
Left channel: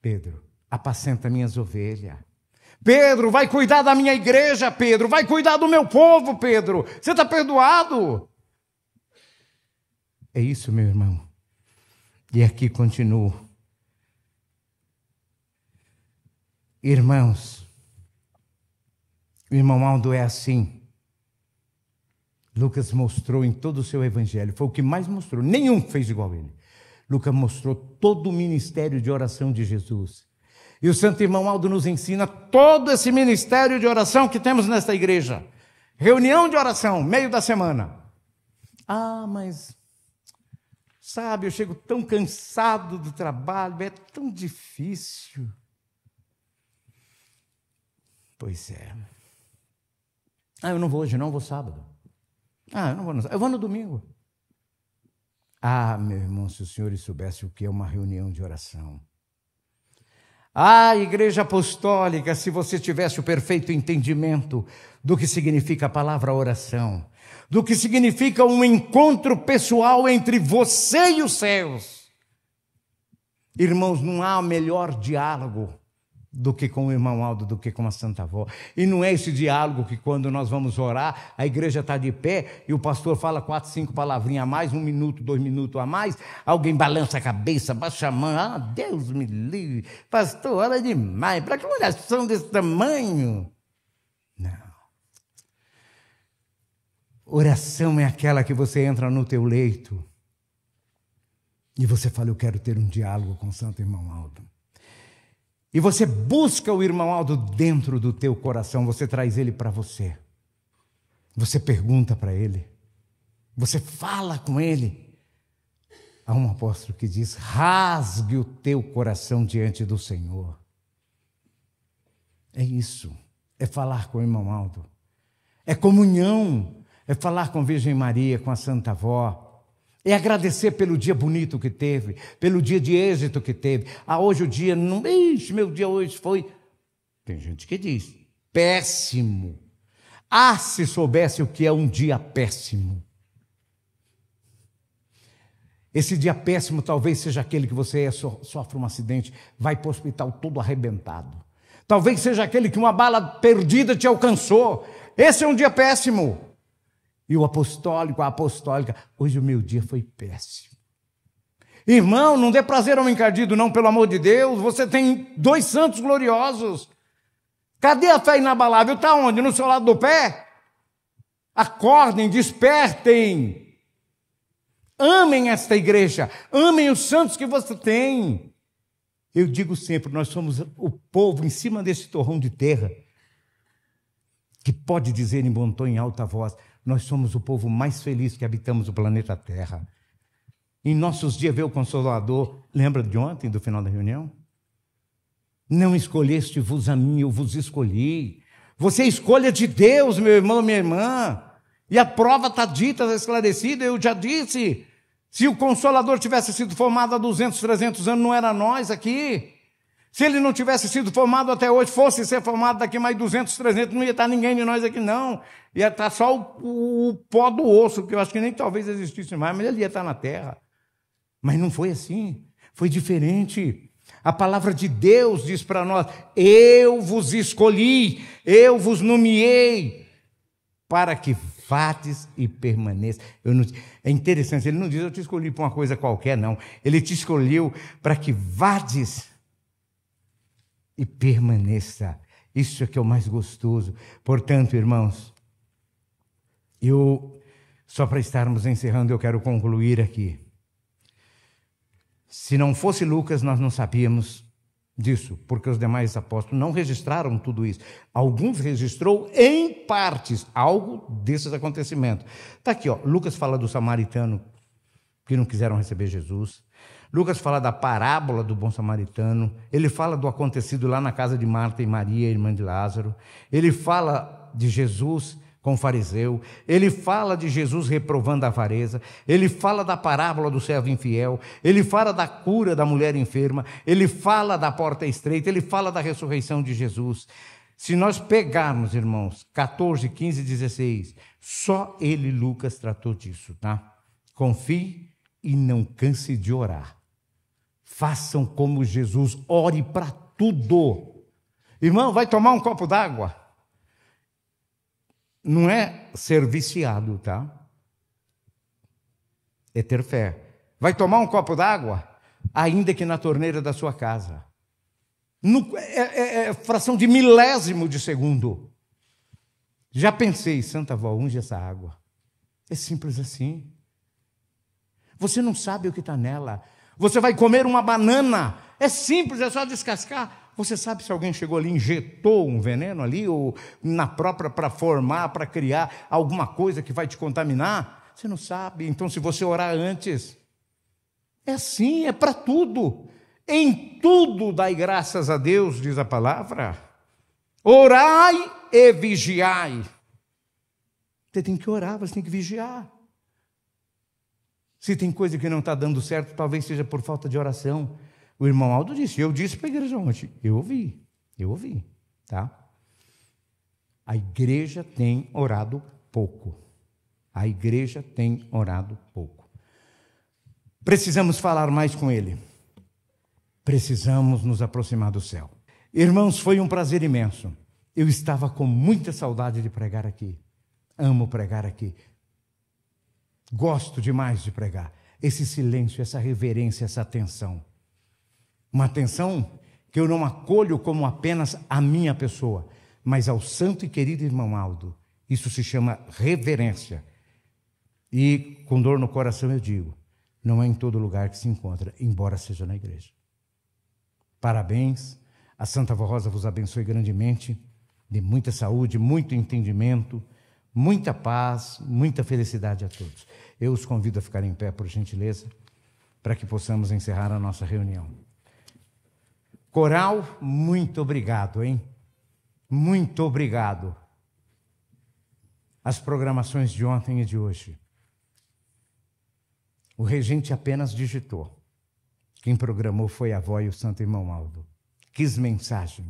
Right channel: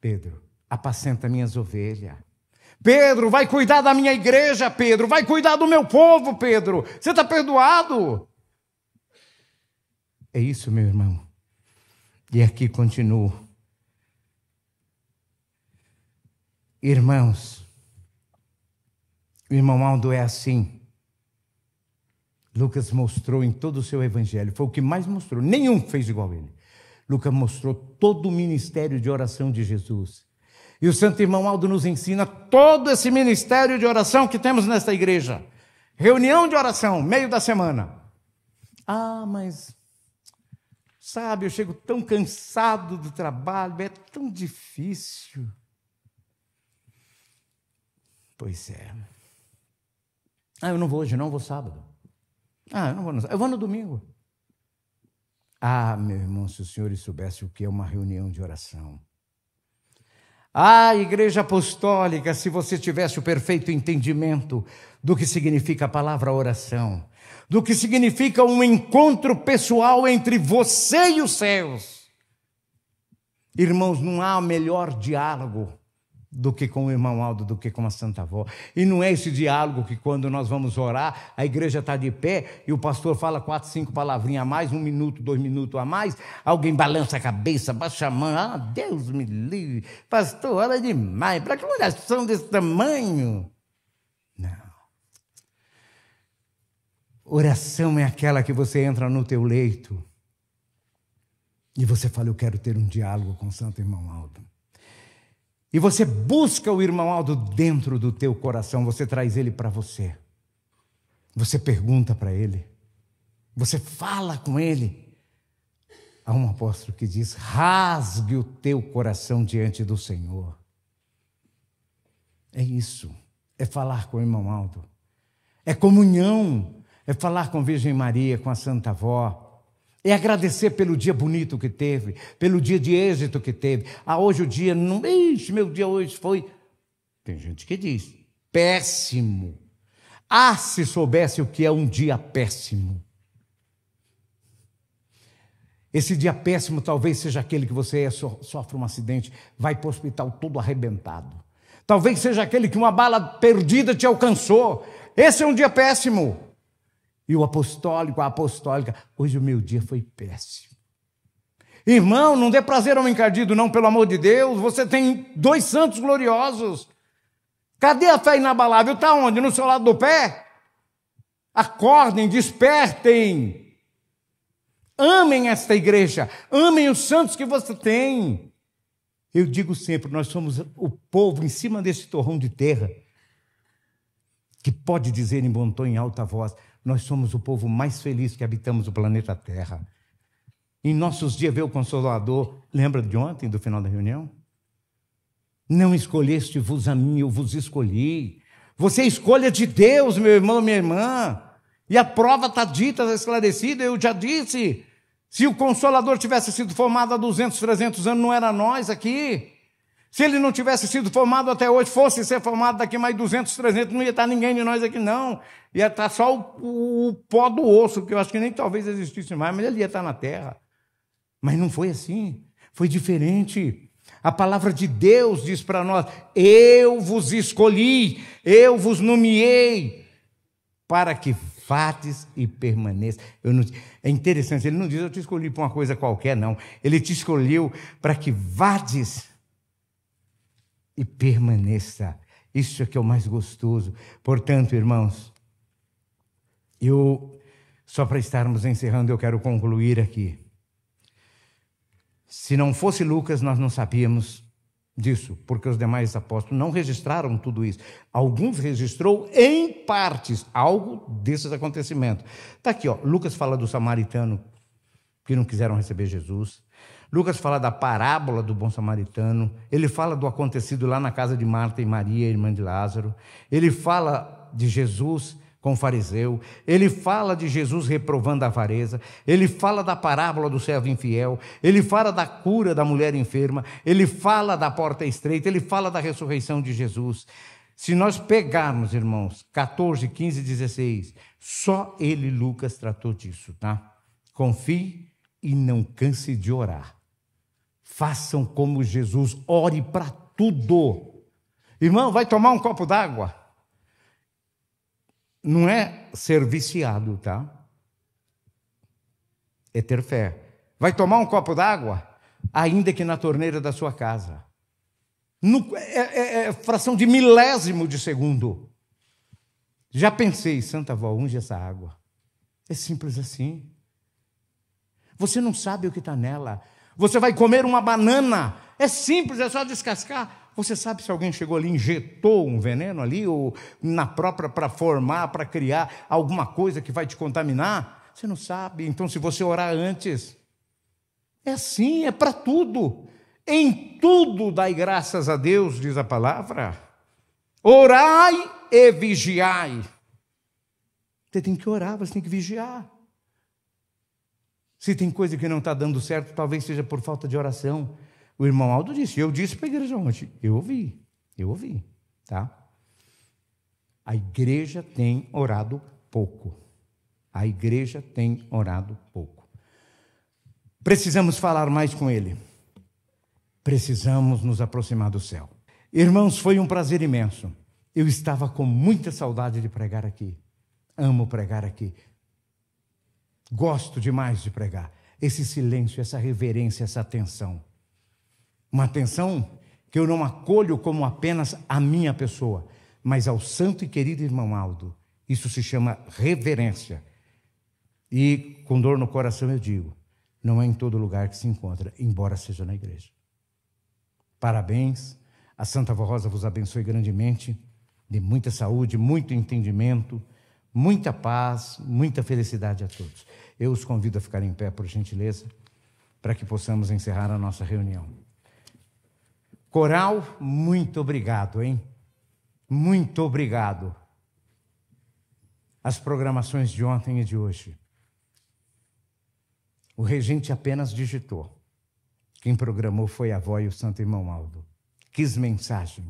Pedro, apacenta minhas ovelhas. Pedro, vai cuidar da minha igreja, Pedro. Vai cuidar do meu povo, Pedro. Você está perdoado. É isso, meu irmão. E aqui continuo. Irmãos, o irmão Aldo é assim. Lucas mostrou em todo o seu evangelho, foi o que mais mostrou, nenhum fez igual a ele. Lucas mostrou todo o ministério de oração de Jesus. E o santo irmão Aldo nos ensina todo esse ministério de oração que temos nesta igreja. Reunião de oração, meio da semana. Mas sabe, eu chego tão cansado do trabalho, é tão difícil. Pois é. Eu não vou hoje, não, vou sábado. Eu não vou, eu vou no domingo. Meu irmão, se os senhores soubessem o que é uma reunião de oração. Igreja apostólica, se você tivesse o perfeito entendimento do que significa a palavra oração, do que significa um encontro pessoal entre você e os céus. Irmãos, não há melhor diálogo do que com o irmão Aldo, do que com a Santa Avó. E não é esse diálogo que quando nós vamos orar, a igreja está de pé e o pastor fala 4, 5 palavrinhas a mais, 1 minuto, 2 minutos a mais, alguém balança a cabeça, baixa a mão, Deus me livre, pastor, ora demais, para que oração desse tamanho? Não. Oração é aquela que você entra no teu leito e você fala, eu quero ter um diálogo com o Santo Irmão Aldo. E você busca o irmão Aldo dentro do teu coração, você traz ele para você. Você pergunta para ele. Você fala com ele. Há um apóstolo que diz, rasgue o teu coração diante do Senhor. É isso. É falar com o irmão Aldo. É comunhão. É falar com a Virgem Maria, com a Santa Avó. É agradecer pelo dia bonito que teve, pelo dia de êxito que teve. Hoje o dia não... meu dia hoje foi... Tem gente que diz, péssimo. Se soubesse o que é um dia péssimo. Esse dia péssimo talvez seja aquele que você sofre um acidente, vai para o hospital todo arrebentado. Talvez seja aquele que uma bala perdida te alcançou. Esse é um dia péssimo. E o apostólico, a apostólica, hoje o meu dia foi péssimo. Irmão, não dê prazer ao encardido, não, pelo amor de Deus. Você tem 2 santos gloriosos. Cadê a fé inabalável? Está onde? No seu lado do pé? Acordem, despertem. Amem esta igreja. Amem os santos que você tem. Eu digo sempre, nós somos o povo em cima desse torrão de terra, que pode dizer em bom tom, em alta voz, nós somos o povo mais feliz que habitamos o planeta Terra. Em nossos dias veio o Consolador. Lembra de ontem, do final da reunião? Não escolheste-vos a mim, eu vos escolhi. Você é escolha de Deus, meu irmão, minha irmã. E a prova está dita, está esclarecida, eu já disse. Se o Consolador tivesse sido formado há 200, 300 anos, não era nós aqui. Se ele não tivesse sido formado até hoje, fosse ser formado daqui mais 200, 300, não ia estar ninguém de nós aqui, não. Ia estar só o pó do osso, que eu acho que nem talvez existisse mais, mas ele ia estar na terra. Mas não foi assim, foi diferente. A palavra de Deus diz para nós, eu vos escolhi, eu vos nomeei, para que vades e permaneça. É interessante, ele não diz, eu te escolhi para uma coisa qualquer, não. Ele te escolheu para que vades e permaneça. Isso é que é o mais gostoso. Portanto, irmãos, só para estarmos encerrando, eu quero concluir aqui. Se não fosse Lucas, nós não sabíamos disso, porque os demais apóstolos não registraram tudo isso. Alguns registrou em partes algo desses acontecimentos. Está aqui, Lucas fala do samaritano que não quiseram receber Jesus. Lucas fala da parábola do bom samaritano. Ele fala do acontecido lá na casa de Marta e Maria, irmã de Lázaro. Ele fala de Jesus com o fariseu. Ele fala de Jesus reprovando a avareza. Ele fala da parábola do servo infiel. Ele fala da cura da mulher enferma. Ele fala da porta estreita. Ele fala da ressurreição de Jesus. Se nós pegarmos, irmãos, 14, 15, 16, só ele, Lucas, tratou disso, tá? Confie e não canse de orar. Façam como Jesus, ore para tudo. Irmão, vai tomar um copo d'água? Não é ser viciado, tá? É ter fé. Vai tomar um copo d'água? Ainda que na torneira da sua casa. É fração de milésimo de segundo. Já pensei, Santa Avó, unge essa água. É simples assim. Você não sabe o que está nela. Você vai comer uma banana. É simples, é só descascar. Você sabe se alguém chegou ali e injetou um veneno ali, ou na própria, para formar, para criar alguma coisa que vai te contaminar? Você não sabe. Então, se você orar antes, É assim, é para tudo. Em tudo dai graças a Deus, diz a palavra. Orai e vigiai. Você tem que orar, você tem que vigiar. Se tem coisa que não está dando certo, talvez seja por falta de oração. O irmão Aldo disse, eu disse para a igreja ontem, eu ouvi, tá? A igreja tem orado pouco. A igreja tem orado pouco. Precisamos falar mais com ele. Precisamos nos aproximar do céu. Irmãos, foi um prazer imenso. Eu estava com muita saudade de pregar aqui. Amo pregar aqui. Gosto demais de pregar. Esse silêncio, essa reverência, essa atenção. Uma atenção que eu não acolho como apenas a minha pessoa, mas ao santo e querido irmão Aldo. Isso se chama reverência. E com dor no coração eu digo, não é em todo lugar que se encontra, embora seja na igreja. Parabéns, a Santa Avó Rosa vos abençoe grandemente, dê muita saúde, muito entendimento, muita paz, muita felicidade a todos. Eu os convido a ficar em pé, por gentileza, para que possamos encerrar a nossa reunião. Coral, muito obrigado, hein? Muito obrigado. As programações de ontem e de hoje. O regente apenas digitou. Quem programou foi a avó e o santo irmão Aldo. Quis mensagem,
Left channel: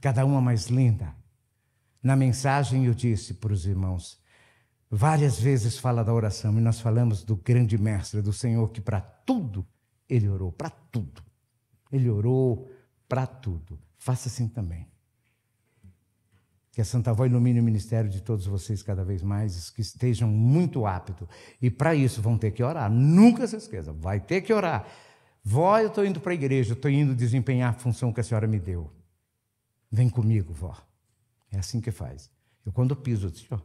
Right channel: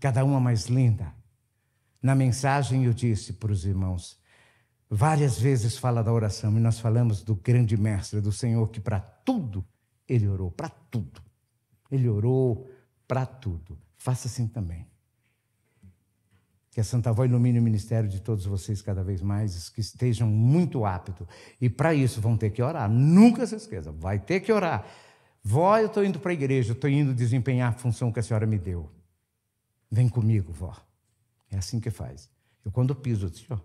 cada uma mais linda. Na mensagem eu disse para os irmãos, várias vezes fala da oração, e nós falamos do grande mestre, do Senhor, que para tudo ele orou, para tudo. Ele orou para tudo. Faça assim também. Que a Santa Avó ilumine o ministério de todos vocês cada vez mais, que estejam muito aptos. E para isso vão ter que orar. Nunca se esqueça, vai ter que orar. Vó, eu estou indo para a igreja, estou indo desempenhar a função que a senhora me deu. Vem comigo, vó. É assim que faz. Eu quando piso assim, ó,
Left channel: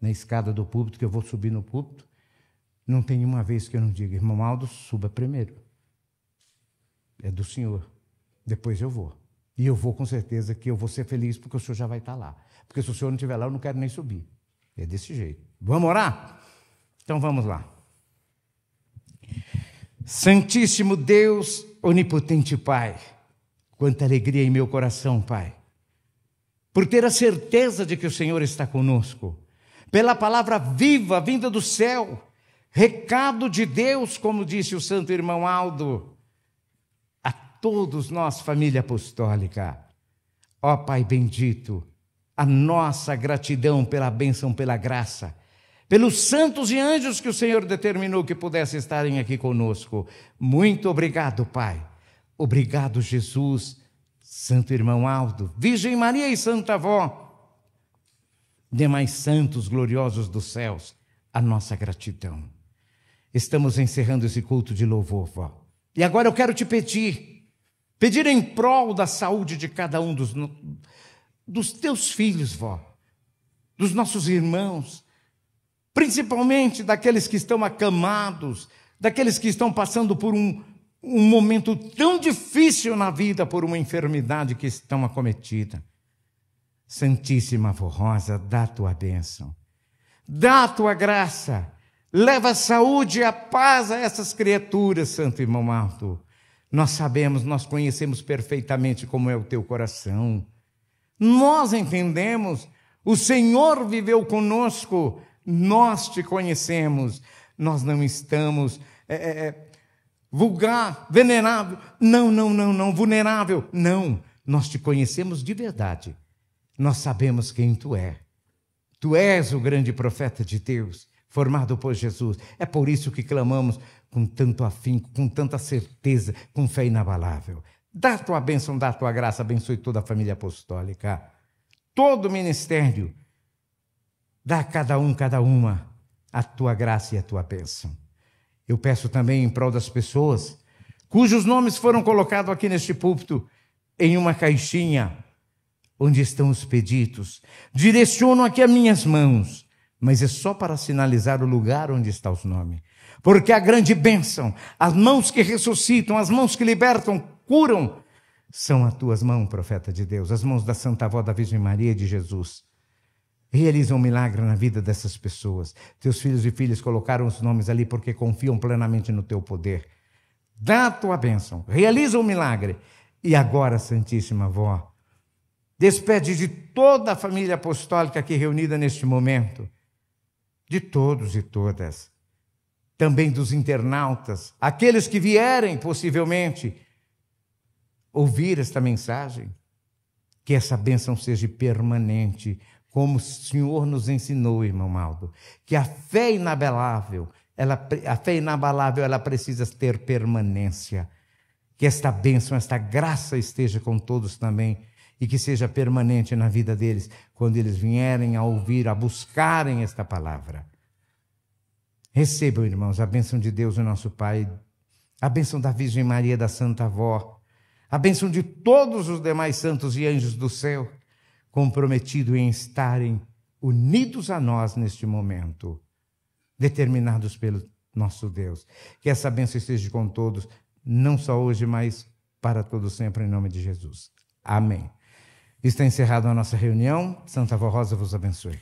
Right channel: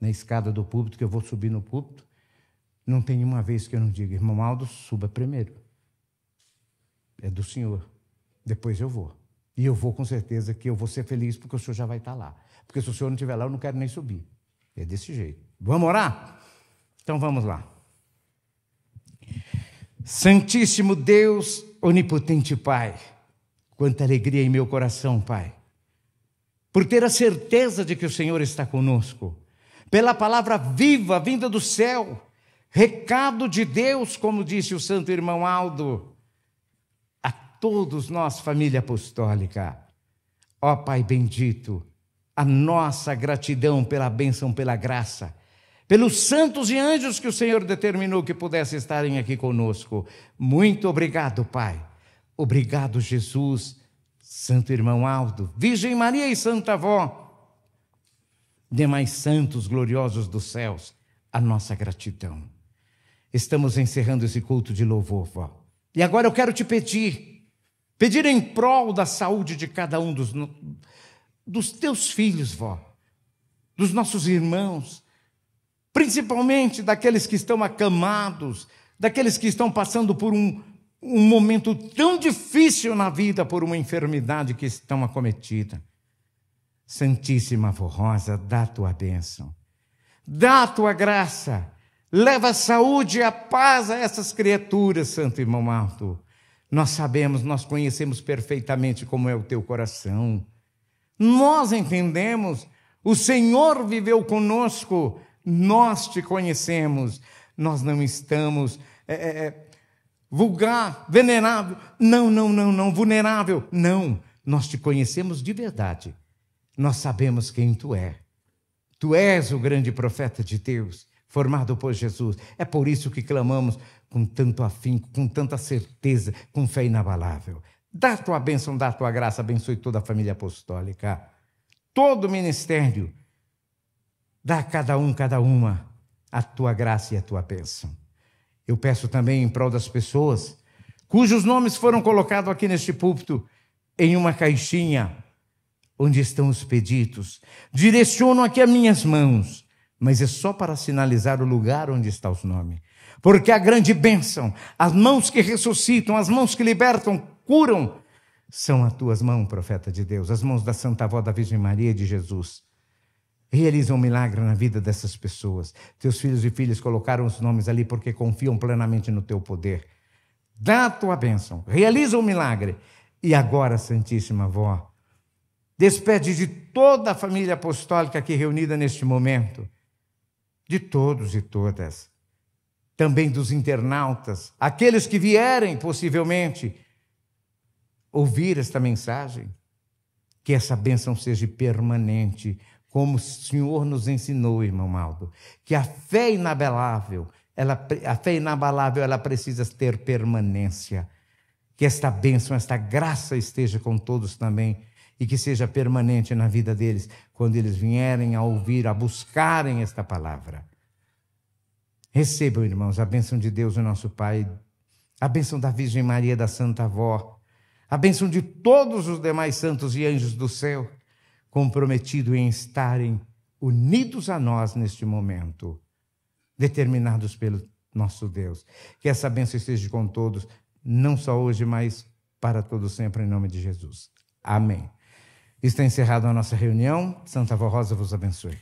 na escada do púlpito, que eu vou subir no púlpito, não tem uma vez que eu não diga, irmão Aldo, suba primeiro. É do senhor. Depois eu vou. E eu vou com certeza que eu vou ser feliz porque o senhor já vai estar lá. Porque se o senhor não estiver lá, eu não quero nem subir. É desse jeito. Vamos orar? Então vamos lá. Santíssimo Deus, onipotente Pai, quanta alegria em meu coração, Pai, por ter a certeza de que o Senhor está conosco, pela palavra viva vinda do céu, recado de Deus, como disse o santo irmão Aldo, a todos nós, família apostólica. Ó Pai bendito, a nossa gratidão pela bênção, pela graça, pelos santos e anjos que o Senhor determinou que pudessem estarem aqui conosco. Muito obrigado, Pai. Obrigado, Jesus, santo irmão Aldo, Virgem Maria e Santa Avó, demais santos gloriosos dos céus, a nossa gratidão. Estamos encerrando esse culto de louvor, vó. E agora eu quero te pedir em prol da saúde de cada um dos teus filhos, vó, dos nossos irmãos, principalmente daqueles que estão acamados, daqueles que estão passando por um momento tão difícil na vida, por uma enfermidade que estão acometida. Santíssima Avó Rosa, dá a tua bênção, dá a tua graça, leva a saúde e a paz a essas criaturas, santo irmão Aldo. Nós sabemos, nós conhecemos perfeitamente como é o teu coração. Nós entendemos, o Senhor viveu conosco, nós te conhecemos, nós não estamos vulgar, venerável, não, vulnerável, não, nós te conhecemos de verdade, nós sabemos quem tu é. Tu és o grande profeta de Deus, formado por Jesus, é por isso que clamamos com tanto afinco, com tanta certeza, com fé inabalável. Dá a tua bênção, dá a tua graça, abençoe toda a família apostólica, todo o ministério, dá a cada um, cada uma, a tua graça e a tua bênção. Eu peço também em prol das pessoas cujos nomes foram colocados aqui neste púlpito, em uma caixinha, onde estão os pedidos. Direciono aqui as minhas mãos, mas é só para sinalizar o lugar onde estão os nomes. Porque a grande bênção, as mãos que ressuscitam, as mãos que libertam, curam, são as tuas mãos, profeta de Deus, as mãos da Santa Avó da Virgem Maria e de Jesus. Realiza um milagre na vida dessas pessoas. Teus filhos e filhas colocaram os nomes ali porque confiam plenamente no teu poder. dá a tua bênção, realiza um milagre. E agora, Santíssima Avó, despede de toda a família apostólica aqui reunida neste momento, de todos e todas, também dos internautas, aqueles que vierem possivelmente ouvir esta mensagem, que essa bênção seja permanente, como o Senhor nos ensinou, irmão Maldo, que a fé inabalável, ela precisa ter permanência, que esta bênção, esta graça esteja com todos também, e que seja permanente na vida deles, quando eles vierem a ouvir, a buscarem esta palavra. Recebam, irmãos, a bênção de Deus, o nosso Pai, a bênção da Virgem Maria, da Santa Avó, a bênção de todos os demais santos e anjos do céu, comprometidos em estarem unidos a nós neste momento, determinados pelo nosso Deus. Que essa bênção esteja com todos, não só hoje, mas para todo sempre, em nome de Jesus. Amém. Está encerrada a nossa reunião. Santa Avó Rosa vos abençoe.